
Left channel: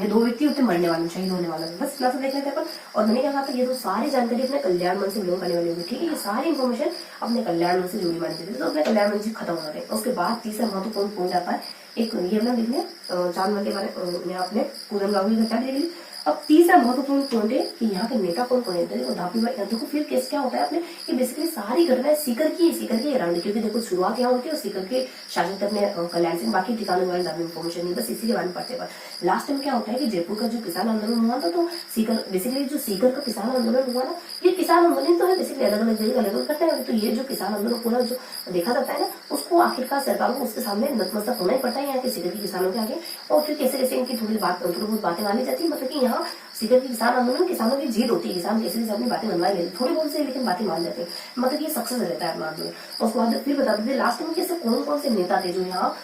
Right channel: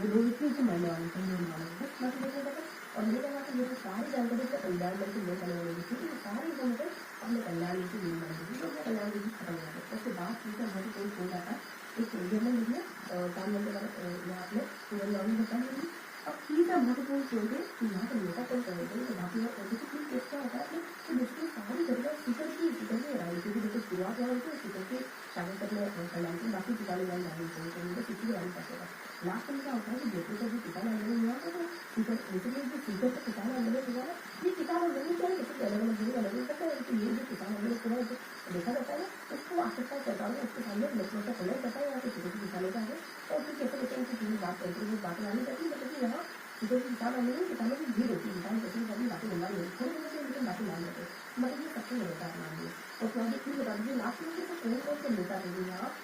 ये 2 व्यक्ति होते हैं मरने वाले, शहीद होने वाले। बस इतना सा देख लेते हैं अपन। और मैंने क्या कहा था, ये तो सारी जानकारी अपने कल्याण मंच से लोग करने वाले होंगे, ठीक है? ये सारी इन्फॉर्मेशन अपने कल्याण मंच से जुड़ी मानी जाती है। तो अपने कल्याण मंच खत्म हो जाते हैं। उसके बाद तीसरा महत्वपूर्ण पहुंच जाता है एक, ये अपना लिख लें, चांदमल के बारे में आपने कूदन गांव की घटना देख ली। अब तीसरा महत्वपूर्ण पॉइंट है कि यहाँ के नेता कौन कौन होते हैं। धापी भाई, देखो फिर केस क्या होता है अपने, कि बेसिकली सारी घटनाएं सीकर की अराउंड, क्योंकि देखो शुरुआत यहाँ होती है सीकर के शासन तक में कल्याण सिंह, बाकी ठिकानों में ज्यादा इन्फॉर्मेशन नहीं, बस इसी के बारे में पढ़ते हैं। लास्ट टाइम क्या होता है कि जयपुर का जो किसान आंदोलन हुआ था, तो सीकर बेसिकली जो सीकर का किसान आंदोलन हुआ ना, ये किसान आंदोलन तो है बेसिकली, अलग अलग जगह अलग अलग करते हैं। तो ये जो किसान आंदोलन पूरा जो देखा जाता है ना, उसको आखिरकार सरकार को उसके सामने नतमस्तक होना ही पड़ता है यहाँ के सीकर के किसानों के आगे। और फिर कैसे कैसे इनकी थोड़ी बहुत बातें मानी जाती है, मतलब कि यहाँ सीकर के किसान आंदोलन किसानों की जीत होती है, किसान कैसे कैसे अपनी बातें मनवा लेते, थोड़ी बहुत से लेकिन बातें मान लेते हैं, मतलब ये सक्सेस रहता है अपना आंदोलन। उसके बाद फिर बता देते लास्ट में कैसे कौन कौन से नेता थे जो यहाँ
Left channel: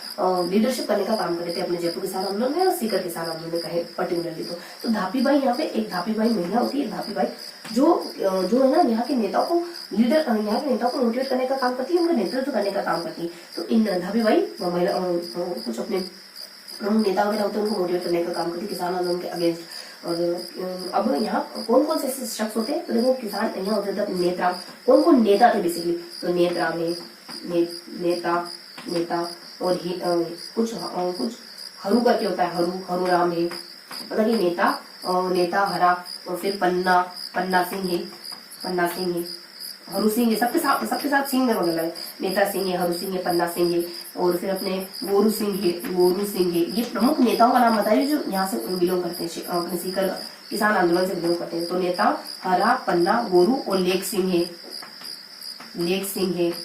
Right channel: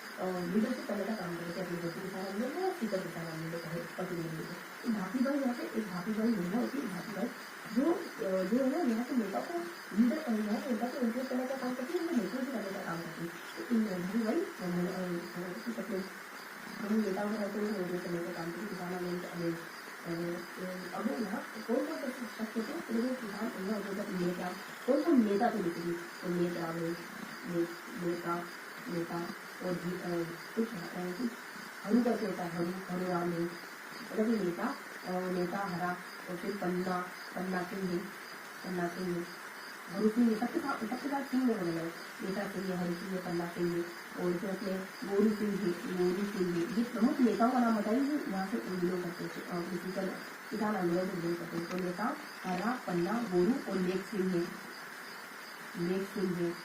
लीडरशिप करने का काम करते थे अपने जयपुर किसान आंदोलन में और सीकर किसान आंदोलन में कहे पर्टिकुलरली। तो धापी बाई, यहाँ पे एक धापी बाई महिला होती है, धापी बाई जो है ना यहाँ के नेताओं को यहाँ के नेताओं को मोटिवेट करने का काम करती है, उनका नेतृत्व करने का काम करती है। तो इन धापी बाई महिला कुछ अपने नेता वगैरह होते हैं, उनको मोटिवेट करने का काम करती है किसान आंदोलन के अगेंस्ट। और अब यहाँ कौन कौन से शख्स होते हैं, तो देखो किसान यहाँ होते थे नेता, कौन कौन नेता थे बेसिकली, तो नेता और कुछ हरू करके होता है, हरू राम है, मतलब कि नेता हरा, और फिर पन्ना सिंह है, हरू सिंह है, सबके साथ सिंह है वगैरह, नेता सिंह है, हरू सिंह है, पन्ना सिंह है, और फिर अपने गोरू सिंह है। ये प्रमुख नेताओं का नाम बताइए जो यहाँ से बिलोंग करते हैं, अपने सीकर किसान आंदोलन से बिलोंग करते हैं। तो नेता हरा, पन्ना, गोरू और लेख सिंह है,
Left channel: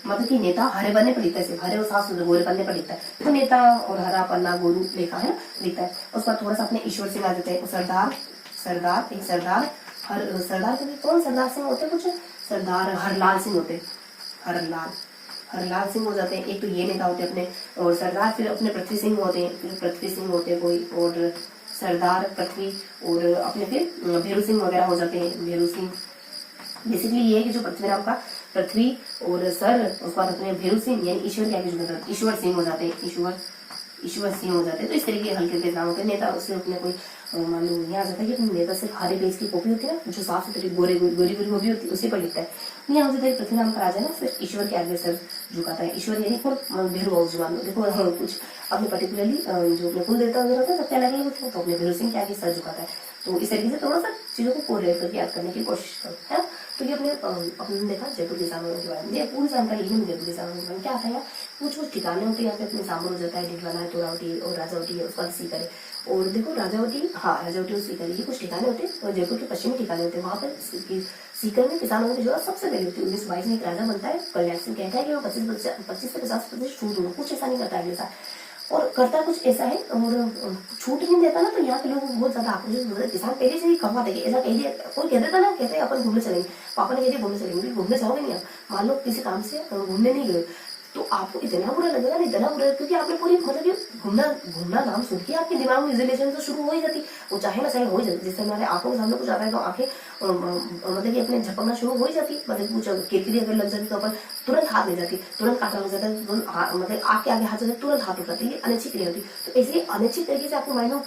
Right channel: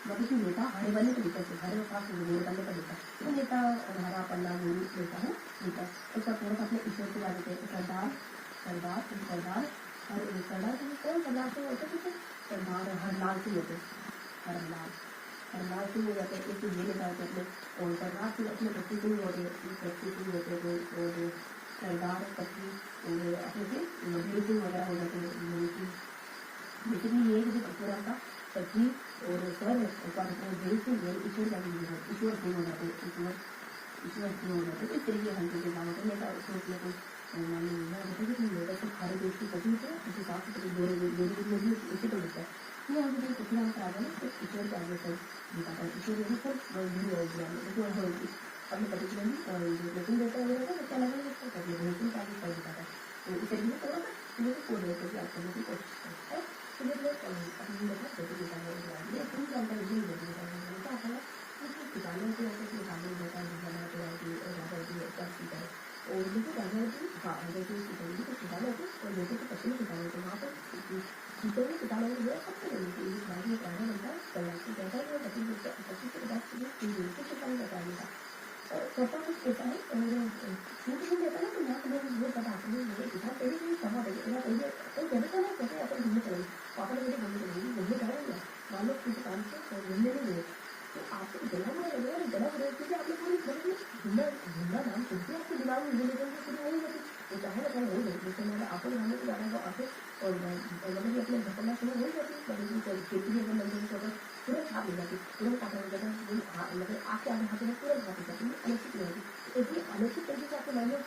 मतलब कि नेता हरे बनने पर लिखता है, हरे और साफ गोरे बनने पर लिखता है। तो नेता और हरा, पन्ना, गोरू लिखा है, लिखता है। उसके बाद थोड़ा सा अपने ईश्वर सिंह आ जाते हैं, सरदार कौन सरदार सिंह होते हैं, कुछ सरदार हरलाल सिंह होते हैं, हरलाल सिंह हो जाते हैं। एक तो ये नेता होते हैं अपने, और सरदार फिर अपने पृथ्वी सिंह होते हैं कोई, और सरदार पृथ्वी, और अपने फिर भेरू सिंह वगैरह हो जाते हैं, भेरू सिंह। बेसिकली ये है कि जो पृथ्वी नाम का पृथ्वी और सर, उसके बाद अपने भेरू सिंह यानी ईश्वर क्या ईश्वर सिंह हो जाते हैं, ईश्वर सिंह हो जाते हैं। तो इस तरीके हल्के के नाम होते हैं। नेता उससे अपने कोई मालूम यहाँ आ जाता है कि अपने नेता सिर्फ हरे पेज की कॉपी होती है ना, जो साफ सुथरी गोरी कॉपी होती है, उसी पर लिखता है। यहाँ हो जाता है पृथ्वी नाम का राजा ना सिर्फ ईश्वर के आगे सर झुकाता है, ईश्वर यानी कौन, भेरू बाबू मान लो, देखो कुछ अपने पर्टिकुलरली जो अपने कुल देवता वगैरह होता है, सबके अलग अलग होता है, तो अपने भेरू सिंह के आगे सर झुकाता है। तो इस तरीके से थोड़ा सा चीजों को कोरिलेट करके याद करने की कोशिश करें, है। तो ये अपने देखा जयपुर किसान आंदोलन के बारे में, पूरी जानकारी ही जयपुर किसान आंदोलन क्या था। कुछ ठिकाने होते हैं यहाँ पे अपने सामने हो जाता है, डिडवाना है, तोरावटी और राजावटी है, उसके बाद सीकर है। और देखो राजावटी और सीकर, ये कुछ ठिकाने होते हैं, और जयपुर के पश्चिमी ठिकाने होते हैं। वहाँ पर सीकर में किसानों की जरूरत सबसे पहले होती है। 1922 में एक राजा बनता है, कल्याण सिंह कहता है कि वो 25 से 50% छूट दूंगा, कुछ ऐसा नहीं करता है ऐसा, और करता कुछ ऐसा है, और छूट नहीं देता ना, तो यहाँ के लोग बहुत ज्यादा आक्रोशित होते हैं। किसान पहले से ही कमाते थे, ऐसा कह दिया, कोई कह देता ना, कहते हैं अपन घूमने चलेंगे, पापा ने कह दिया घूमने चलेंगे, घूमने जाओगे नहीं आप, मान लो किसी काम से घूमने नहीं गए, तो आपको इतना बुरा लगेगा ना, इतना बुरा, क्योंकि आपने पूरी मतलब कि घूमना घूमना नाम सुन के आपके दिमाग में विजुअलाइजेशन तो शुरू हो ही जाती, वो चाहे ना चाहे हो ही जाती। जैसे हमारे आंखों के सामने कुछ आता है तो आंखें मतलब कि अपने झपकना शुरू हो ही जाती, मतलब कुछ केतली अगर लग जाती तो अपन तुरंत हाथ ले जाती, तुरंत काटा लग जाता है, मतलब आग के आगे हाथ जाता है, तुरंत हाथ उठाते हैं, ये अनिच्छित क्रिया होती है। तो इसलिए अनिच्छित तरीके से आपके माइंड में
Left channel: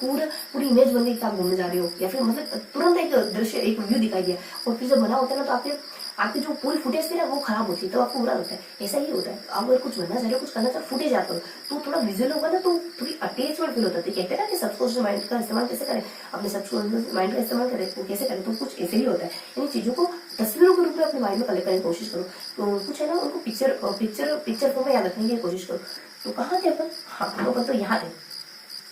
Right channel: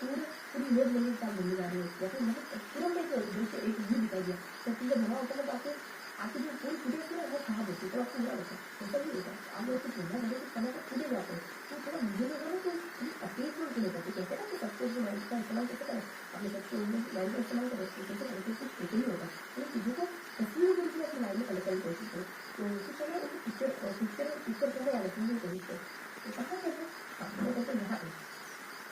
पूरी इमेज बन गई कि आप घूमने जा रहे हो, या फिर मतलब तुरंत एक दृश्य, एक व्यू दिखाई दिया, और फिर जब बना होता है ना तो आपकी जो पूरी फुटेज थी ना वो खराब होती है, तो आपको बुरा लगता है। ऐसा ही होता है, आप अगर कुछ बनना चाह रहे हो, कुछ करना चाह, फुटेज आता हो तो थोड़ा विजुअल होगा ना तो थोड़ी अटैचमेंट फील होता है। कहते हैं ना कि सबकॉन्शियस माइंड का इस्तेमाल कैसे करें, अपने सबकॉन्शियस माइंड का इस्तेमाल करें तो कैसे करें, तो कुछ ऐसे ही होता है। इन चीजों को तस्वीरों के रूप में अपने माइंड में कलेक्ट करने की कोशिश करो, तो कुछ है ना उनको पिक्चर फॉर्म में याद रखने की कोशिश करो। तो कहाँ थे अपन, हाँ अपन तो यहाँ थे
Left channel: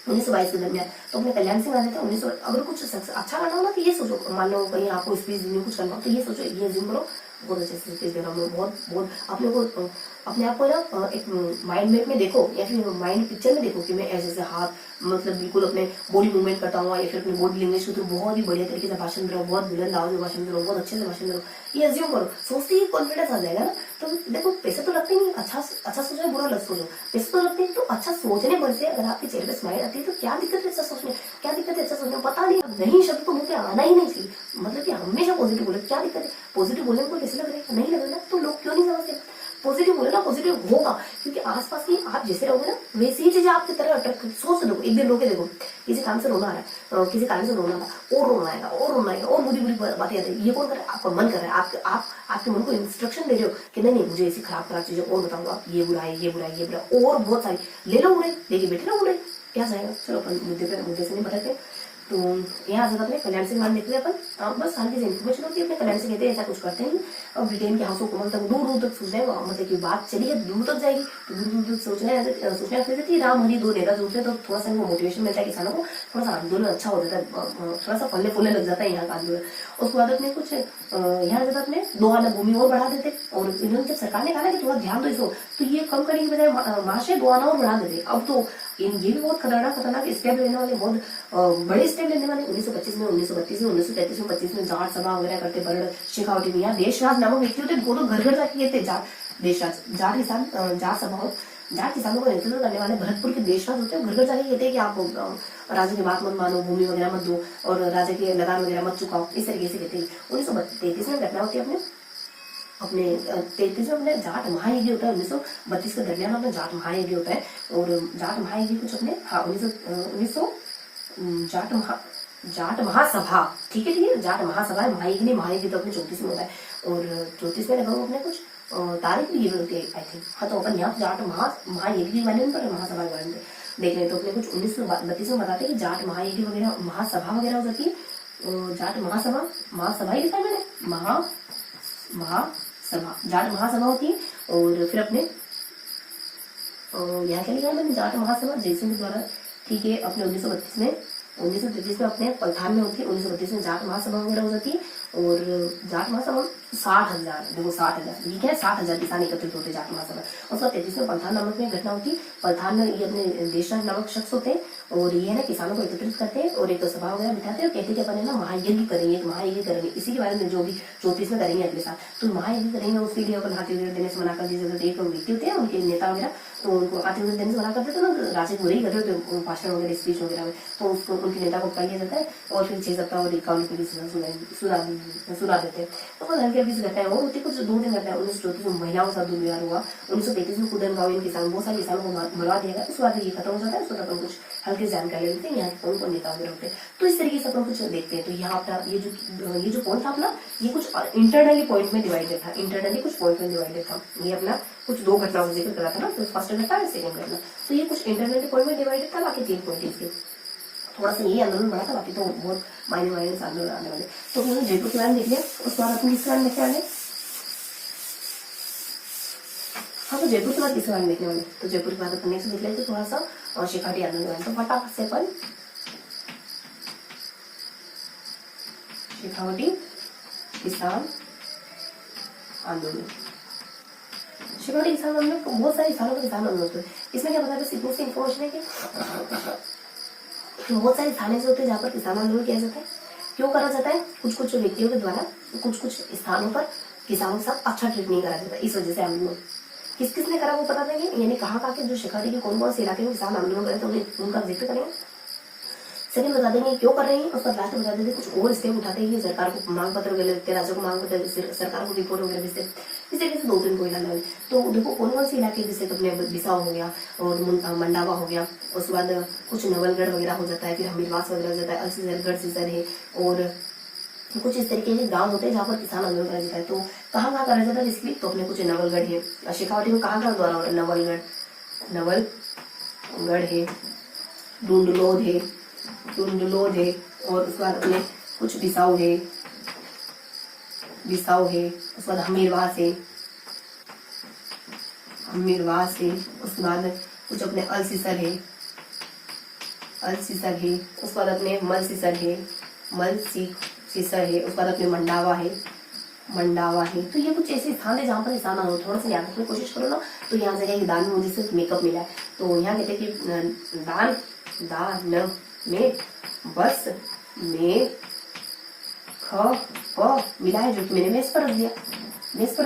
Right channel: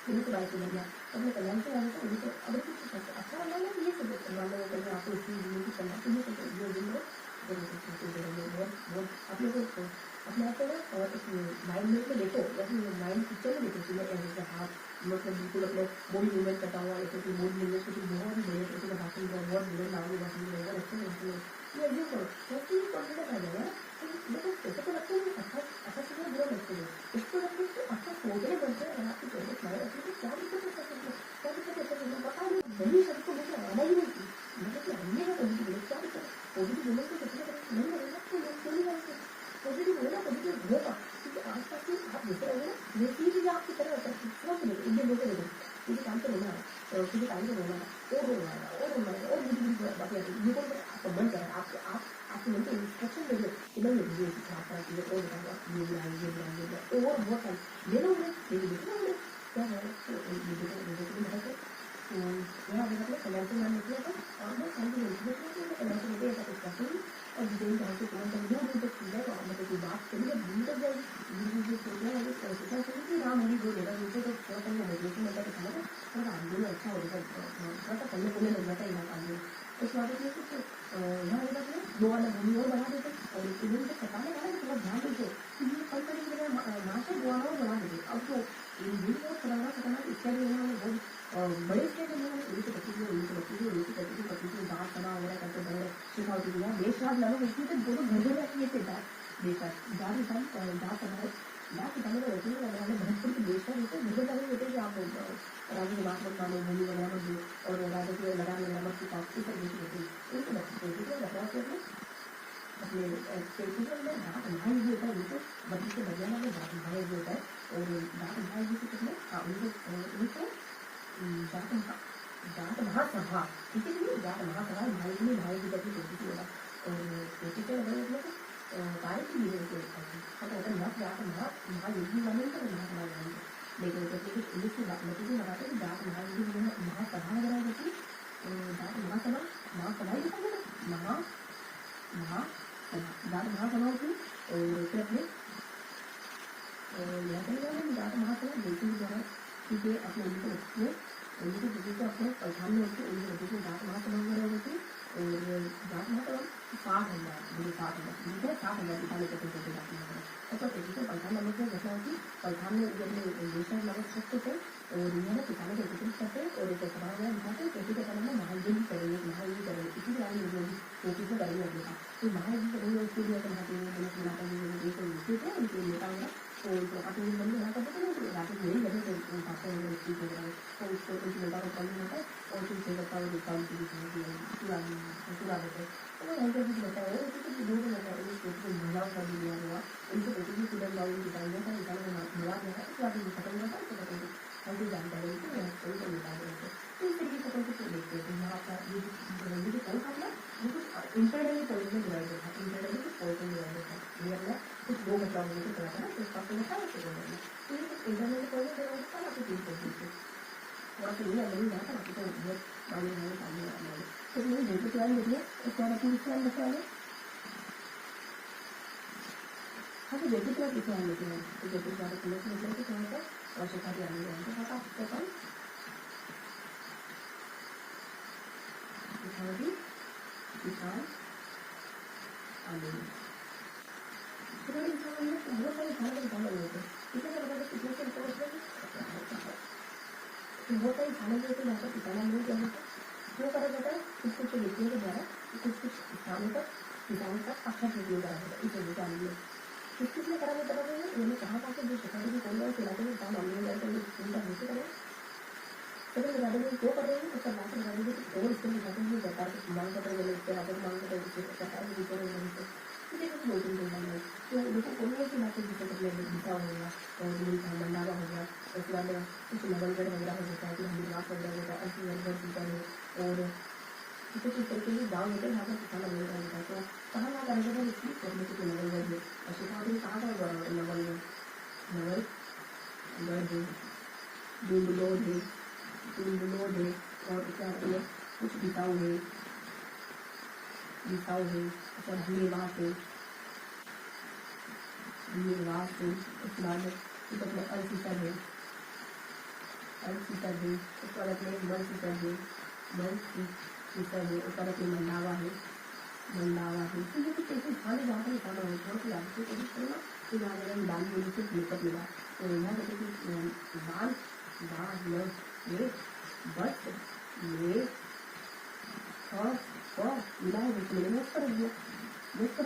1922 के दरमियान, तो अपने कल्याण सिंह गाने थे 1900। अगर कुछ अच्छा गाना हो ना तो ये सोचो, मान लो कहीं आपको स्पीच देनी कुछ करना हो तो ये सोचो, ये जिम करो, बहुत अच्छे से स्पीच देना, बहुत बहुत अपने को अपने आप को ना एक माइंड मैप में देखो, या फिर माइंड पिक्चर में देखो कि मैं ऐसे ऐसे हाथ मतलब बिल्कुल अपने बॉडी मूवमेंट करता हूँ, या फिर अपने बॉडी लैंग्वेज के थ्रू बहुत ही बढ़िया तरीके से भाषण दे रहा हूँ, बहुत बुलंद आवाज में भाषण दे रहा हूँ, बहुत अच्छे से भाषण दे रहा हूँ, ये अज्यूम करो, सोचते ही कॉन्फिडेंस आ जाएगा ना। तो देखो पैसे तो लगते नहीं, अच्छा सोचो बुरा लग सोचो, पैसे तो लगते हैं, तो अच्छा सोचने पर से अगर आपके चेहरे पे स्माइल आती है तो क्या दिक्कत है अच्छा सोचने, क्या दिक्कत है अच्छा सोचने, पता नहीं शब्द को मुझे आना ही नहीं चाहिए, मतलब कि हमेशा पॉजिटिव बोले, क्या दिक्कत है, पॉजिटिव बोलने को कैसे लग रहा है, नहीं लग रहा है तो लोग क्यों नहीं समझते। पॉजिटिव बोले ना, पॉजिटिव होगा, क्योंकि आसपास की आप जैसे रहोगे ना वैसी ही चीजें आपकी तरह अट्रैक्ट। सोच लो, एक दिन रोके देखो, किसी काम से रोना आ रहा है, किसी कारण से रोना था, और रोना आएगा और रोना आएगा और बुरी बुरी बातें आती है, ये कौन कर रहा है, आपका मन कर रहा है, आपके मन को इंस्ट्रक्शन दे रहे हो कि नहीं मुझे ऐसी खराब चीजें और बताऊंगा आप, ये बुरा है, ये बुरा है, ये बुरा, और बहुत सारी ले लो उड़े, लेके बैठे ना उड़े, क्या जाएगा। चलो अपन मुद्दे से नहीं भटकते। तो यहाँ आ जाता अपने कल्याण सिंह मान देखते हैं अपन, बस हल्की से इन्फॉर्मेशन होती है अपने कल्याण सिंह कहते हैं ऐसा कुछ करते हैं। और ब्रिटेन के हाउस हुकूमत तक दूर दूर तक सोच रहे हैं, मतलब की बात चली है दूर तक जाएगी, दूर दूर तक सोचने लगते थे कि राम हरी दो नेता जुड़ते तो थोड़ा सा मोटिवेशन मिलता है किसानों को, थोड़ा सा आंदोलन अच्छा हो जाता है, थोड़ा सा फलने फूलने लग जाता है यहाँ का आंदोलन। उसके बाद अपने कुछ यहाँ जगह अपने 2 आना भूमि और बढ़ा देते, और इन्होंने जब सरकार ने कहा कि थोड़ा ध्यान दो इसको, तो ये कम करने की बजाय महाशय 2 आना और बढ़ा देते। अब तो ये भी बहुत खतरनाक स्टेप लेने वाले, बहुत बड़े स्टेप लेने वाले। 1925 में, 1932 में, 1933 में, 25 में जाट सभा वगैरह करते, बड़े शेखावटी में। यहाँ देशराज नामक व्यक्ति होते, वो तो घर घर जाके कहते जाट देशराज, जाट किसान, जाट सभा, जाट किसानों का नेतृत्व करने वाले भरतपुर के देशराज होते हैं, घर घर जाके कहते हैं कि आप राजा की बात मत मानो, भूमि वगैरह मत दो, और राजा की लगान वगैरह मत चुकाओ, इस तरीके से कहते हैं। 1933 में घटना होती है अपने 33 में अपने जाट महायज्ञ होता है। 1932 के दरमियान अपने जाट महायज्ञ होता है, और जाट महायज्ञ कुछ अपने जाट महासभा, ठीक है, जाट महासभा है, महायज्ञ तो अपने 34 में होता है, और 34 में लगभग अपने कुछ तारीख भी होती है आई थिंक। हाँ, तो अपन यहाँ जाट महायज्ञ के बारे में पढ़े, महासभा के बारे में देख रहे, तो अपने कुछ 1932 में बताते हैं कि जाट महायज्ञ वगैरह, महासभा वगैरह हो जाती है। जाट महासभा ही लिखा है मैंने, महासभा, जाट महासभा होती है। और फिर अपने यहाँ क्या लिखा है मैंने, जाट महासभा जयसिंह द्वारा, ठीक है, अपने 1933 में अपने पलथान में होती है। 1932 में जाट महासभा वगैरह हो जाती है, और जाट महासभा 60,000, देखो 60,000, ठीक है, 60,000 किसान एकत्रित होते हैं जाट महासभा। और 1933 में पलथान नामक में घटना होती है। पलथान में ये अपने देशराज नामक शख्स होते हैं, और ये ना किसानों को एकत्रित करते हैं और एक सभा वगैरह बिठाते हैं, और कहते हैं ना महायज्ञ करेंगे, महायज्ञ करेंगे, इसी के बारे में जो भी 34 में करेंगे अगले साल, तो महायज्ञ करेंगे। उसके लिए अपन हाथी वगैरह देने से मना कर दी, एक व्यक्ति होते हैं उनके नेता वगैरह, तो उनको हाथी वगैरह देने से मना कर देते ना, राजे को वही करते थे भाषण वगैरह, स्पीच वगैरह में, तो उसको उनके नेता को कर लिया जाता है, और फिर 6 सप्ताह और 51 सुना देते हैं। तो वो हल्के बीच रहता है, और उनके कुछ 2 दिन रहता है। 1934 में महिलाओं का दुर्व्यवहार हुआ, 1935 में कुदन गाँव किसान, बहुत सारे किसानों को मरवा दिया गया, उसके बाद ये खत्म हो जाता है। उसके बाद कुछ हल्के जानकारी लेते हैं यहाँ कौन कौन नेता हुए रहते हैं, तो इस तरीके से अपन कुछ देखते हैं। तो यहाँ पर ये जो पॉइंट था अपना, ये कुछ इंटरनली पॉइंट में डिवाइडेड था, इंटरनली कुछ पॉइंट में डिवाइडेड था। ये अपना कुछ 2 घटनाओं का जिक्र करा था ना, तो फर्स्ट घटना है सेकंड घटना, तो ये कुछ इंटरनली पॉइंट में डिवाइडेड था, बाकी 3 पॉइंट इसके थोड़ा सा ये आंदोलन बड़ा था, बाकी तो बहुत मायने आंदोलन आने वाले। तो मैंने जयपुर के बारे में देख लिया, उसके बाद अपनी किस बारे में देखने वाले, हाँ, तो जयपुर के बाद किस बारे में देखने वाले, तो जयपुर के बाद अपन नेक्स्ट देख लेते थोड़ा सा, और शेखावटी आंदोलन। तो फटाफट से अपन शेखावटी किसान आंदोलन, शेखावटी किसान आंदोलन में बहुत सारे किसानों के किसान आंदोलन होते हैं। इसमें क्या बताते हैं, सीधे से इन्फॉर्मेशन है कि बहुत सारे थाने से होते हैं जहाँ पर किसान आंदोलन किया जाता है। क्यों करा जाता है, कुछ व्यक्तियों के द्वारा कुछ स्थानों पर किसानों के साथ अच्छा ट्रीट नहीं करा जाता, इस वजह से आंदोलन। किस किसने करा वो पता देंगे, यानी कहाँ कहाँ के जो शेखावटी के कौन कौन से इलाके में किसान आंदोलन करे तो उनका जिक्र करेंगे। सेकंड बता देंगे क्यों कर रहे हैं, उसका लास्ट बता देंगे कुछ और स्टेप उठाते हैं सरकार को मांग पत्र वगैरह लिखते, राज्यों को मांग पत्र, सरकार को रिपोर्ट वगैरह भेजते, इस तरीके से 2-3 पॉइंट अलग। तो देखो कौन कौन से इलाके, जैसे अपने बिसाऊ हो गया और मंडावा हो गया, उसके बाद कुछ नवलगढ़ वगैरह हो जाता है, फिर हमीरवास वगैरह हो जाता है, अलसीगढ़ सीसर है, और कुछ इस तरीके के गांव होते हैं जहाँ पर किसान आंदोलन करा जाता है। तो कहाँ कहाँ करा जाता है इसलिए, तो अपने कुछ नवलगढ़ है, शेखावटी में कहाँ कहाँ द्वारा होता है, नवलगढ़ है, डूंडलोद है, और उसके बाद अपने कुछ बिसाऊ है, उसके बाद हमीरवास है, उसके बाद कुछ अपने अलसीसर है, उसके बाद अपने मलसीसर है, उसके बाद अपने मंडावा है। तो ये कुछ ऐसे स्थान है जहाँ पर इंसान हो, थोड़ा सा याद रखने की कोशिश करो ना। तो यहाँ जगह दान में मुझे सिर्फ मेकअप मिला है, तो यहाँ कहते हैं कि दान में बस में ख मिला है, जो कि मैंने मेस पर रख दिया, इस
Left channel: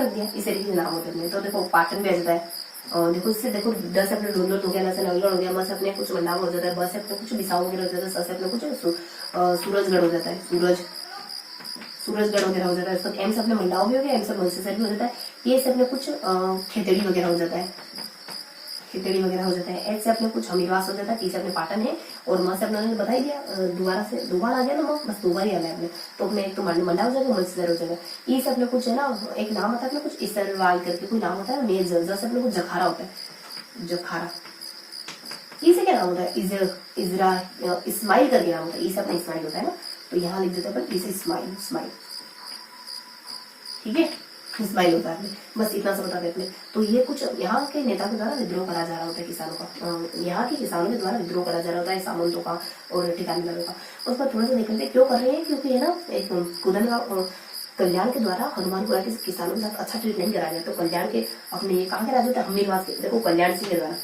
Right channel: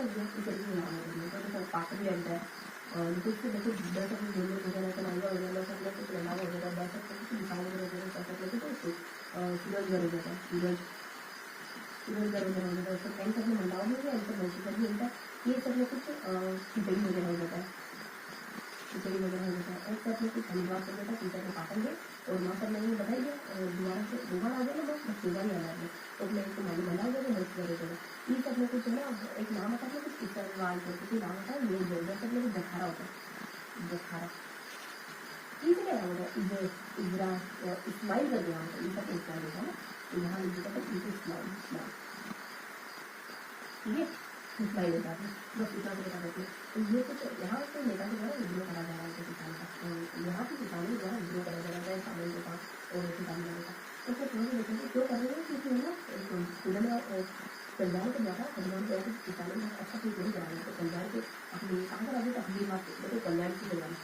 तरीके से नाम होते हैं। तो देखो पाटन भी आ जाता है, और देखो इससे देखो 10 अपने डूंडलोड हो गया, 9 से नवलगढ़ हो गया, बस अपने कुछ मंडावा हो जाता है, बस अपने कुछ बिसाऊ वगैरह हो जाता है, स से अपने कुछ सूरजगढ़ हो जाता है, सूरजगढ़ वगैरह हो जाता है, इसको एम से अपने मंडावा भी हो गया, एम से मलसीसर भी हो जाता है, ये से अपने कुछ खेतड़ी वगैरह हो जाता है, एच से अपने कुछ हमीरवास हो जाता है, टी से अपने पाटन है, और माँ से अपने बता ही दिया, दोबारा आ गया ना, बस दोबारा ही आना है अपने, तो अपने एक तो मंडा हो जाएगा, मलसीसर हो जाएगा, ई से अपने कुछ है ना, एक नाम होता है अपने कुछ इसरवाल करके कोई नाम होता है, मेज से अपने कुछ जखारा होता है, जखारा। ई से क्या नाम होता है, इस्माइल करके नाम होता है, ई से अपना इस्माइल होता है ना, तो यहाँ लिख देते हैं अपन, ई से इस्माइल, ठीक है, इस्माइल होता है, बस इतना सा बता देते हैं। तो ये कुछ यहाँ के नेता के द्वारा विद्रोह करा जा रहा होता है किसानों का, यहाँ के किसानों के द्वारा विद्रोह करा जा रहा होता है सामंतों का और ठिकानेदारों का। उस पर थोड़ा सा देखते क्यों कर रहे हैं, क्योंकि है ना एक कुदन कल्याण के द्वारा हनुमानपुरा के किसानों के साथ अच्छा ट्रीट नहीं कराया जाता। तो कल्याण के अपने ये कहाँ के राजा थे, हमीरवास के, देखो कल्याण सिंह के द्वारा,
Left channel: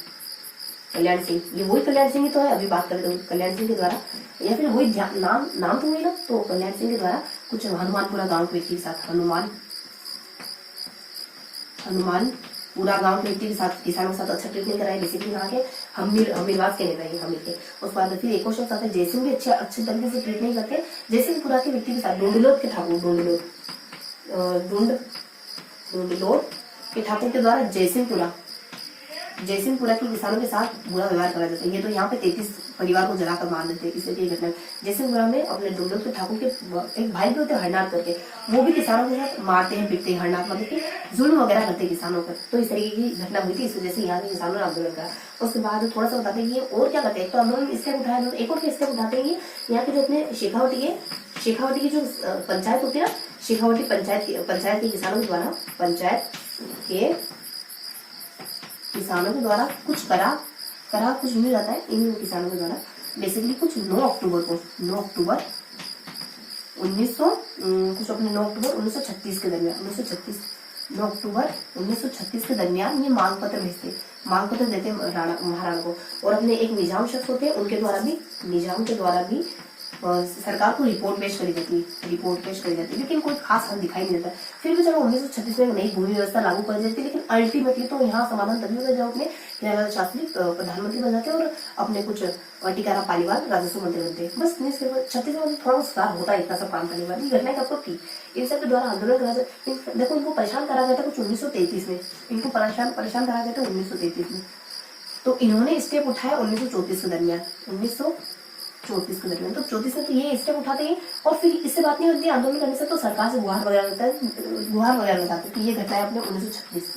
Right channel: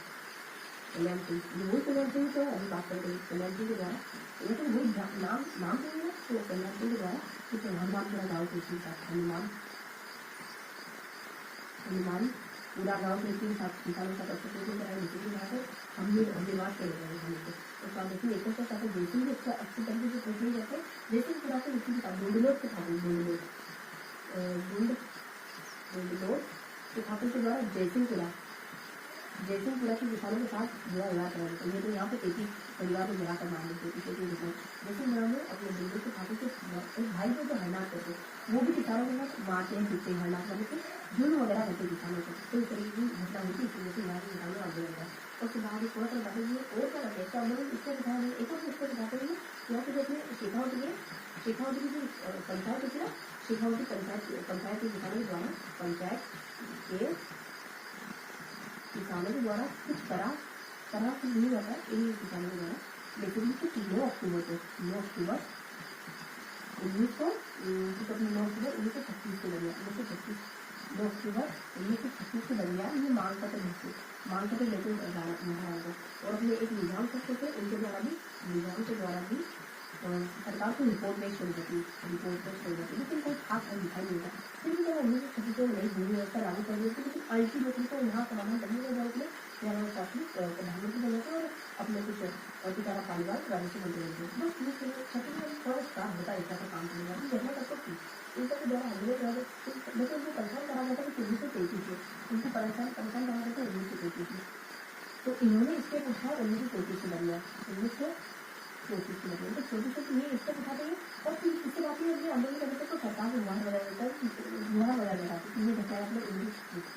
कल्याण सिंह, ये वही कल्याण सिंह तो है, अभी बात करते हैं कल्याण सिंह के द्वारा, या फिर वही नाम तो हुई ना, तो कल्याण सिंह के द्वारा कुछ हनुमानपुरा गाँव के व्यक्ति के साथ, हनुमानपुरा गांव के व्यक्ति के साथ किसानों के साथ अच्छा ट्रीट नहीं कराया, बेसिकली यहाँ के हमीरवास के नेता है, हमीर के। उसके बाद फिर एक और शख्स आता है जयसिंह भी अच्छे तरीके से ट्रीट नहीं करते, जयसिंहपुरा के व्यक्ति के साथ, डूंडलोद के ठाकुर, डूंडलोद के ठाकुर के द्वारा जयसिंहपुरा के किसानों के साथ बुरा व्यवहार करा जाता है। ये तो यहाँ पे 33 परिवार को जलाकर मार देते हैं, इसलिए घटना जयसिंहपुरा में अपने डूंडलोद के ठाकुर के एक भाई भी होते हैं हरनाथ करके, वो भी किसानों के साथ मारते हैं, पीटते हैं, हरनाथ मतलब कि जुल्म वगैरह करते हैं किसानों पर। तो इस तरीके की घटना हुई थी, इस वजह से यहाँ के किसानों ने आंदोलन करा। उसके बाद थोड़ा सा बताते हैं और क्या करते हैं, तो आंदोलन स्टेप उठाया, एक और स्टेप उठाते हैं यहाँ के जो अपने शेखावटी की जो पंचायत होती है ना, शेखावटी पंचायत के किसानों के द्वारा, किसानों के द्वारा कुछ करा कुछ मिल जाता है इन किसानों के द्वारा, बेसिकली कुछ 9 अक्टूबर 1936 के दरमियान, 9 अक्टूबर 1936 के दरमियान ये मांग पत्र देते महाराणा को, और अपने एक निजाम शख्स होते हैं उनके द्वारा भी सरकार को रिपोर्ट पेश करी जाती है, लेकिन कोई खास हल दिखाई नहीं देता। फिर भी चलो 1936 में नई भूमि व्यवस्था लागू कर जाती है, लेकिन अल्टीमेटली तो यहाँ समाधान तभी होता है जब अपने प्यारेलाल शास्त्री प्रधानमंत्री बन जाते हैं और अपने कुछ टीकाराम पालीवाल राजस्व मंत्री बनते हैं। बस 1936 में थोड़ा सुधार होता है, इतना सब काम करने वाली घटना कब थी, इन सब के द्वारा आंदोलन करा जाता। देखो इनको परेशान करा गया था कुछ 1933 में, इनको परेशान करा गया था 1933 में, तो इन्होंने स्टेप उठाया 1934 के दरमियान, 1934 के दरमियान। तो 34 में तो ये स्टेप उठाते हैं, और फिर इससे बात नहीं होती आंदोलन करने से, तो सरकार से गुहार वगैरह लगाते कि ये घटना है अपने 1936 में,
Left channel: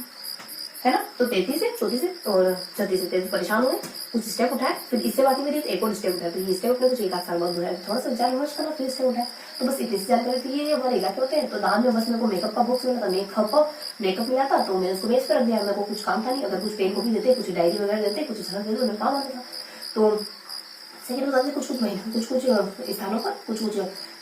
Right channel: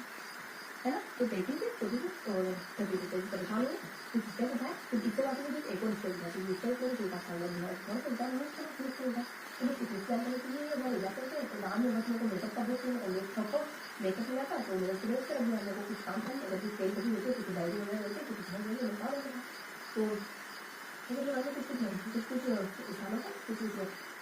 है ना। तो 33 से 34 से और 36 से 33 परेशान हुए, कुछ स्टेप उठाए, फिर इससे बात नहीं करी तो एक और स्टेप उठाया, तो ये स्टेप उठाए कुछ 1 आध साल बाद उठाया, थोड़ा सा विचार विमर्श करा, फिर स्टेप उठाया। तो बस इतनी सी जानकारी थी, ये हमारे इलाके होते हैं। तो दान में बस मेरे को मेकअप का बॉक्स मिला था, मेकअप मिला था, तो मैंने उसको बेच कर रख दिया, मेरे को कुछ काम था नहीं, अगर कुछ पेन कॉपी देते, कुछ डायरी वगैरह देते, कुछ सरक देते, मेरे काम आता था। तो सेकेंड बता कुछ स्थानों पर कुछ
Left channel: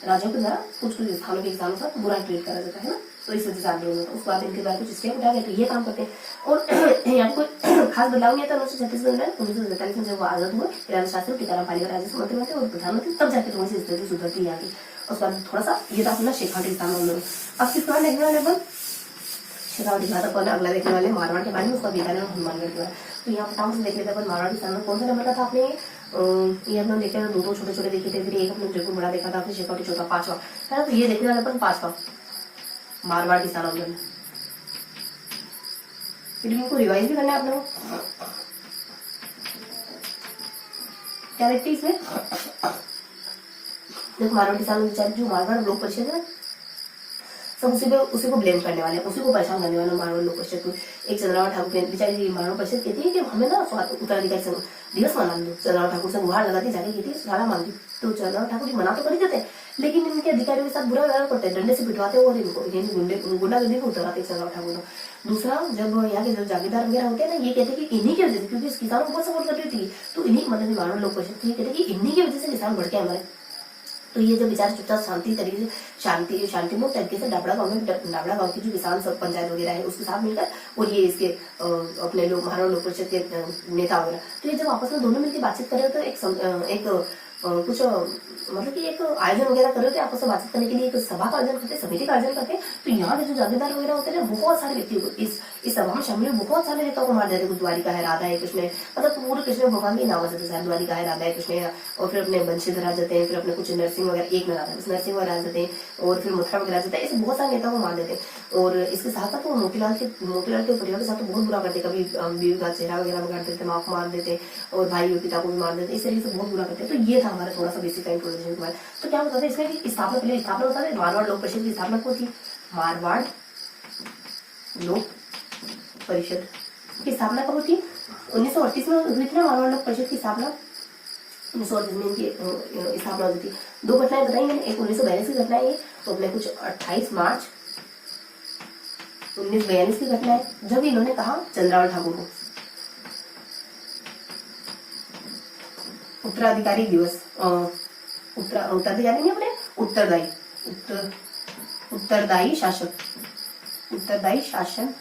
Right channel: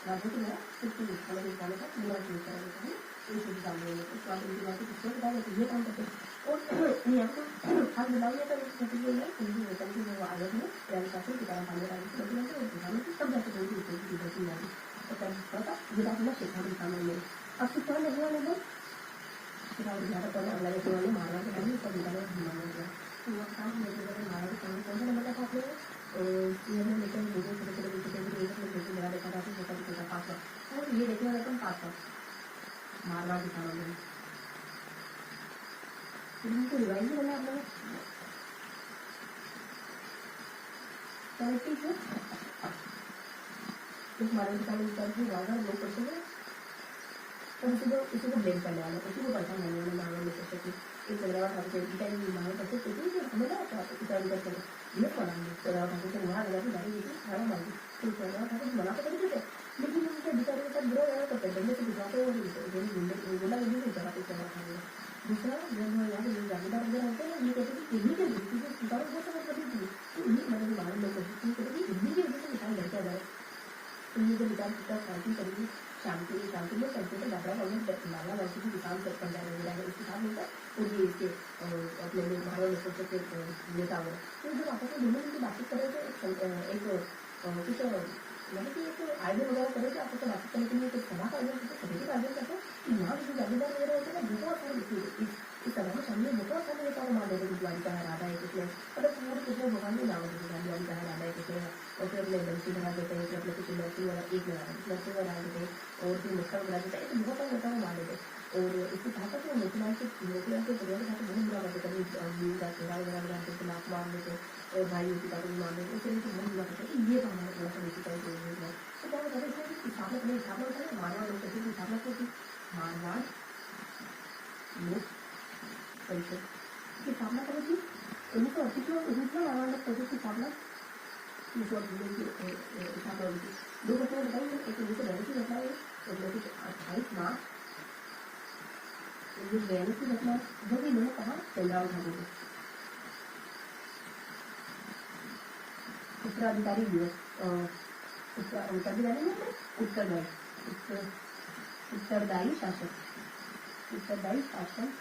राज्यों के द्वारा कुछ स्थानों के किसानों का बुरा ट्रीट करा जाता है ना, तो इस वजह से आंदोलन होता है। उसके बाद इनके द्वारा कुछ स्टेप उठाया गया, तो ये काम करते हैं। और यहाँ कोई खास बदलाव नहीं आता 1936 में, 1947 में जब वो आजाद हुए, राजा शास्त्री टीकाराम पालीवाल राजस्व मंत्री बनते और प्रधानमंत्री, तब जाकर थोड़ी सी स्थिति सुधरती यहाँ की। उसके बाद थोड़ा सा ये था अपना शेखावटी किसान आंदोलन। अब किस तरह देखने वाले अपन शेखावटी था। तो अगला देखने वाले मारवाड़ के बारे में, उसका दिखाने में हनुमानगढ़ के बारे। तो यहाँ फटाफट से देख लेते हैं मारवाड़ किसान में कौन सा नंबर का था आपने। ये हम लोग देखे थे, दो छोटे छोटे देखे थे, फिर एक हमने जयपुर बड़ा देखा था, फिर शेखावटी चौथा, पांचवा है ना। तो ये देखने वाले अपन पांचवा मारवाड़ किसान आंदोलन। फिर इनको रिवाइज भी करना है आप लोगों को। क्या देखते हैं इसमें, देखो मारवाड़ किसान बेचारे जो मारवाड़ लोक परिषद है सब उसी को ब्लेम करने वाले हैं, उसी को परेशान करने वाले मारवाड़ लोक परिषद में। एक चंद्रराव ठाकुर बेचारी मारवाड़ परिषद कहती है कि हमें ना उत्तराधिकारी संघ दिवस मना दो। चंद्रराव ठाकुर से गुहार लगाती जाके कहती है सारा मान दी। तो चंद्रराव ठाकुर जी मना तो कर देते हैं, लेकिन इनके अधिकारियों के साथ बुरा व्यवहार करते हैं, डंडे से पिटवाते हैं और इनको गुंडागर्दी को उतरवाते हैं चंद्रराव ठाकुर को। दूसरा, जब यहाँ के जो जागीरदार वगैरह होते हैं ना, ये कहते हैं कि इन्हीं की वजह से, क्योंकि इस किसानों को बहुत सपोर्ट कर रही थी, तो इन्हीं मतलब मारवाड़ लोक परिषद ये कहते हैं कि इन्हीं की वजह से किसान बढ़ के हमारे। तो ये जब बेचारे चुपचाप शांति तरीके से शांतिपूर्ण तरीके से डाबड़ा गांव की जो किसान सब पंचायत वगैरह है उसके साथ मिलकर, और ये इसके अपने लोग मारवाड़ लोक परिषद के नेता वगैरह, तो ये जब आपस में दोनों मिलकर बातचीत कर रहे तो एक कुछ मतलब कि एक आयोजन वगैरह कर रहे थे आपस में बातचीत करने के लिए, एक सभा का आयोजन करते, समिति का आयोजन करते। तो यहाँ के जो जागीरदार वगैरह होते हैं बहुत सारे व्यक्ति इस सभा में शामिल बहुत सारे नेताओं को मार देते। कुछ द्वारिका है, राधा है, कृष्ण है, मतलब पूरे कृष्ण भगवान के नाम देते हैं, द्वारिका है, राधा है, कृष्ण है, और फिर अपने बंशीधर आ जाते हैं, फिर अपने कुछ नरसिंह वगैरह, एक नरसिंह वगैरह आ जाते हैं, और फिर मथुरा वगैरह आ जाता है। ऐसे बहुत सारे नेताओं को मार देते हैं। और इसके साथ साथ वो मोतीलाल के परिवार के साथ तो बहुत बुरा करते, कभी बीवी का चेहरा वगैरह काट देते, माँ को मार देते, और भाई पिता को भी मार देते, इस तरीके से बहुत बुरा करते। तो ये था हमारा थोड़ा सा बेसिक इंफॉर्मेशन के बारे। तो क्या होता है इसमें कि स्थापना बता दें, मारवाड़ लोक परिषद की स्थापना कौन थी, मारवाड़ लोक परिषद की स्थापना कब हुई थी, 1938 में हुई थी ना मारवाड़ लोक परिषद की स्थापना। 1938 में इनकी स्थापना हुई थी। दो घटनाएं बताई मैंने, एक 1942 की घटना है, तो अपने कुछ 28 मार्च 1942 की घटना है, जब इन्होंने कहा चंद्रराव ठाकुर को उत्तराधिकारी दिवस, उत्तराधिकारी नहीं अपने उत्तरदायी शासन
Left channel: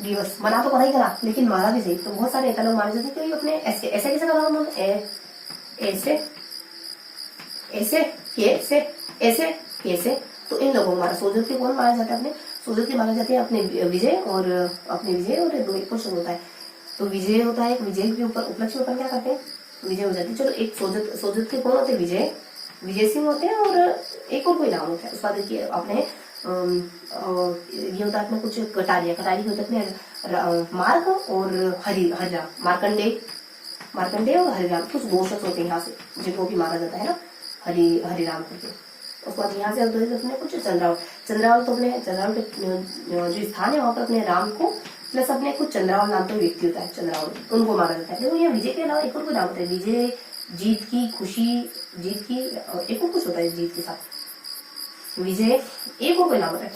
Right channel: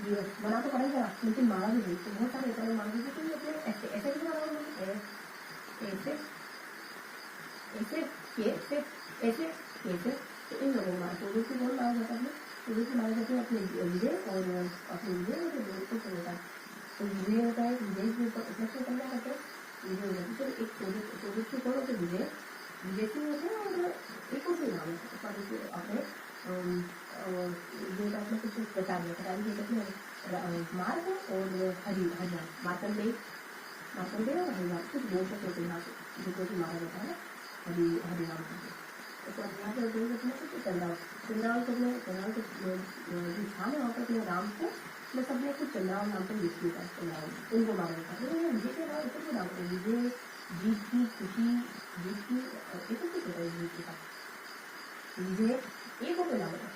दिवस। मना तो पड़ा ही करा, लेकिन मारा भी सही। तो बहुत सारे नेता लोग मारे जाते, अपने ऐसे कैसे करा उन्होंने, ऐसे। तो इन लोगों को मारा। सोजत के कौन मारा जाता है, अपने सोजत के मारे जाते हैं अपने विजय और एक क्वेश्चन होता है। तो विजय होता है, विजय के ऊपर उपलक्ष्य में क्या करते हैं, विजय हो जाती है। चलो, एक सोजत के कौन होते हैं, विजय सिंह होते हैं, और एक और कोई नाम होता है उसका देखिए अपने ये होता है अपने कुछ कटारी होता है अपने मार्ग और हरिराम, मार्कंडे और हरिराम, कुछ दो शख्स होते हैं यहाँ से जिनको भी मारा जाता है ना, हरिराम करके। उसके बाद यहाँ से अपने कुछ चंद्रावल, तो अपने चंद्रावल के जो स्थान है वहाँ पर अपने राम को प्लस अपने कुछ चंद्रावल नाम का व्यक्ति होता है, चंद्रावल, उनको मारा जाता है। देखो यहाँ विजय के अलावा एक और कोई नाम होता है, विजय, जीत की, खुशी, जीत की, एक और कुछ होता है जीत के साथ, विजय, एक और कोई नाम होता है।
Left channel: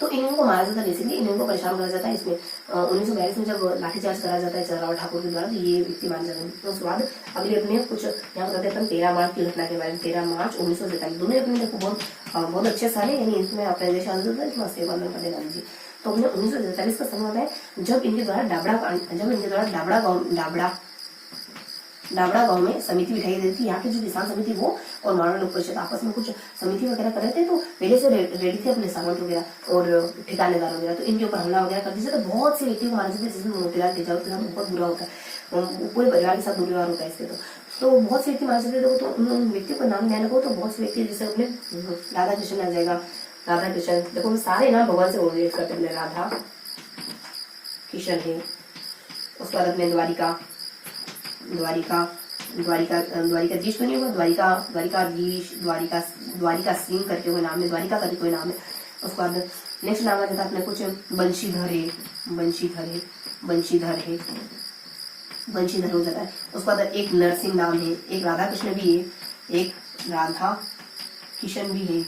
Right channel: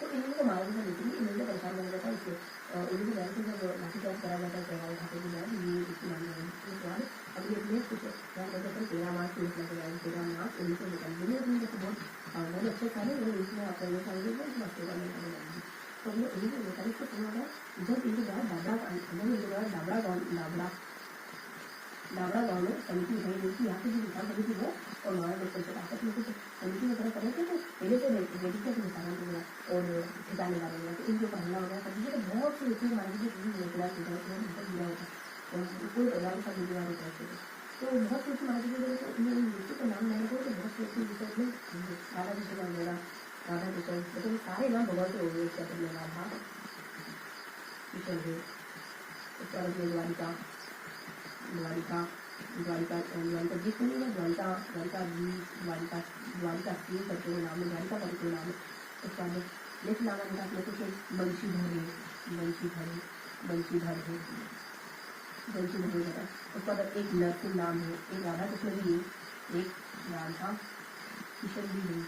तो इनको मारा जाता है, बेसिकली इनको परेशान करा जाता है। इसमें 1942 में जब लाठीचार्ज करा जाता है चंद्रराव ठाकुर के द्वारा, तो ये व्यक्ति मान जाते हैं। तो उसके बाद अगले अपने कुछ यहाँ बताते हैं 13 मार्च की घटना के बारे में। 13 मार्च 1947 दोनों अपने देखो बहुत अच्छे साल है, यानी इसमें अपने देश आंदोलन इसमें सेवा में करने वाली थी। तो अपने 1947 का समय होता है जब इनके द्वारा डाबड़ा गांव में समिति बिठाई गई थी। यहाँ की जो किसान समिति वो और मारवाड़ लोक परिषद आपस में कुछ समिति वगैरह कर रहे थे, तो पहले से रेडी थे अपने सामंत वगैरह और ठिकानेदार वगैरह, तो इनके ऊपर हमला वगैरह कर दीजिए। तो बहुत से व्यक्ति को मारे जाते हैं, जिसमें मोतीलाल तेजावत के साथ बहुत बुरा होता है, पूरे परिवार के साथ बुरा होता है इसके। तो बहुत से व्यक्ति मारे जाते थे। तो उन व्यक्तियों का नाम ध्यान रखो, तो बहुत से व्यक्ति जैसे अपने राधा कृष्ण आ जाएगा, राधा कृष्ण, देखो सारे नाम भगवान से रिलेट करते हैं, राधा कृष्ण है। उसके बाद अपने द्वारिकाधीश तो नहीं होगा, द्वारिका सिंह करके कोई नाम है, द्वारिका करके कोई नाम है। उसके बाद नेक्स्ट नाम आ जाता है अपने कुछ बंशीधर हो जाता है। उसके बाद एक नरसिंह नाम है, एक राधा कृष्ण भी है, एक राधा किशन भी है।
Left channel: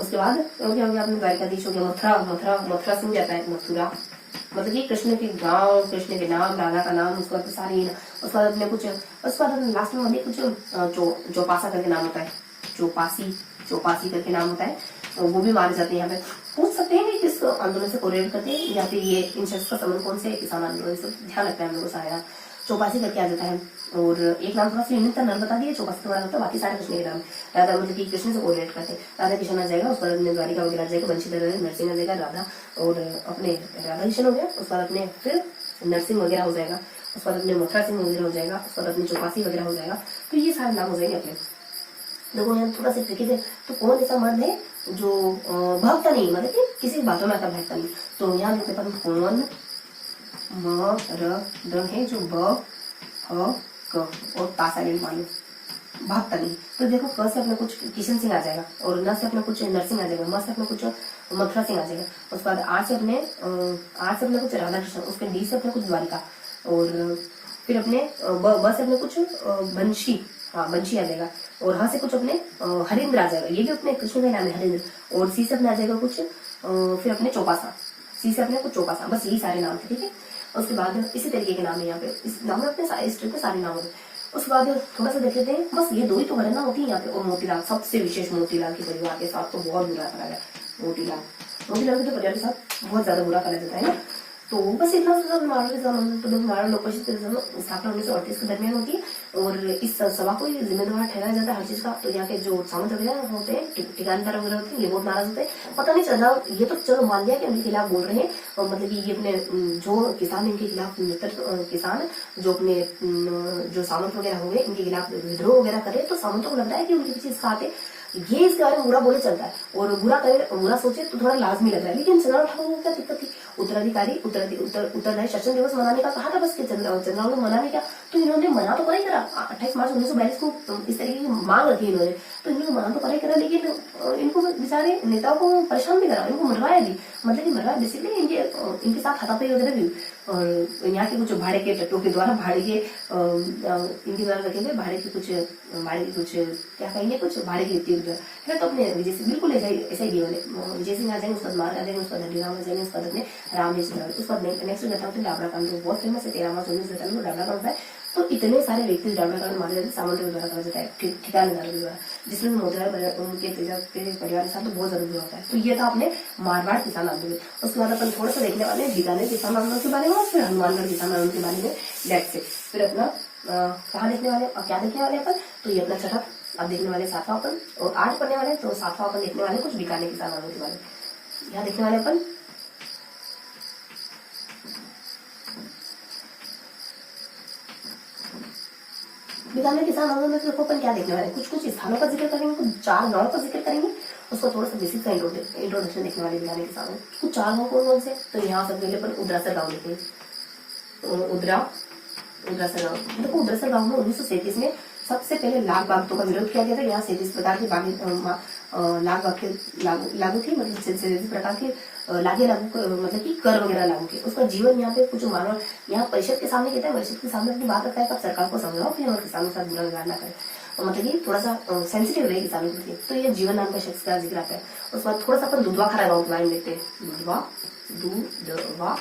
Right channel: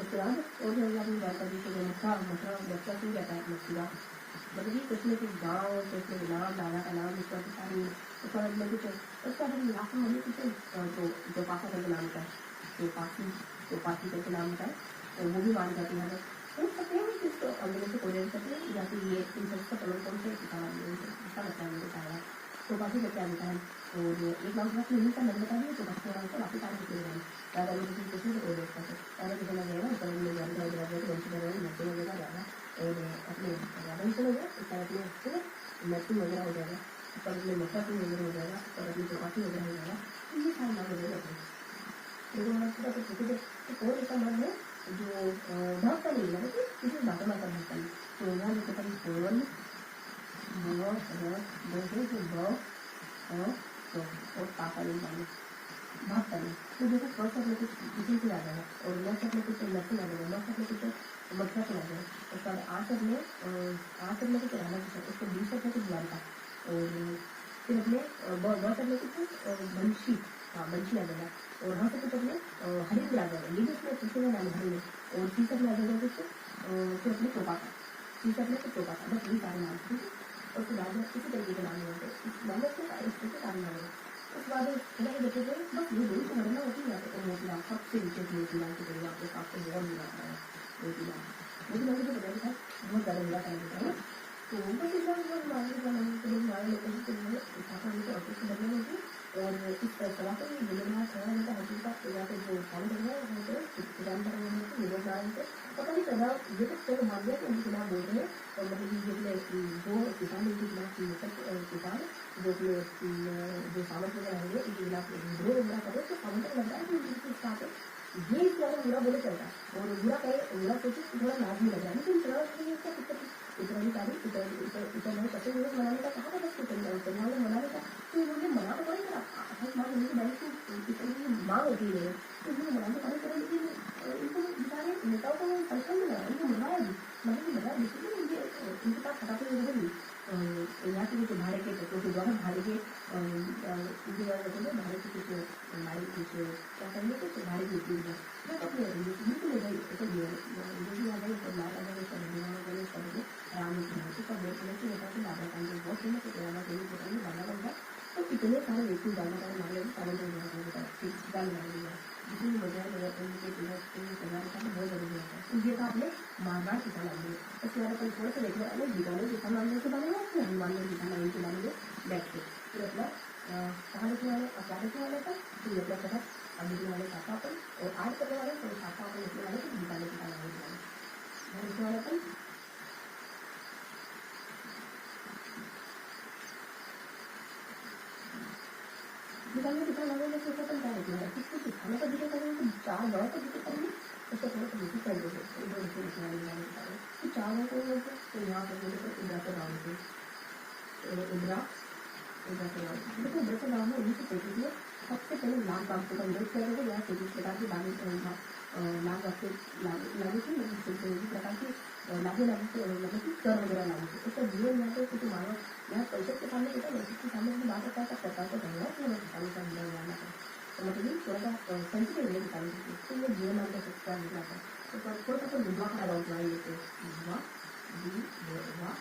उसके बाद हो गया अपने द्वारिकाधीश हो गया, मथुरा सिंह जाता है, मथुरा मतलब कि कृष्ण के गांव, कृष्ण के नाम, राधा का नाम, उसके बाद सारी, उसके बाद अपने कुछ, उसके बाद लास्ट में कुछ चौपासा करके नाम होता है, चौपासी करके नाम होता है, तो वो भी मारे जाते हैं। यहाँ पे पूछ सकते हैं कि किस आंदोलन से कोरिलेट करते हैं, या फिर ये इन शख्स का संबंध कौन से किसान आंदोलन से, ध्यान रखना है हम लोग को सारा। चौपासी करके आ जाता है। और एक नाम थोड़ा सा यूनिक था, नाम बता दिए, चौपासी तुम्हारा मतलब बाकी सारे कृष्ण के नाम। राधा मतलब कि कृष्ण से कोरिलेट करते हैं, राधा कृष्ण आ जाएगा, उसके बाद अपने द्वारिका वगैरह आ जाएगा, बंशीधर नरसिंह आ जाएगा, राधा और अपने राधा कृष्ण हो गया, उसके बाद अपने फिर नरसिंह वगैरह हो जाएगा, उसके बाद अपने मथुरा सिंह वगैरह हो जाएगा, उसके बाद अपने चौपासी वगैरह हो जाएगा। तो ये सारे नाम हो जाएंगे अपने। देखो यहाँ थोड़ा सा ट्रिकी है, तो कौन ऐसा मर्द है जो भक्त नहीं, मतलब कि किसी बातों में आता भक्त नहीं। तो यहाँ देखते हैं कौन मर्द है जो ब क और ता साइलेंट मानिए भक्त नहीं। तो देखो क से अपने कुछ किशन सिंह आ जाएगा, और न से अपने कुछ नरसिंह आ जाएगा, म से अपने कुछ मथुरा सिंह आ जाएगा, उसके बाद आर से अपने कुछ राधा कृष्ण, उसके डी से अपने कुछ द्वारिका, और फिर अपने ब से अपने कुछ बंशी, हाँ बंशी आ जाएगा, और ह से कुछ अपने हरिंद्र आ जाएगा, ये भी अपने कृष्ण का नाम है हरिंद्र, और सी से अपने आ जाएगा कुछ फिर अपने चौपासा, सी से अपने कुछ चौपासा, बस यही सारे नाम थे, ठीक है। उसके बाद इसी तरीके के नाम है यहाँ पे, इस नाम में अपने इस ट्रिप के सारे नाम है। उसके बाद थोड़ा सा देख लेते हैं, बस ये दो ही तो गणना होती है यहाँ पे। और मोतीलाल, सबसे विशेष मोतीलाल के परिवार के साथ तो बहुत बुरा करा जाए, मोतीलाल के तो परिवार के साथ बहुत ज्यादा बुरा करा जाता है ना। तो बस इतना मारवाड़ लोग स्थापना 1938 के दरमियान होती है, और इस सभा को जिम्मेदार ठहराया जाता है हर चीज का। तो यहाँ के जो सामंत वगैरह होते हैं, ठिकानेदार वगैरह होते हैं, ये बहुत नाराज होते हैं, पता नहीं चल रहा, ये तो चलो मान लिया कि इनके खिलाफ बोल रहे हैं, और मतलब कि ये अपने जो किसान इनके खिलाफ मित्र किसान जो अपने जो सामंत वगैरह होंगे इनके खिलाफ विद्रोह वगैरह करे, तो सामंतों को लगता है कि उनके पीछे साथ है, ये इसके बारे में बुरा बोले चलता है, और बुरा करे बुरा सोचे तो थोड़ा लाजमी लग रहा है। लेकिन चंद्रलाल ठाकुर को क्या दिक्कत थी, उत्तराधारी शासन दिवस मनाने का कहा था, बस चंद्रलाल को मनाने क्या, तो इन्होंने मना तो करा ही करा, 28 मार्च 1942 को इस तरीके की मांग रखी इन्होंने, तो इन्होंने मना तो करा ही करा, लेकिन इनको बेचारे नेताओं को परेशान भी करा, इनको मरवाया भी, मतलब कि मरवाया बेसिकली इनके साथ हाथापाई वगैरह भी, और यहाँ के कुछ भाड़े के ट्रकों के द्वारा भाड़े के इनके द्वारा रखे गए भाड़े के कुछ क्या कहेंगे, कुछ भाड़े की ट्रक अपने विजय सिंह, बिल्कुल ऐसा ही वाले विजय सिंह आ जाएंगे, उसका मार आ जाएंगे, उसका धनीराम आ जाएंगे, उसका अपने राम उसका नेक्स्ट घटना होती है डाबरा कांड, बहुत फेमस है, 13 मार्च 1947 में डाबरा कांड होता है। तो इतने सारे व्यक्ति डाबरा कांड मारे जाते हैं, सामंतों द्वारा करा जाता है, ठिकानेदारों के द्वारा, जिसमें मोतीलाल उनके परिवार के साथ तो बहुत ज्यादा बुरा होता है। तो ये था अपने मारवाड़ किसान आंदोलन। उसके बाद अपन थोड़ा सा देखने वाले बीकानेर किसान आंदोलन के बारे में, और फिर हनुमानगढ़ किसान आंदोलन के बारे में डेट से, फिर अपना कहाँ देखने वाले और क्या देखने वाले अपन, तो ये अपना छठा अब देखने वाले 7वां अपन, और 8 पढ़ने वाले, तो 7वां अपन देखने वाले कुछ बीकानेर किसान आंदोलन के बारे में। यहाँ देखने वाले अपन बीकानेर किसान आंदोलन में देखो अपन क्या देखने वाले, कुछ स्थानों का जिक्र करेंगे, कुछ 4 गाँव का जिक्र करेंगे, उसको थोड़ा सा बेसिक का इंट्रोडक्शन देखने वाले बीकानेर किसान में। कुछ 4 गाँव कौन से, तो यहाँ सबसे पहले अपन उदरासर गाँव देखेंगे, तो उदरासर गाँव, देखो उदरासर गाँव में 1937 में सबसे पहले लाख बागतों का विरोध किया गया था। यहाँ 37 प्रकार की लाख बाग लागू थी, मतलब 37 प्रकार के मतलब कि कर वगैरह लागू थे। उसका जीवन यहाँ पे कुछ मानव यहाँ परिषद के सामने कहता है, परिषद के सामने अपनी बात रखता है, सरकार को समझाओ कि हमारे किसानों के साथ बुरा व्यवहार ना करें, मतलब कि थोड़ा सा सेंसिटिव रहे किसानों के लिए। तो ये जीवन नाम का शख्स का जिक्र आता है। उसके बाद थोड़ा सा अपन दुधवा खारा गाँव के बारे में देखते हैं। दुधवा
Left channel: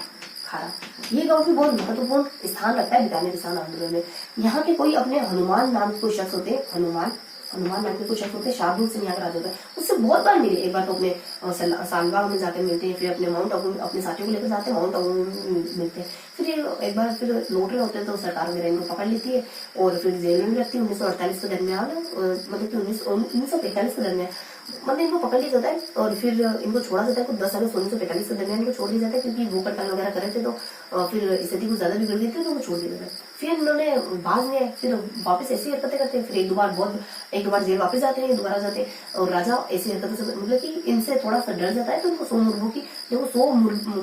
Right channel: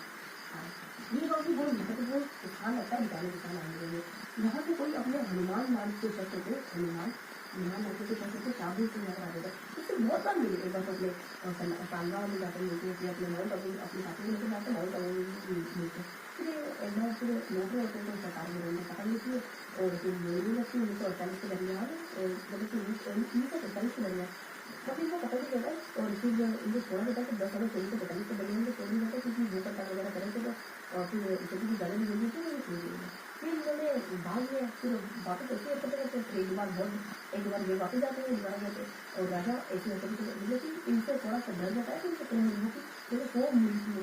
खारा, ये गाँव भी बहुत महत्वपूर्ण स्थान रखता है बीकानेर किसान आंदोलन में। यहाँ के कोई अपने हनुमान नाम के कोई शख्स होते हैं, हनुमान नाम के कुछ शख्स होते हैं, शार्दुल सिंह यहाँ राजा है, उससे बहुत बार मिले। एक बार तो अपने सालबाग में जाके मिलते हैं, फिर अपने माउंट आबू अपने साथियों को लेकर जाते हैं, माउंट आबू मिलते हैं, फिर एक बार फिर लौट रहे होते हैं तो सरकार वगैरह इनको पकड़ लेती है और फिर जेल में रखती है। 1948 के दरमियान, मतलब कि 1945 के दरमियान मतलब इनको पकड़ लिया जाता है और फिर इनको छोड़ा जाता है। तो 10 अगस्त 1945 के दरमियान इनको छोड़ दिया जाता है, क्योंकि भूख हड़ताल वगैरह कर रहे थे, तो फिर स्थिति को ज्यादा बिगड़ गई थी, तो वो छोड़ दिया जाता है। फिर इन्होंने बाद में फिर वापस ऐसी हरकतें करते हैं, फिर एक दो बार जेल वापस जाते हैं, दोबारा जाते हैं और राजा ऐसी हरकतों से मतलब कि इनसे थोड़ा सा डर जाता है। तो इनको 100 मुर्गों की, देखो 100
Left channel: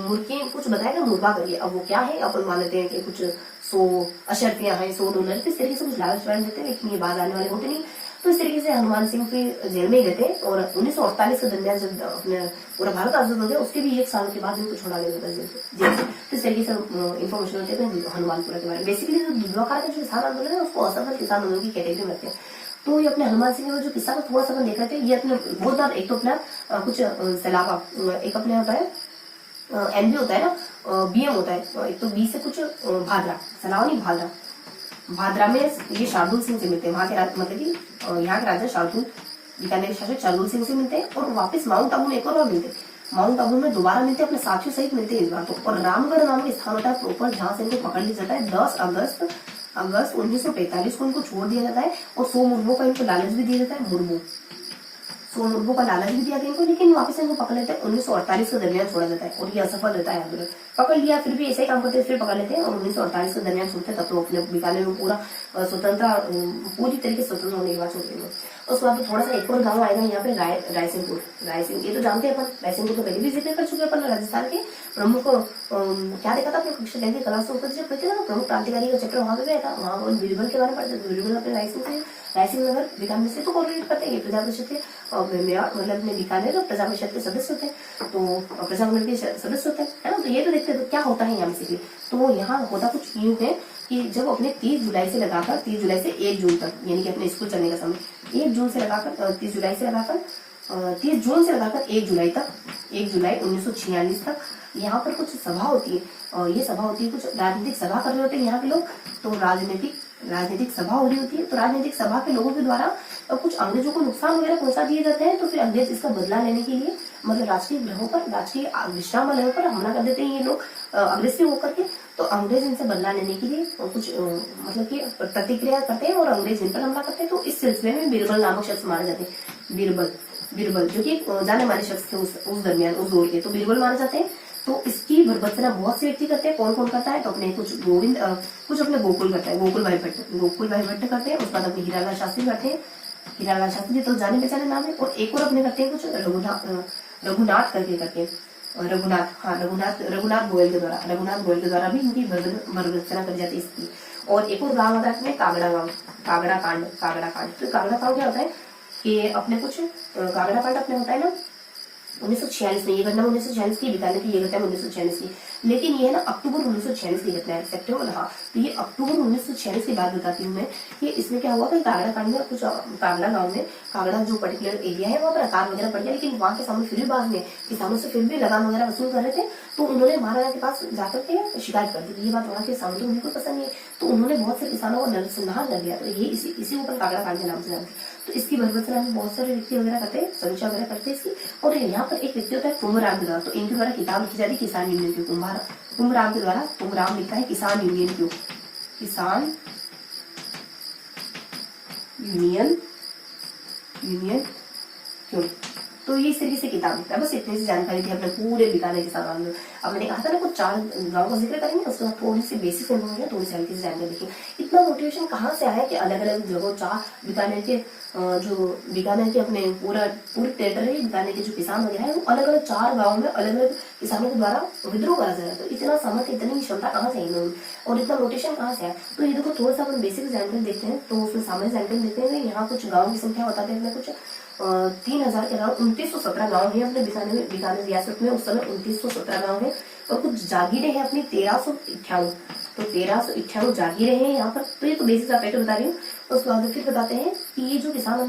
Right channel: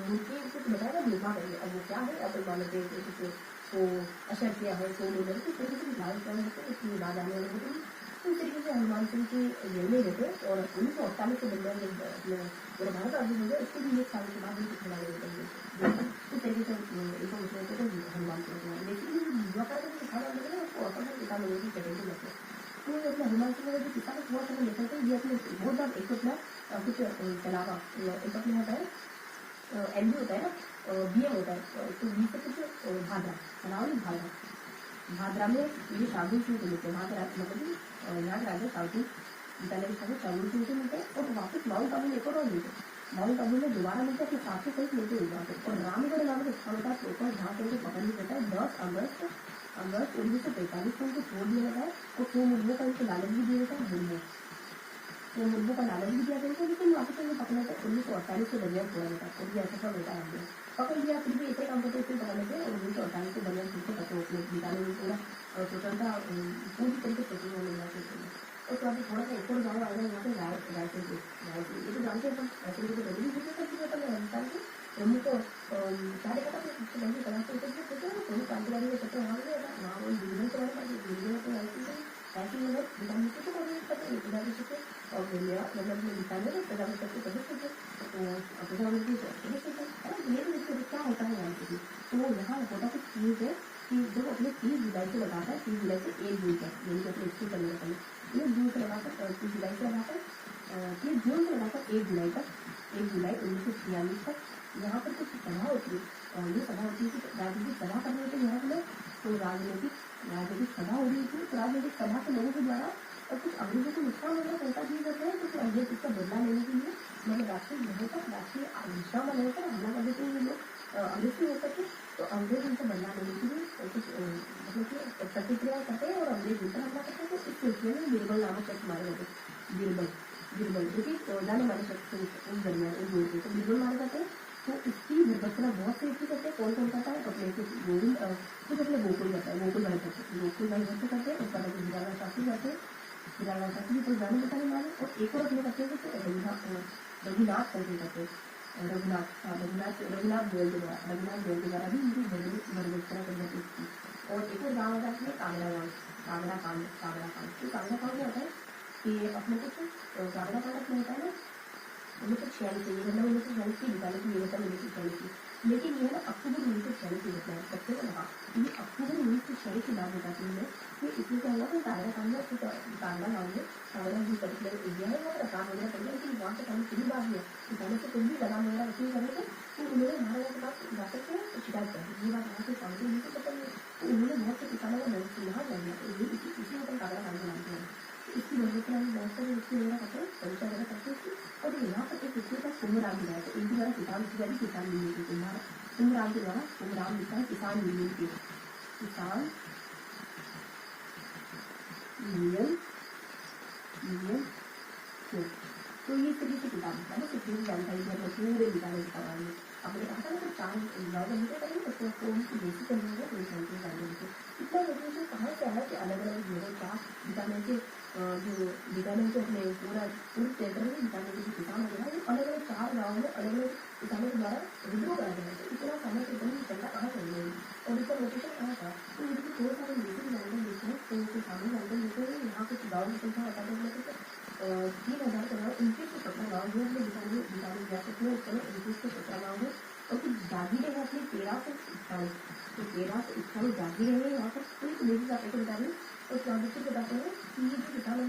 मुर्गी कुछ बताएगा मुर्गा करिए, अब वो क्या है अपन मान लेते हैं कि कुछ 100 अशर्फियां हैं, 100 डॉलर, इस तरीके से कुछ लालच वालच देते हैं, लेकिन ये बाद आने वाले होते नहीं। तो इस तरीके से हनुमान सिंह की जेल में ही रहते हैं और 1948 के दरमियान जब अपने पूरा भारत आजाद हो गया, उसके भी 1 साल के बाद इनको छोड़ा गया जेल से। तो इस तरीके से इन्फॉर्मेशन होते हैं हनुमानपुरा के बारे में। बेसिकली जो दुधवा का जो किसान आंदोलन है उसको असफल किसान आंदोलन की कैटेगरी में रखते हैं। तो ये अपने हनुमान सिंह का जो किस्सा को थोड़ा सा अपन देख रहे थे, ये अपने बहुत बार एक तो अपना कुछ सैलाबा, एक अपने होता है एमबी होता है ना, बीएम होता है, एक तो बी से कुछ भादरा, सलावा नहीं भादरा में ये शार्दुल सिंह से मिलते हैं। वहाँ के मतलब कि यहाँ के राजा शार्दुल, बीकानेर शासक शार्दुल सिंह से मिलते हैं और वापस माउंट आबू में एक और मिलते हैं। माउंट आबू में दोबारा मिलते हैं, अपने साथियों सहित मिलते हैं इस बार तो। और रामगढ़ नाम का स्थान होता है प्रॉपर जहाँ से इनको पकड़ लिया जाता है। 10 अगस्त 1945 को इनको छोड़ दिया जाता है और 100 मुर्गों का इनको लालच भी दिया जाता है। 100 मुर्गों का लालच भी दिया गया इनको, लेकिन वापस इनको पकड़ लेते हैं। 1948 के दरमियान छोड़ा जाता है और ये असफल रहता है आंदोलन। पकड़ लिया फिर भी ऐसे ही काम करते हैं, फिर पकड़ लेते हैं और 1948 के दरमियान छोड़ते हैं। तब तो अपने बीकानेर में पूरा पूरी तरीके से स्वतंत्र होने के बाद छोड़ देंगे। उसके बाद थोड़ा सा एक और गाँव आएगा यहाँ पे रायसिंह। ये तो जानते हैं अपन, रायसिंह तो पहले भी जिक्र कर चुके हैं अपन। राजस्थान के प्रमुख क्या देखा था अपने कक्षा 10 की क्लास ऊपर जब कहते ना प्रमुख क्रांतिकारी का चैप्टर वहाँ पे गया था, वहाँ बीरबल के बारे में पढ़ते। बीरबल अपने रायसिंह नगर बीकानेर से तो कॉलेज पढ़ते हैं, प्रजा परिषद के मतलब अपने बीकानेर और प्रजा परिषद के सदस्य होते हैं, तो प्रजा मंडल के सदस्य होते हैं, है ना। तो ये तो देखते हैं तो क्या होता है यहाँ बेसिकली। तो यहाँ होता कुछ यूं है कि जब अपने 30 जुलाई से लगाकर 30 जुलाई से 1 जून तक, यानी कि अपने स्कूल चलने का समय 1 जून से लगाकर 30 जुलाई से लगाकर 30 जून से लगाकर 1 जुलाई तक, 1 जुलाई 1946 तक यहाँ पर कुछ सभा होती है। और ये सभा होती है, कुछ राजनीतिक सभा कर रहे होते हैं यहाँ के लोग। तो राजनीतिक सभा हो रही होती है। तो राजनीतिक सभा के लोगों के द्वारा कुछ अंग्रेजों को नुकसान वगैरह पहुंचा दिए जाते हैं। तो फिर अंग्रेज इसका बदला लेने के लिए मतलब राजकीय ग्रहों पर, राजकीय विश्रामालयों पर हमला कर देते हैं ये लोग अग्रेसिव होकर के। तो अंग्रेज इनसे बदला लेने के लिए कुछ मतलब कि प्रतिक्रिया करते हैं और अंग्रेज इन पर हमला करते हैं। तो इस सिलसिले में बीरबल नामक शख्स मारे जाते हैं। बीरबल जो कि जाने माने शख्स थे उस दरमियान, उस दौर के, तो बीरबल मारे जाते हैं। तो इसकी भर्त्सना बहुत से व्यक्ति करते हैं। कौन कौन करता है? तो अपने कुछ कुछ अपने गोकुल करता है, गोकुल भाई भट्ट करते हैं। उसके बाद अपने हीरालाल शास्त्री करते हैं। हीरालाल शास्त्री तो जाने पहचाने नाम है। और एक और अपने करते हैं कुछ रघुनाथ करके करते हैं। रघुनाथ गोयल के द्वारा भी इनकी भर्त्सना कर जाती है इसकी। और एक और गाँव होता है कागड़ा कांड। तो कागड़ा कांड क्या होता है कि अपने कुछ कागड़ा कांड अपने होता है ना 1946 में। ये घटना 1946 की बीकानेर की, ये घटना 1946 की, लेकिन ये है ना अक्टूबर 1946 की घटना है, सितंबर। हाँ, तो ये अक्टूबर 1946 की बात बताती हूँ मैं कि इसमें क्या हुआ कि कागड़ा कांड में कुछ कागड़ा गाँव में, कागड़ा जो पर्टिकुलर एरिया है वहाँ पर अकाल वगैरह पड़ गया, लेकिन वहाँ के सामने फिर भी बाद में किसानों से फिर भी लगान वगैरह वसूल कर रहे थे। तो उन्होंने महाराजा के पास जाकर के शिकायत कर दी। ये बात वहाँ के सामने उनको पसंद नहीं है, तो उन्होंने बहुत से किसानों को नरसंहार कर दिया। तो ये इसी ऊपर कागड़ा कांड के नाम से जानते। तो इसकी भर्त्सना में बहुत सारे व्यक्ति वगैरह करते हैं, समीक्षा वगैरह करते हैं इसकी। और यहाँ पर एक व्यक्ति होता है तुंगराम के द्वारा। तो इनके द्वारा किताब लिखी जाती है किसान यूनियन क्यों। तुंगराम के द्वारा, तुंगराम लिखता है किसान यूनियन क्यों, किसान यूनियन क्यों। तो ये इस तरीके से किताब लिखता है। बस इतनी सी जानकारी थी अपने पूरे बीकानेर के साथ में। अब मैंने कहा था ना कुछ 4 गाँव का जिक्र करेंगे, उसके बाद थोड़ी सी बेसिक इन्फॉर्मेशन, थोड़ी सी हल्की सी जानकारी देखिए। इतना मोटिवेशन कहाँ से आया कि अलग अलग जगहों 4 बीकानेर के अपने पूरे टेरिटरी बीकानेर के जो किसान वगैरह है वो अलग अलग 4 गाँव में अलग अलग किसानों के द्वारा विद्रोह करा जा रहा है। तो इतना सामर्थ्य, इतनी क्षमता कहाँ से आई और इतना मोटिवेशन कहाँ से आया। तो ये देखो थोड़ा सा अपन बेसिक जानकारी देखते हैं। तो उसमें सामान्य जानकारी देखते हैं। यहाँ कुछ गाँव की संख्या बताते हैं कुछ 3000 के गाँव, 2917 गाँव है अपने बीकानेर रियासत में उस समय 2917 गाँव है। और कुछ जागीरें हैं अपनी 1398। तो 1398 जागीरें हैं यहाँ पर। तो ये तो बेसिक फैक्ट बता रही हूँ। उसके बाद फिर बताते हैं कि ये जो किसान है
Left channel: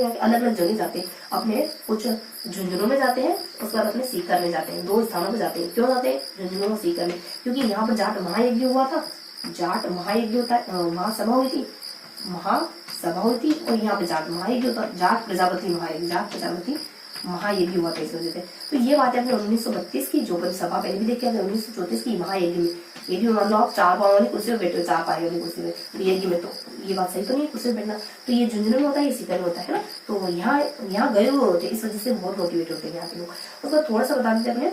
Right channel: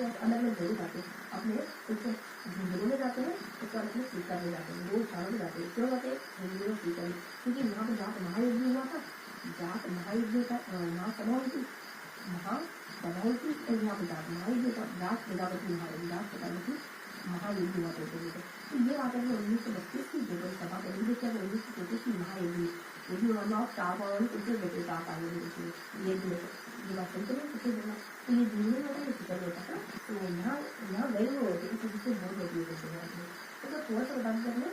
यहाँ के अलग अलग जगह जाते हैं। अपने कुछ झुंझुनों में जाते हैं, उसके बाद अपने सीकर में जाते हैं। 2 स्थानों पर जाते हैं। क्यों जाते हैं झुंझुनों में, सीकर में? क्योंकि यहाँ पर जाट महायज्ञ हुआ था। जाट महायज्ञ होता है, महासभा हुई थी और यहाँ पे जाट महायज्ञ होता, जाट प्रजापति महायज्ञ हुआ था इस वजह से। तो ये बात है अपने 1932 की, जो कभी सभा पहले भी देखी है 1934 की महायज्ञ में। ये भी मान लो आप 4 पाँव वाली कुर्सी में बैठे हो, 4 पाए वाली कुर्सी में यज्ञ में, तो ये बात सही तो नहीं कुर्सी में बैठना। तो ये झुंझुनू में होता है, ये सीकर में होता है ना। तो यहाँ गए हुए होते, इस वजह से बहुत मोटिवेट होते हैं यहाँ के लोग। तो थोड़ा सा बता देते हैं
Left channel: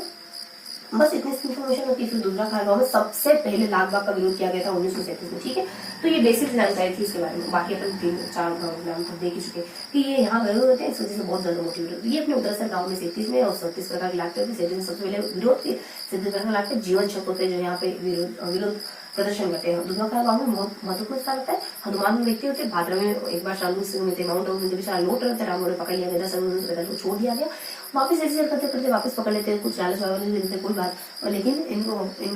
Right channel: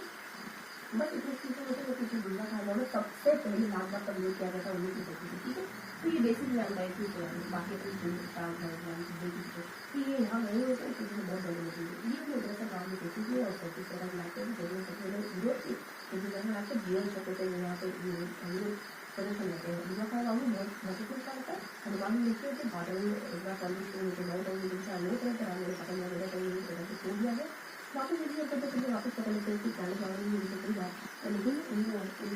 बस इतनी इन्फॉर्मेशन होती है। फिर दूसरा खारगांव में सबसे पहले लाल-बाग का विरोध किया गया था 1937 में। ठीक है, तो ये बेसिक जानकारी थी इसके बारे में। बाकी अपन 3-4 गाँव देख ही चुके कि ये यहाँ गए हुए थे, इस वजह से बहुत ज्यादा मोटिवेट होती है। ये अपने उत्तरासर गाँव में 37 में और 37 प्रकार के लागते होते। 37 सबसे पहले विरोध थी, 37 प्रकार के लागते जीवन शक होते हैं जो यहाँ पे विरोध प्रदर्शन करते हैं। दूसरा गाँव में बहुत महत्वपूर्ण स्थान रहता है। हनुमान में व्यक्ति होते, भाद्र में एक बार शांति सिंह होते, माउंट आबू में बेचारा लौट रहे थे, राम ने पकड़ लिया गया, छोड़ दिया गया। वापस ऐसे करते वापस पकड़ लेते हैं, कुछ लालच वालच नहीं देते कोई बात, लेकिन इनको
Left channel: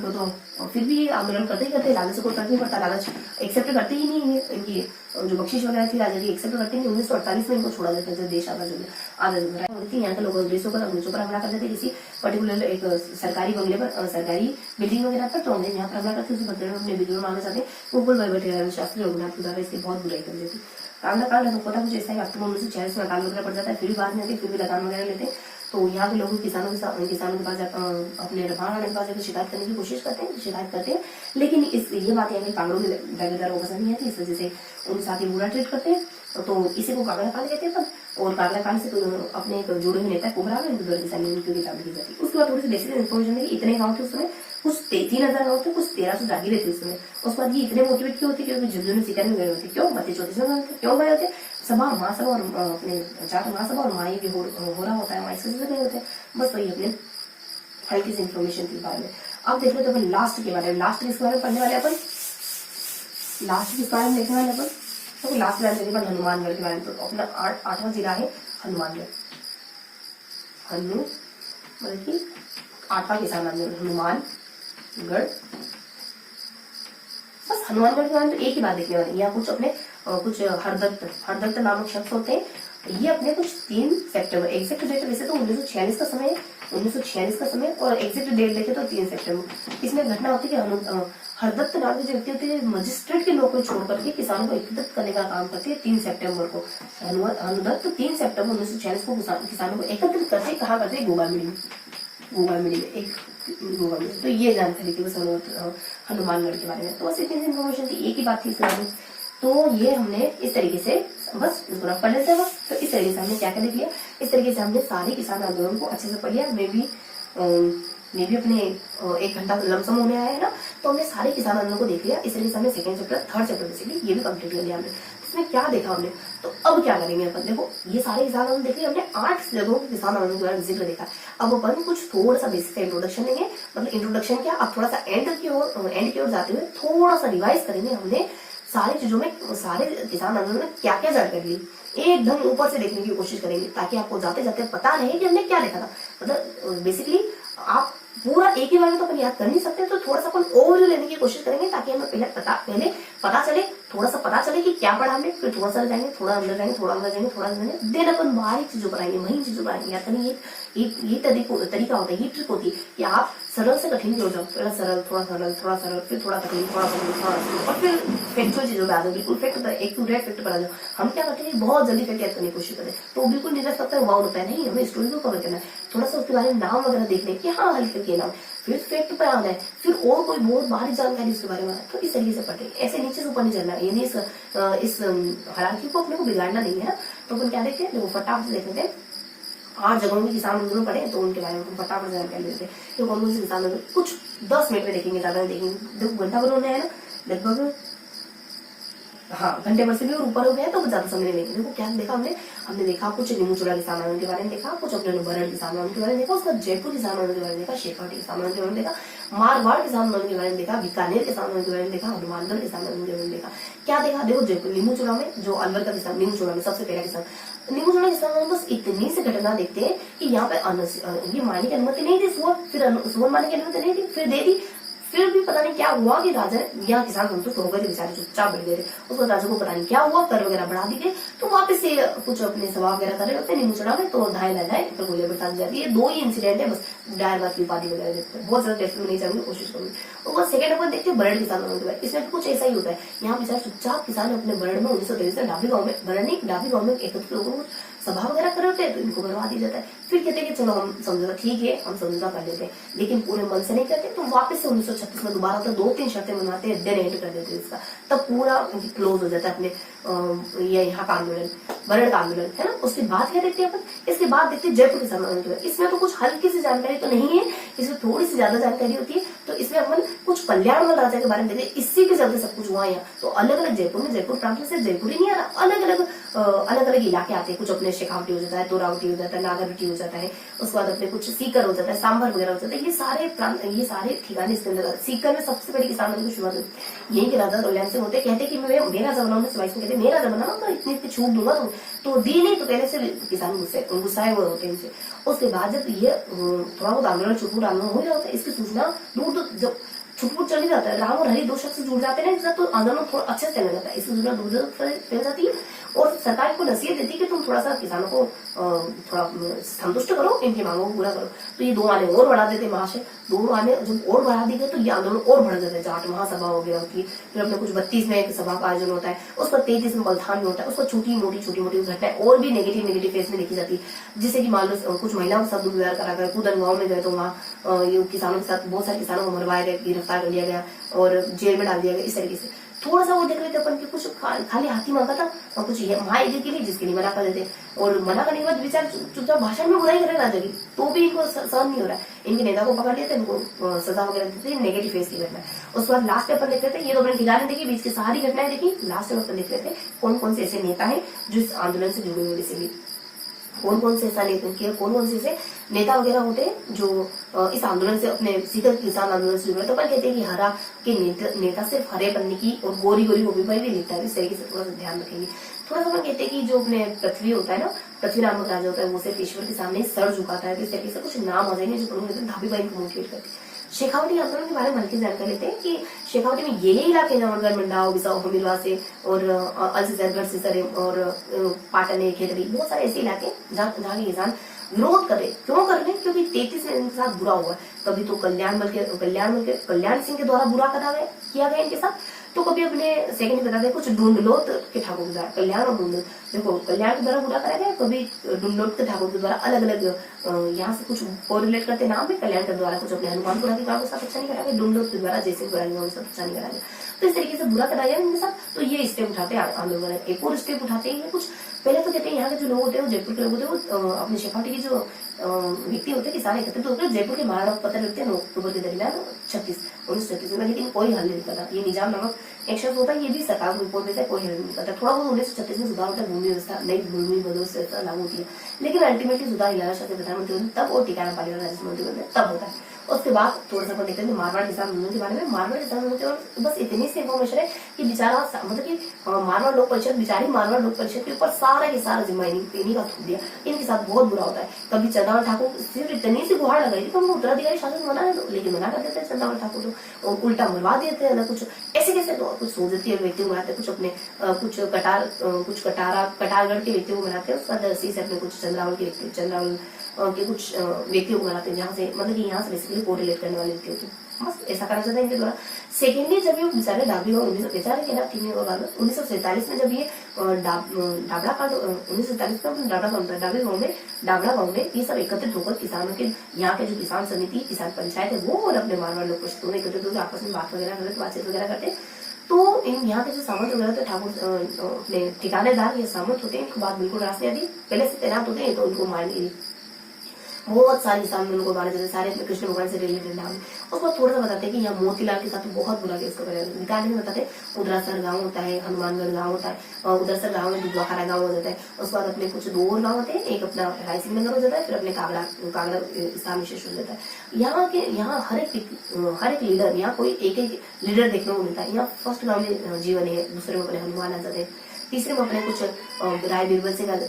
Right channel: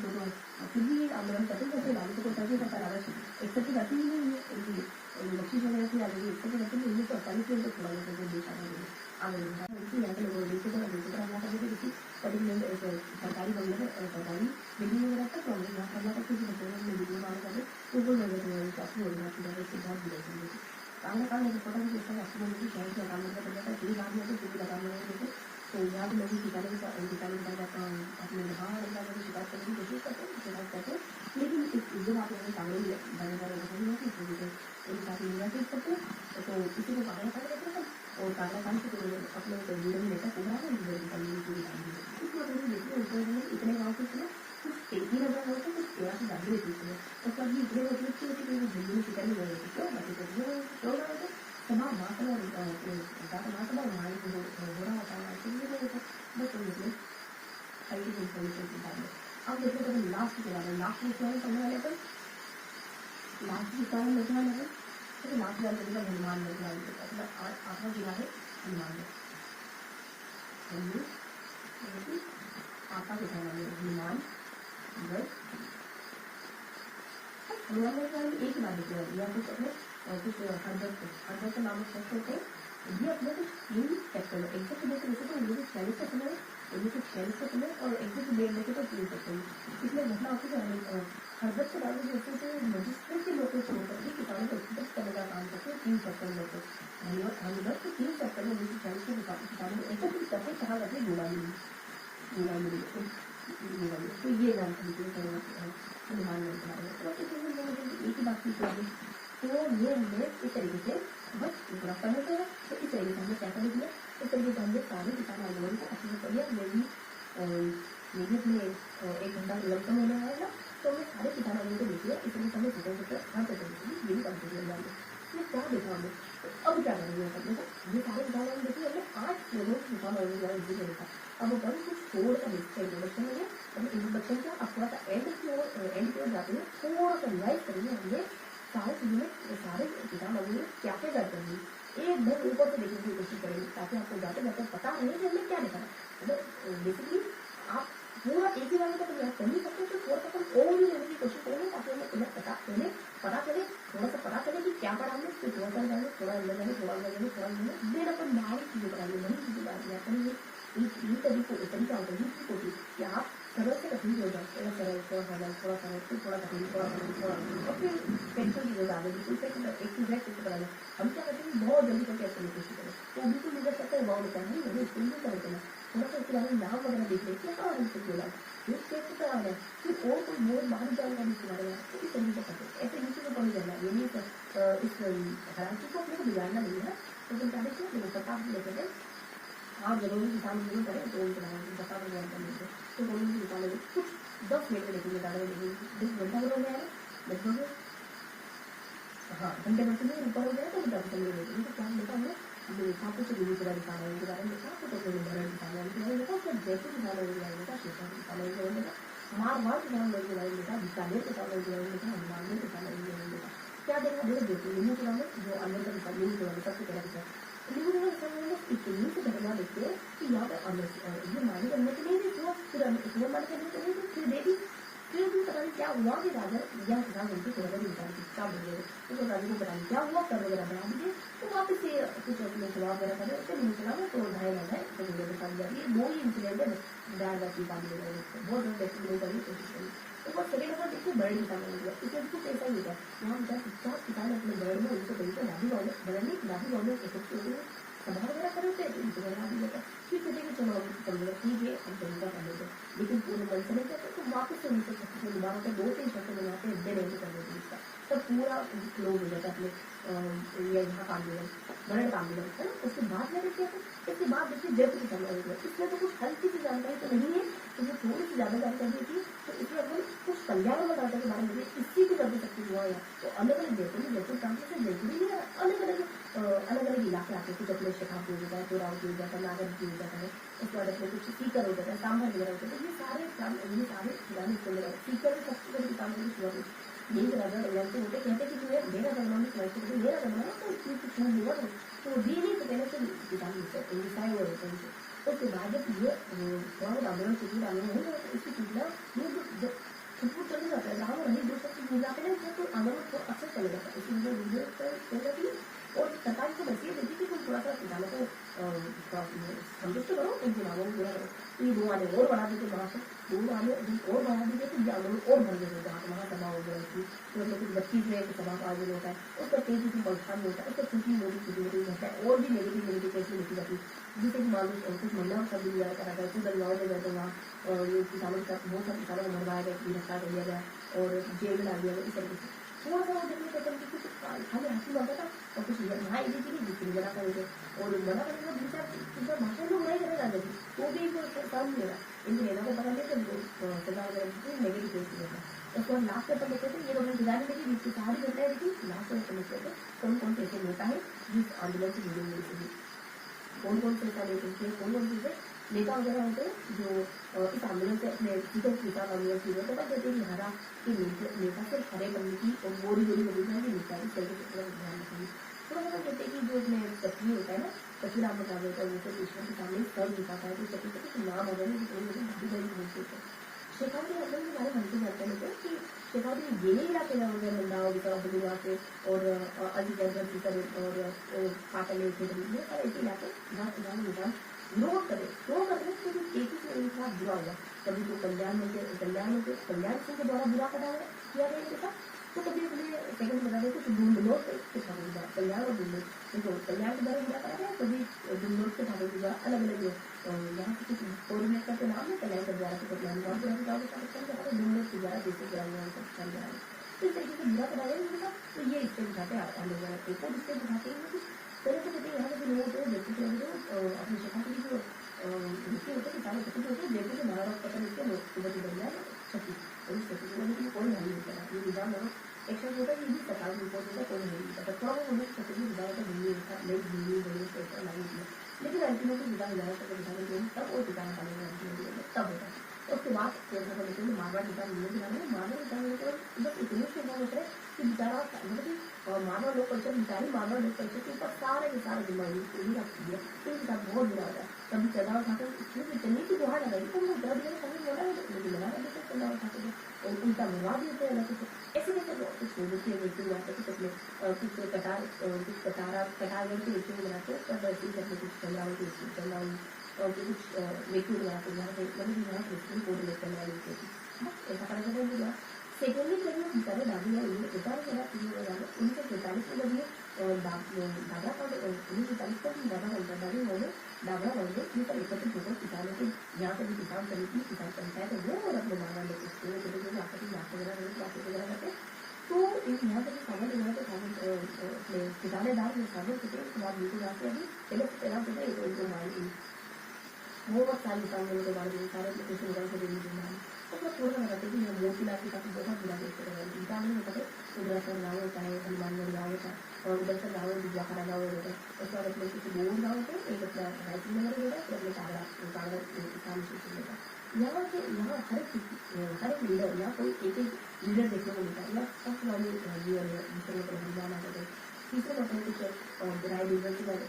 तो फिर भी ये आंदोलन करते ही करते, लालच से कोई फर्क नहीं पड़ता, लालच एक्सेप्ट करते ही नहीं है। इनकी जो बख्शिश वगैरह थी राजा की एक्सेप्ट करते नहीं। 1948 में इनको छोड़ा जाता है, देश आजाद होती यहाँ के लोग अंग्रेजों पर हमला कर देते किसी पर्टिकुलर एक सरकारी बंगले पर, सरकारी बिल्डिंग वगैरह पर। तो अंग्रेज यहाँ पर हमला करते उसी बदले में अपने विद्रोह माने जाते। गोकुल भाई भट्ट शास्त्री रघुनाथ के द्वारा इसकी बहुत बुराई कर देती। कांड होता कुछ ऐसा है, अक्टूबर 1946 में लगान वगैरह पड़ जाता है, फिर भी बाद में आते, फिर भी लगान वगैरह लेते। तो यहाँ के लोग किसानों के पास अपने रफाना के पास जाकर शिकायत करने की कोशिश करते हैं, लेकिन ये बात है कि कांगड़ों के दावेदारों को पसंद नहीं आती, इस वजह से उनके साथ ही बुरा ट्रीट करते हैं। तो इसी को कांगड़ा कांड कहते हैं। और कांगड़ा कांड से अपने जुड़े हुए नेता कोबरा में किसानी की किताब लिखी जाती है। उसके बाद थोड़ी सी बेसिक इन्फॉर्मेशन है कि इतने गाँव थे उस समय, कुछ 3,000 गाँव थे, कुछ 1300 जागीरें थी उसमें। उसके बाद ये इतने मोटिवेट क्यों होती, क्योंकि झुंझुनू में शिकार में गए होते, क्यों बत्ती चौथी क्यों गए होते, सभा महासभा और अपने जाट महासभा और माई भी हो रहा होता है, हमारे से नहीं होते। बस वही अपने हल्की सी इन्फॉर्मेशन के बारे में। अब देख लेते अपन लास्ट के बारे में। लास्ट किसके बारे में पढ़ने वाले अपन, लास्ट किस बारे में देखने वाले अपन, तो लास्ट बारे में हनुमानगढ़ के बारे में। तो अपना 8वां जिला है हनुमानगढ़। मतलब कि 8वां किसान हनुमानगढ़। बस हनुमानगढ़ के बारे में एक ही बात देखने वाली। यहाँ कुछ अपने कुछ हरदत्त नामक शख्स होते हैं। ये अपने कुछ 3 सितंबर, एग्जैक्ट डेट वैसे तो 1946 का समय है, 1946 का समय, और एग्जैक्ट डेट देखे तो 3 सितंबर। इसमें घटना होती है कि हरदत्त नाम के जो व्यक्ति होते हैं मजिस्ट्रेट की नौकरी छोड़ करके किसानों को एकत्रित करने का काम करते हैं। 3 सितंबर को हरदत्त 3 सितंबर 1946 को किसानों को एकत्रित करते कहा करते हैं गोगामिड़ी में। तो ये जानकारी थी बस हनुमानगढ़ के बारे में। तो बस इतनी इन्फॉर्मेशन थी, एक ही बात थी इस बारे में। तो ये हमने इस तरीके से बस इसको पढ़ लेते हैं। तो इस तरीके से हमने क्या क्या लिया, इस तरीके से हमने सारे किसान आंदोलन को अच्छे से पढ़ लिया। मैं भी अपने 1 घंटा लमसम होने आया है ना, तो हमने सारे किसान आंदोलन को देख लिया। इस तरीके से हमने 2nd chapter 3rd chapter basically ये भी कंप्लीट कर लिया हमने। इसमें क्या देखा हमने, तो अब क्या करेंगे अपन, देखो ये सारे किसान आंदोलन देख लिया हमने, 8 जगहों के किसान आंदोलन के बारे में जिक्र देखा। अब अपन कुछ थोड़ा सा बेसिक इंट्रोडक्शन लेंगे, मतलब इंट्रोडक्शन क्या, अब थोड़ा सा एंड की ओर जाते हुए थोड़ा सा रिवाइज करेंगे हमने सारी चीजों में, सारे किसान आंदोलन में क्या क्या जानकारी ली, एकदम ऊपर से देखने की कोशिश करेंगे, ताकि आपको जाते जाते पता रहे कि हमने क्या देखा था। मतलब बेसिकली आप पूरा एक ही बार में तो अपन याद कर नहीं सकते, तो थोड़ा सा अपन ओवरव्यू लेने की कोशिश करेंगे, ताकि हमें पहले पता चले, थोड़ा सा पता चले कि क्या पढ़ा हमने, फिर थोड़ा सा जाएंगे, थोड़ा अंदर जाएंगे, थोड़ा अंदर जाएंगे, थोड़ा अंदर जाएंगे, देन अपन बाहरी चीजों पर आएंगे, वही चीजों पर आएंगे। या ये तरीका होता है, ये ट्रिक होती है कि आप सरल से कठिन हो जाओ, पहले सरल, थोड़ा सरल, फिर थोड़ा कठिन, थोड़ा कठिन, और फिर फैक्चुअल चीजों पर आ जाओ, बिल्कुल एक टू डायरेक्ट फैक्ट पर आ जाओ। हम क्या करते हैं, बहुत जल्दी फैक्ट याद करने की कोशिश करें, तो बिल्कुल निरस्त होता है, वाव होता है। नहीं, हमें स्टोरी को कवर करना है, थोड़ा सा उसके बारे में नाम वगैरह देख लें कि हाँ हल्के के नाम, फिर फैक्ट पर आना है, फिर और कोई बहुत बाहरी जानकारी उसके बारे में। तो इस तरीके से पढ़े, ऐसे नीचे से ऊपर नहीं चलना, यानी इस हायरार्की को अपने को बिगाड़ना नहीं है। तो अपन क्या देखते हैं, देखो फटाफट से देख लेते हैं। 8 जगहों में किसान आंदोलन पढ़े, तो उनके बारे में फटाफट जानकारी लेते हैं। तो कौन से किसान आंदोलन कुछ 10 मिनट में देखेंगे, ज्यादा देखेंगे। देखो घंटा भर होने आया ना, लगभग हाँ घंटे भर से भी और ऊपर हो गया, तो ज्यादा समय नहीं। देखो क्या देखा हमने देखा कुछ नीमूचोड़ा किसान आंदोलन के बारे में देखा, कुछ अपने बरड़ किसान आंदोलन के बारे में देखा, उसका जयपुर किसान आंदोलन के बारे में देखा, शेखावटी किसान आंदोलन के बारे में देखा, मारवाड़ किसान आंदोलन के बारे में देखा, बीकानेर किसान आंदोलन के बारे में देखा, हनुमानगढ़ किसान आंदोलन के बारे में देखा। क्या देखा, देखो जयपुर नीमूचोड़ा में जो अलवर का किसान, नीमूचोड़ा में सबसे पहला किसान नीमूचोड़ा किसान में बस इतनी सी घटना देखते हैं कि यहाँ पे ये मारने की अनुमति नहीं थी, सुअर मारने की अनुमति नहीं थी, फिर दे दी। फिर भी पता नहीं क्या हुआ कि राजा यहाँ किसान संतुष्ट होकर बेचारे चुपचाप बैठ गए थे। उसको राजा को पता नहीं क्या हुआ, कर वगैरह बढ़ा दी गई, तो वापस से कुछ अपने सभा वगैरह कर रहे होते नीमूचोड़ा में, तो ढाई ना जाए तो गोलियां बरसा दी जाती है। 2 ही इंसिडेंट है बस, डायर बात की उपाधि वगैरह देते हैं, बहुत ज्यादा टेस्ट में नहीं जाने की कोशिश करूंगी। और वो सेकंड अपन देखते हैं बरड़ किसान आंदोलन, इसमें कुछ ऐसा ही होता है। यहाँ बेचारे चुपचाप किसान अपने बरड़ में 1923 में डाबी गाँव में एकत्रित होकर सभा वगैरह कर रहे हैं, तो इनको करवा दी जाता है। फिर कहते हैं कि चलो हम समझौता, ठीक है हम समझौता कर लेते हैं, लेकिन पूरे मन से नहीं करते, तो वापस से 1936 में दोबारा होता है, 2-3 शर्तें बनाते हैं, देन एंड कर देते हैं इसका, तब पूरा क्लोज हो जाता है अपने ये यहाँ का आंदोलन, बरड़ का आंदोलन है ना। उसके बाद क्या देखते हैं अपन, इसके बाद देखते हैं जयपुर किसान आंदोलन। इसमें तो कुछ हल्की सी जानकारी तो नहीं है, इसमें थोड़ी सी ज्यादा जानकारी होती है। तो इसमें अपन कुछ कल्याणमल राजा के बारे में देखते हैं, इसी के चलते सब कुछ हुआ है। तो अलग अलग जयपुर में, जयपुर प्रांत से जयपुर ही नहीं आ रहा, अलग अलग इलाके आते हैं। कुछ अपने शेखावटी हो जाता है, तोरावटी हो जाता है, नागरवटी हो जाता है, उसके बाद अपने कुछ सीकर हो जाता है, सांभर वगैरह हो जाता है। ये सारे ठिकाने इसके अंदर। सीकर में सबसे बड़ी किसान की शुरुआत हुई, यही के राजा कल्याण सिंह होते, कहते कि मैं मेरा जमाना में सिवाई को कहते मेरा जमाना तो इतनी छूट दूंगा, तो दी नहीं, तो पहले से किसान गुस्साए हुए होते हैं इनसे। उसके बाद जब ये थोड़ा बहुत आंदोलन छुटपुट आंदोलन हो जाता है, इसकी सूचना दूर जब छुटपुट चली जाता है, राम और हरि 2 शख्स जुड़ जाते हैं ना, तो आंदोलन थोड़ा अच्छे से चलने जाता है, इसकी सूचना दूर फैल जाती है। और सरकार को नसीहत देती कि तुम थोड़ा सा किसानों को थोड़ा संतुष्ट करो, इनकी मांगों को पूरा करो। तो ये 2 माने और बढ़ा देते महाशय, 2 माने जब और बढ़ा दी गए तो ये आंदोलन और बढ़ जाता है। जाट महासभा वगैरह होती है, फिर अपने कुछ 32 में एक सभा का आयोजन होता है, उस पर 33 में बलथान में होता है, उस पर छोटी मोटी घटनाएं और भी नेगेटिव फेस में लिखी जाती है। जिससे कि मान लो कुछ महिलाओं के साथ दुर्व्यवहार करा गया, कूदन गाँव में गए तो वहाँ ये किसानों के साथ बहुत सारे किसानों को मरवाया गया, गिरफ्तार कर लिया गया और जेल में डाल दिया गया। इस तरीके से थोड़ा सा वो देख रहे थे अपन की कुछ खाली हाथी मांगा था और कुछ महायज्ञ के लिए, जिसके लिए मना कर देते, और मना करने के बाद विचार चुपचाप भाषण में बुराई करे राजा की, तो भी इनको सहन नहीं हो रहा है। इनके नेता को पकड़ लिया था, इनको सजा वगैरह दी थी, नेगेटिव फेस की घटना। उसके बाद लास्ट में अपन देख रहे थे, ये तो अपने ठिकाने देखी, बीच की सारी घटनाएं देखी, लास्ट में अपन देख रहे थे कौन कौन से ऐसे नेता है जो इस आंदोलन से जुड़े हुए, बेसिकली कौन कौन से ऐसा कौन से ऐसे नेता वगैरह होते हैं जो इस आंदोलन से अपने सीधे किसान आंदोलन से जुड़े। तो अपन कहते हैं कि हरा के नेता सिर्फ हरे पन्ने की और गोरी गोरी पर भी लिखता है, इस तरीके से थोड़ा सा ध्यान रखेंगे। थोड़ा सा अपन कहते हैं कि जो अपने पृथ्वी होता है ना, पृथ्वी नामक राजा होता है, वो सिर्फ ईश्वर के सामने सर झुकाता है। तो इस तरीके से कुछ नाम आ जाएंगे जो धाबीबाई को मोटिवेट करते हैं। शेखावटी आंदोलन के बारे में हल्की जानकारी लेते हैं कि शेखावटी में यही इलाके जमनगढ़, मंडाव, बिसाऊ, हमीरवा से और अलसीसरगढ़, सिसरे और पाटन, खेतड़ी, बहुत सारे ऐसे इलाके जहाँ के किसान विरोध कर रहे। क्यों कर रहे? क्योंकि 33 में इनके साथ बुरा हुआ। कभी तो कल्याण सिंह के द्वारा बुरा किया गया इनके साथ, तो कभी अपने सेकंड बताते कुछ ढूंढलोत के ठाकुर के द्वारा, कल्याण और ढूंढलोत, देखो कल्याण के द्वारा बुरा करा गया, कभी ढूंढलोत के ठाकुर के द्वारा अलग अलग यहाँ से कुछ कोरिलेट करते नाम है। कल्याण के द्वारा कुछ अपने हनुमानपुरा के गाँव के साथ अच्छा नहीं करा गया, ढूंढलोत के द्वारा जैसे बुरा अच्छा नहीं करा गया। तो इस तरीके से बुरा करा गया इनके साथ। तो ये स्टेप उठाते आंदोलन, एक और स्टेप उठाते हैं कुछ। पहले तो कहते हैं यहाँ के जो लोग होते हैं, वो जयपुर के लोग होते हैं, वो अपने शेखावटी की जो व्यक्ति होते हैं, किसान एकत्रित होते हैं जयपुर के महाराणा पत्र लिखते हैं अक्टूबर के दरमियान 1936 में, लेकिन कोई हल नहीं करता। ये निजाम नामक एक शब्द होता है, ये भी सरकार को रिपोर्ट देता है, कोई हल नहीं करता। थोड़ा बहुत 1936 में सुधार होता है, भूमि व्यवस्था नई भूमि व्यवस्था लागू होती है, लेकिन अल्टीमेटली सुधार हिलारा शाह प्रधानमंत्री तब और टिकाना पालीवाल राजस्व मंत्री बनते तब होता है। उसके बाद थोड़ा सा देखते हैं मारवाड़ किसान आंदोलन के बारे में। मारवाड़ किसान आंदोलन बस इतनी सी इन्फॉर्मेशन है कि बेचारा मतलब कि मारवाड़ लोक परिषद, बेचारी मारवाड़ लोक परिषद के ऊपर सारा के सारा जिम्मा इन्हीं का थूक दिया। इनके साथ बहुत बुरा होता है। कभी चंदावल ठाकुर सिर्फ इतनी सी गुहार लगाई थी तो उनको उत्तराधिकारी शासन मना है, लेकिन मना कर देते हैं चंदावल ठाकुर को, उल्टा मरवा देते हैं ना कुछ ऐसे कैसे। तो कुछ सोचती है व्यक्ति को बनाते हैं, कुछ अपने कुछ कटारगढ़ के व्यक्ति को बनाते हैं, उसका दरसी से अपने कुछ चंद्रावल के कुछ व्यक्तियों को बनाते हैं, जहाँ से मतलब कि यहाँ से बेसिकली कोरिलेट करने वाले व्यक्ति होते हैं। बस ऐसा करना चाहता है इनके द्वारा। सेकेंडली जब ये बेचारे डाबी और 1947 में जब ये डाबड़ा कांड 1947 में डाबड़ा गाँव में ये सब एकत्रित होकर किसानों के यहाँ के जो किसान समिति, किसान पंचायत है, वो और अपने मारवाड़ लोग दोनों एकत्रित होकर आपस में बात वगैरह करते, बातचीत वगैरह करते। तो इन यहाँ के जो सामंत वगैरह थे, ठाकुर अपने ठिकानेदार या सामंत होते हैं, इनको बात बिल्कुल रास नहीं आती, पहले से तैनात होते हैं, तो उनको मान बहुत सारे सामने उनको मारे जाते, सारे अपने कृष्ण भगवान से रिलेटेड नाम। उसको थोड़ा सा बताते हैं कि यहाँ मोतीलाल के साथ बहुत बुरा केस कर निकालने में बताते हैं। उदरासर गाँव होता है, हनुमानगढ़ गाँव होता है, और उदरसर गाँव में दुधवाखारा गाँव हो जाता है। उसके बाद अपने कुछ 2 और गाँव होते हैं, एक अपना रायसिंह नगर हो जाता है, फिर अपने कागड़ा स्थान विशेष हो जाता है। यहाँ हर एक लीडर, यहाँ कोई एक लीडर देखने को मिलता है। यहाँ फर्स्ट गाँव में जीवन है, दूसरे में अपने हनुमान आ जाते हैं, तीसरे में अपने कुछ राय बीरबल सिंह आ जाते,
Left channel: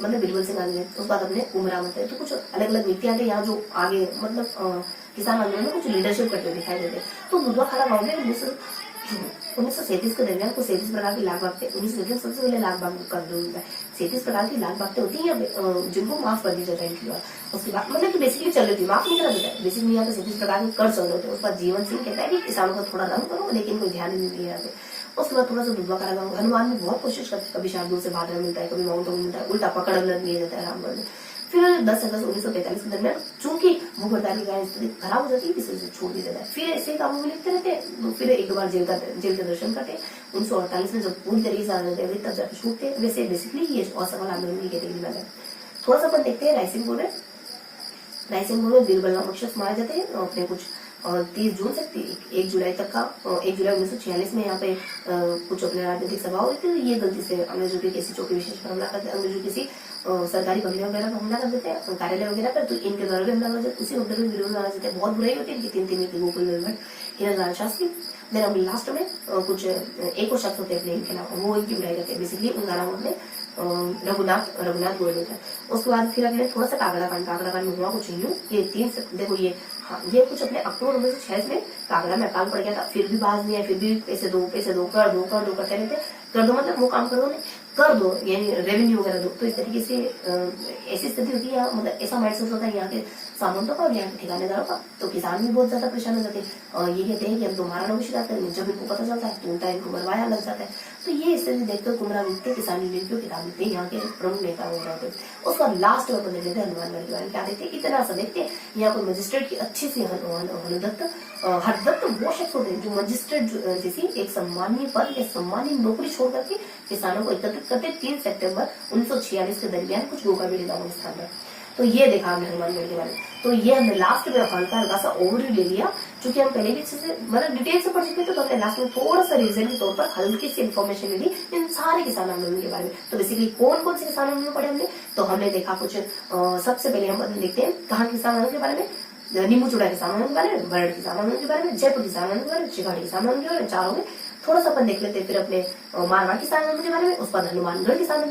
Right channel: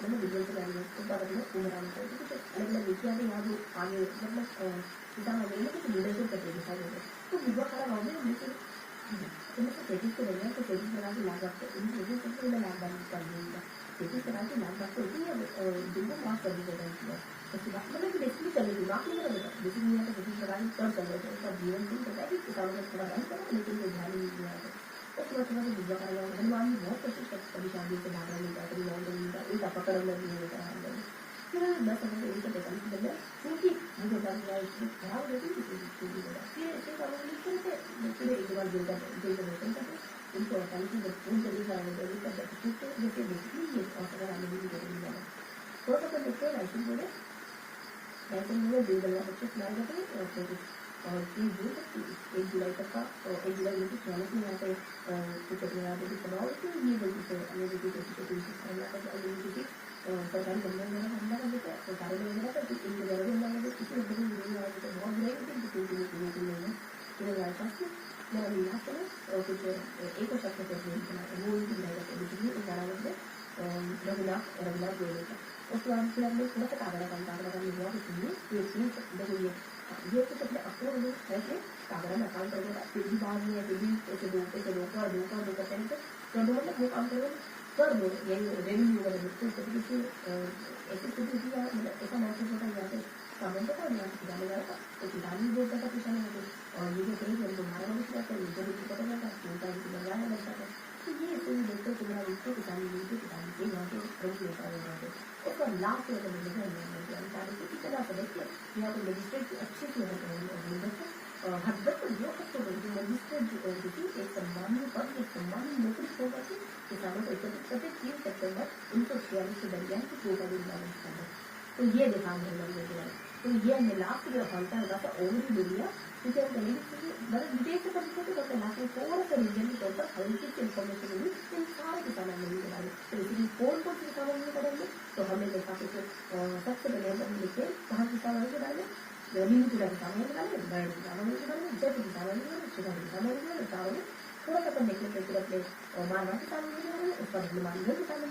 उसके बाद अपने उमरा होते हैं। तो कुछ अलग अलग नीतियां आते हैं यहाँ जो आगे मतलब किसान आंदोलन में कुछ लीडरशिप करते दिखाई देते। तो दुधवाखारा गाँव में 1937 के दरमियान को 37 प्रकार की लाख बागते, 1937 सबसे पहले लाख बाग कर दिया है। 37 प्रकार की लाख बागते होती है जिनको माफ कर दी जाता है इनकी बार। उसके बाद मतलब कि बेसिकली चल रही थी, माफ नहीं करा देता है, बेसिकली यहाँ पे 37 प्रकार के कर चल रहे थे। उसके बाद जीवन सिंह कहता है कि किसानों को थोड़ा रंग करो, लेकिन कोई ध्यान नहीं दिया जाता। उसके बाद थोड़ा सा दुधवाखारा गाँव, हनुमान में बहुत कोशिश करते, कभी शार्दुल से भादरा मिलता है, कभी माउंट मिलता है, उल्टा पकड़ लिया जाता है रामगढ़ में। फिर 10 अगस्त 1943 के दरमियान चूंकि भूखहड़ताल की स्थिति खराब हो जाती है, किसी से छोड़ दिया जाता है। फिर ऐसे कामों में लिखते रहते हैं, फिर एक बार जेल का दर्शन करते। 1948 में जब पूरी तरीके से आजादी तब जाकर छूटते। वैसे बेसिकली ये असफल आंदोलन की कैटेगरी में है। थोड़ा सा अपन देखते हैं रायसिंहपुर में बीरबल नामक शख्स मारे जाते हैं अपने कुछ 30 जून से 1 जुलाई तक का। 1 जुलाई 1946 में यहाँ पे कुछ अपने राजनीतिक सभा हुई थी। ये गलती से अंग्रेजों की किसी चौकी विशेष पर हमला करते, अंग्रेजों किसी सरकारी बंगले वगैरह पर हमला कर देते हैं, कार्यालय वगैरह पर। तो इनके द्वारा भी हमला कर देते, उसी मुद्दे में विरोध में आ जाते हैं। बहुत बुराई होती है इनकी 3 गोकुल निर्मल शास्त्री। देन अभी लास्ट में कुछ एक और शख्स होते हैं अपने इनके नाम, वो इनकी बुराई करते हैं। बेसिकली उनका नाम अपने रघुनाथ गोयल होता है। उसके बाद फिर अपने थोड़ा सा कागड़ा कांड में हुआ कुछ यूं, ये 3 से देखो ये कुछ अपने अक्टूबर 1946 में कागड़ा में अकाल पड़ गया था। फिर भी बाज नहीं है, फिर भी पैसे दो कर दो करते रहते। कर दो मतलब वो काम करो नहीं, कर दो, यानी रेवेन्यू वगैरह दो। तो इस तरीके से ऐसी स्थिति होती है, मतलब ऐसा माइंडसेट होता है यहाँ के सामंतों का, यहाँ के ठिकानेदारों का। तो किसान भी बहुत ज्यादा परेशान हो जाते हैं और ये कहते हैं कि हम तुम्हारा नौकरी जाते हैं। जब इनको पता चलता है तो उल्टा इनको मरवाया लग जाता है। तो ये स्थिति देखकर कुमरा मिलते किसानी मिलते किताब मिलते यहाँ के प्रमुख नेता हो जाते हैं। उसके बाद लास्ट में देख लेते हैं हनुमानगढ़ के बारे में। क्या देखते हैं, इतना सा देखते हैं यहाँ पर मजिस्ट्रेट की अच्छी सी हरदत्त वो शख्स होते हैं जो मजिस्ट्रेट जैसी एक सम्मानीय पद या सम्मानीय नौकरी छोड़ करके किसानों को एकत्रित करते 3 सितंबर 1946 के दरमियान कुछ गोका बेड़ी नामक स्थान है। तो ये देखा हमने हनुमानगढ़ के बारे में। तो ये हमने लास्ट में हल्का हल्का सा ओवरव्यू ले लिया, क्योंकि हम पहले भी अच्छे से मतलब डिटेल से पढ़ चुके थे। तो हमने लास्ट में थोड़ा सा रीजन के तौर पर हल्की सी इन्फॉर्मेशन ले ली इन सारे किसान आंदोलन के बारे में। तो बेसिकली कौन कौन से किसान आंदोलन पढ़े हमने, तो हमने देखा कुछ सबसे पहले हम देखते हैं कहाँ किसान आंदोलन के बारे में, नींबू चूड़ा किसान आंदोलन के बारे में, बरड़ किसान आंदोलन के बारे में, जयपुर किसान आंदोलन के बारे में, चिकाटी किसान आंदोलन के बारे में, चारों में थोड़ा सा अपन देख लेते हैं। फिर अपने मारवाड़ किसान आंदोलन के बारे में, उस पर हनुमानगढ़ किसान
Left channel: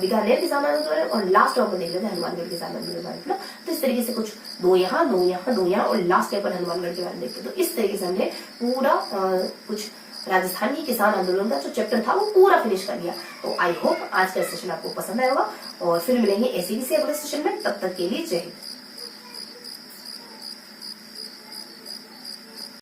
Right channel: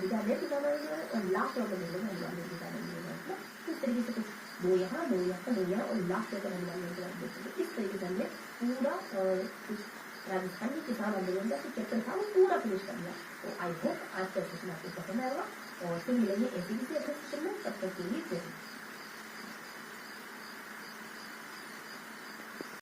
बीकानेर किसान आंदोलन के बारे में, और लास्ट में अपन देख लेते हैं हनुमानगढ़ किसान आंदोलन के बारे में। तो इस तरीके से कुछ दो यहाँ और लास्ट में अपन हनुमानगढ़ के बारे में देखते हैं। तो इस तरीके से हमने पूरा कुछ राजस्थान की किसान आंदोलन का जो चैप्टर था वो पूरा फिनिश कर लिया। तो आई होप आज का सेशन आपको पसंद आया होगा और फिर मिलेंगे ऐसे किसी अगले सेशन में। तब तक के लिए जय हिंद।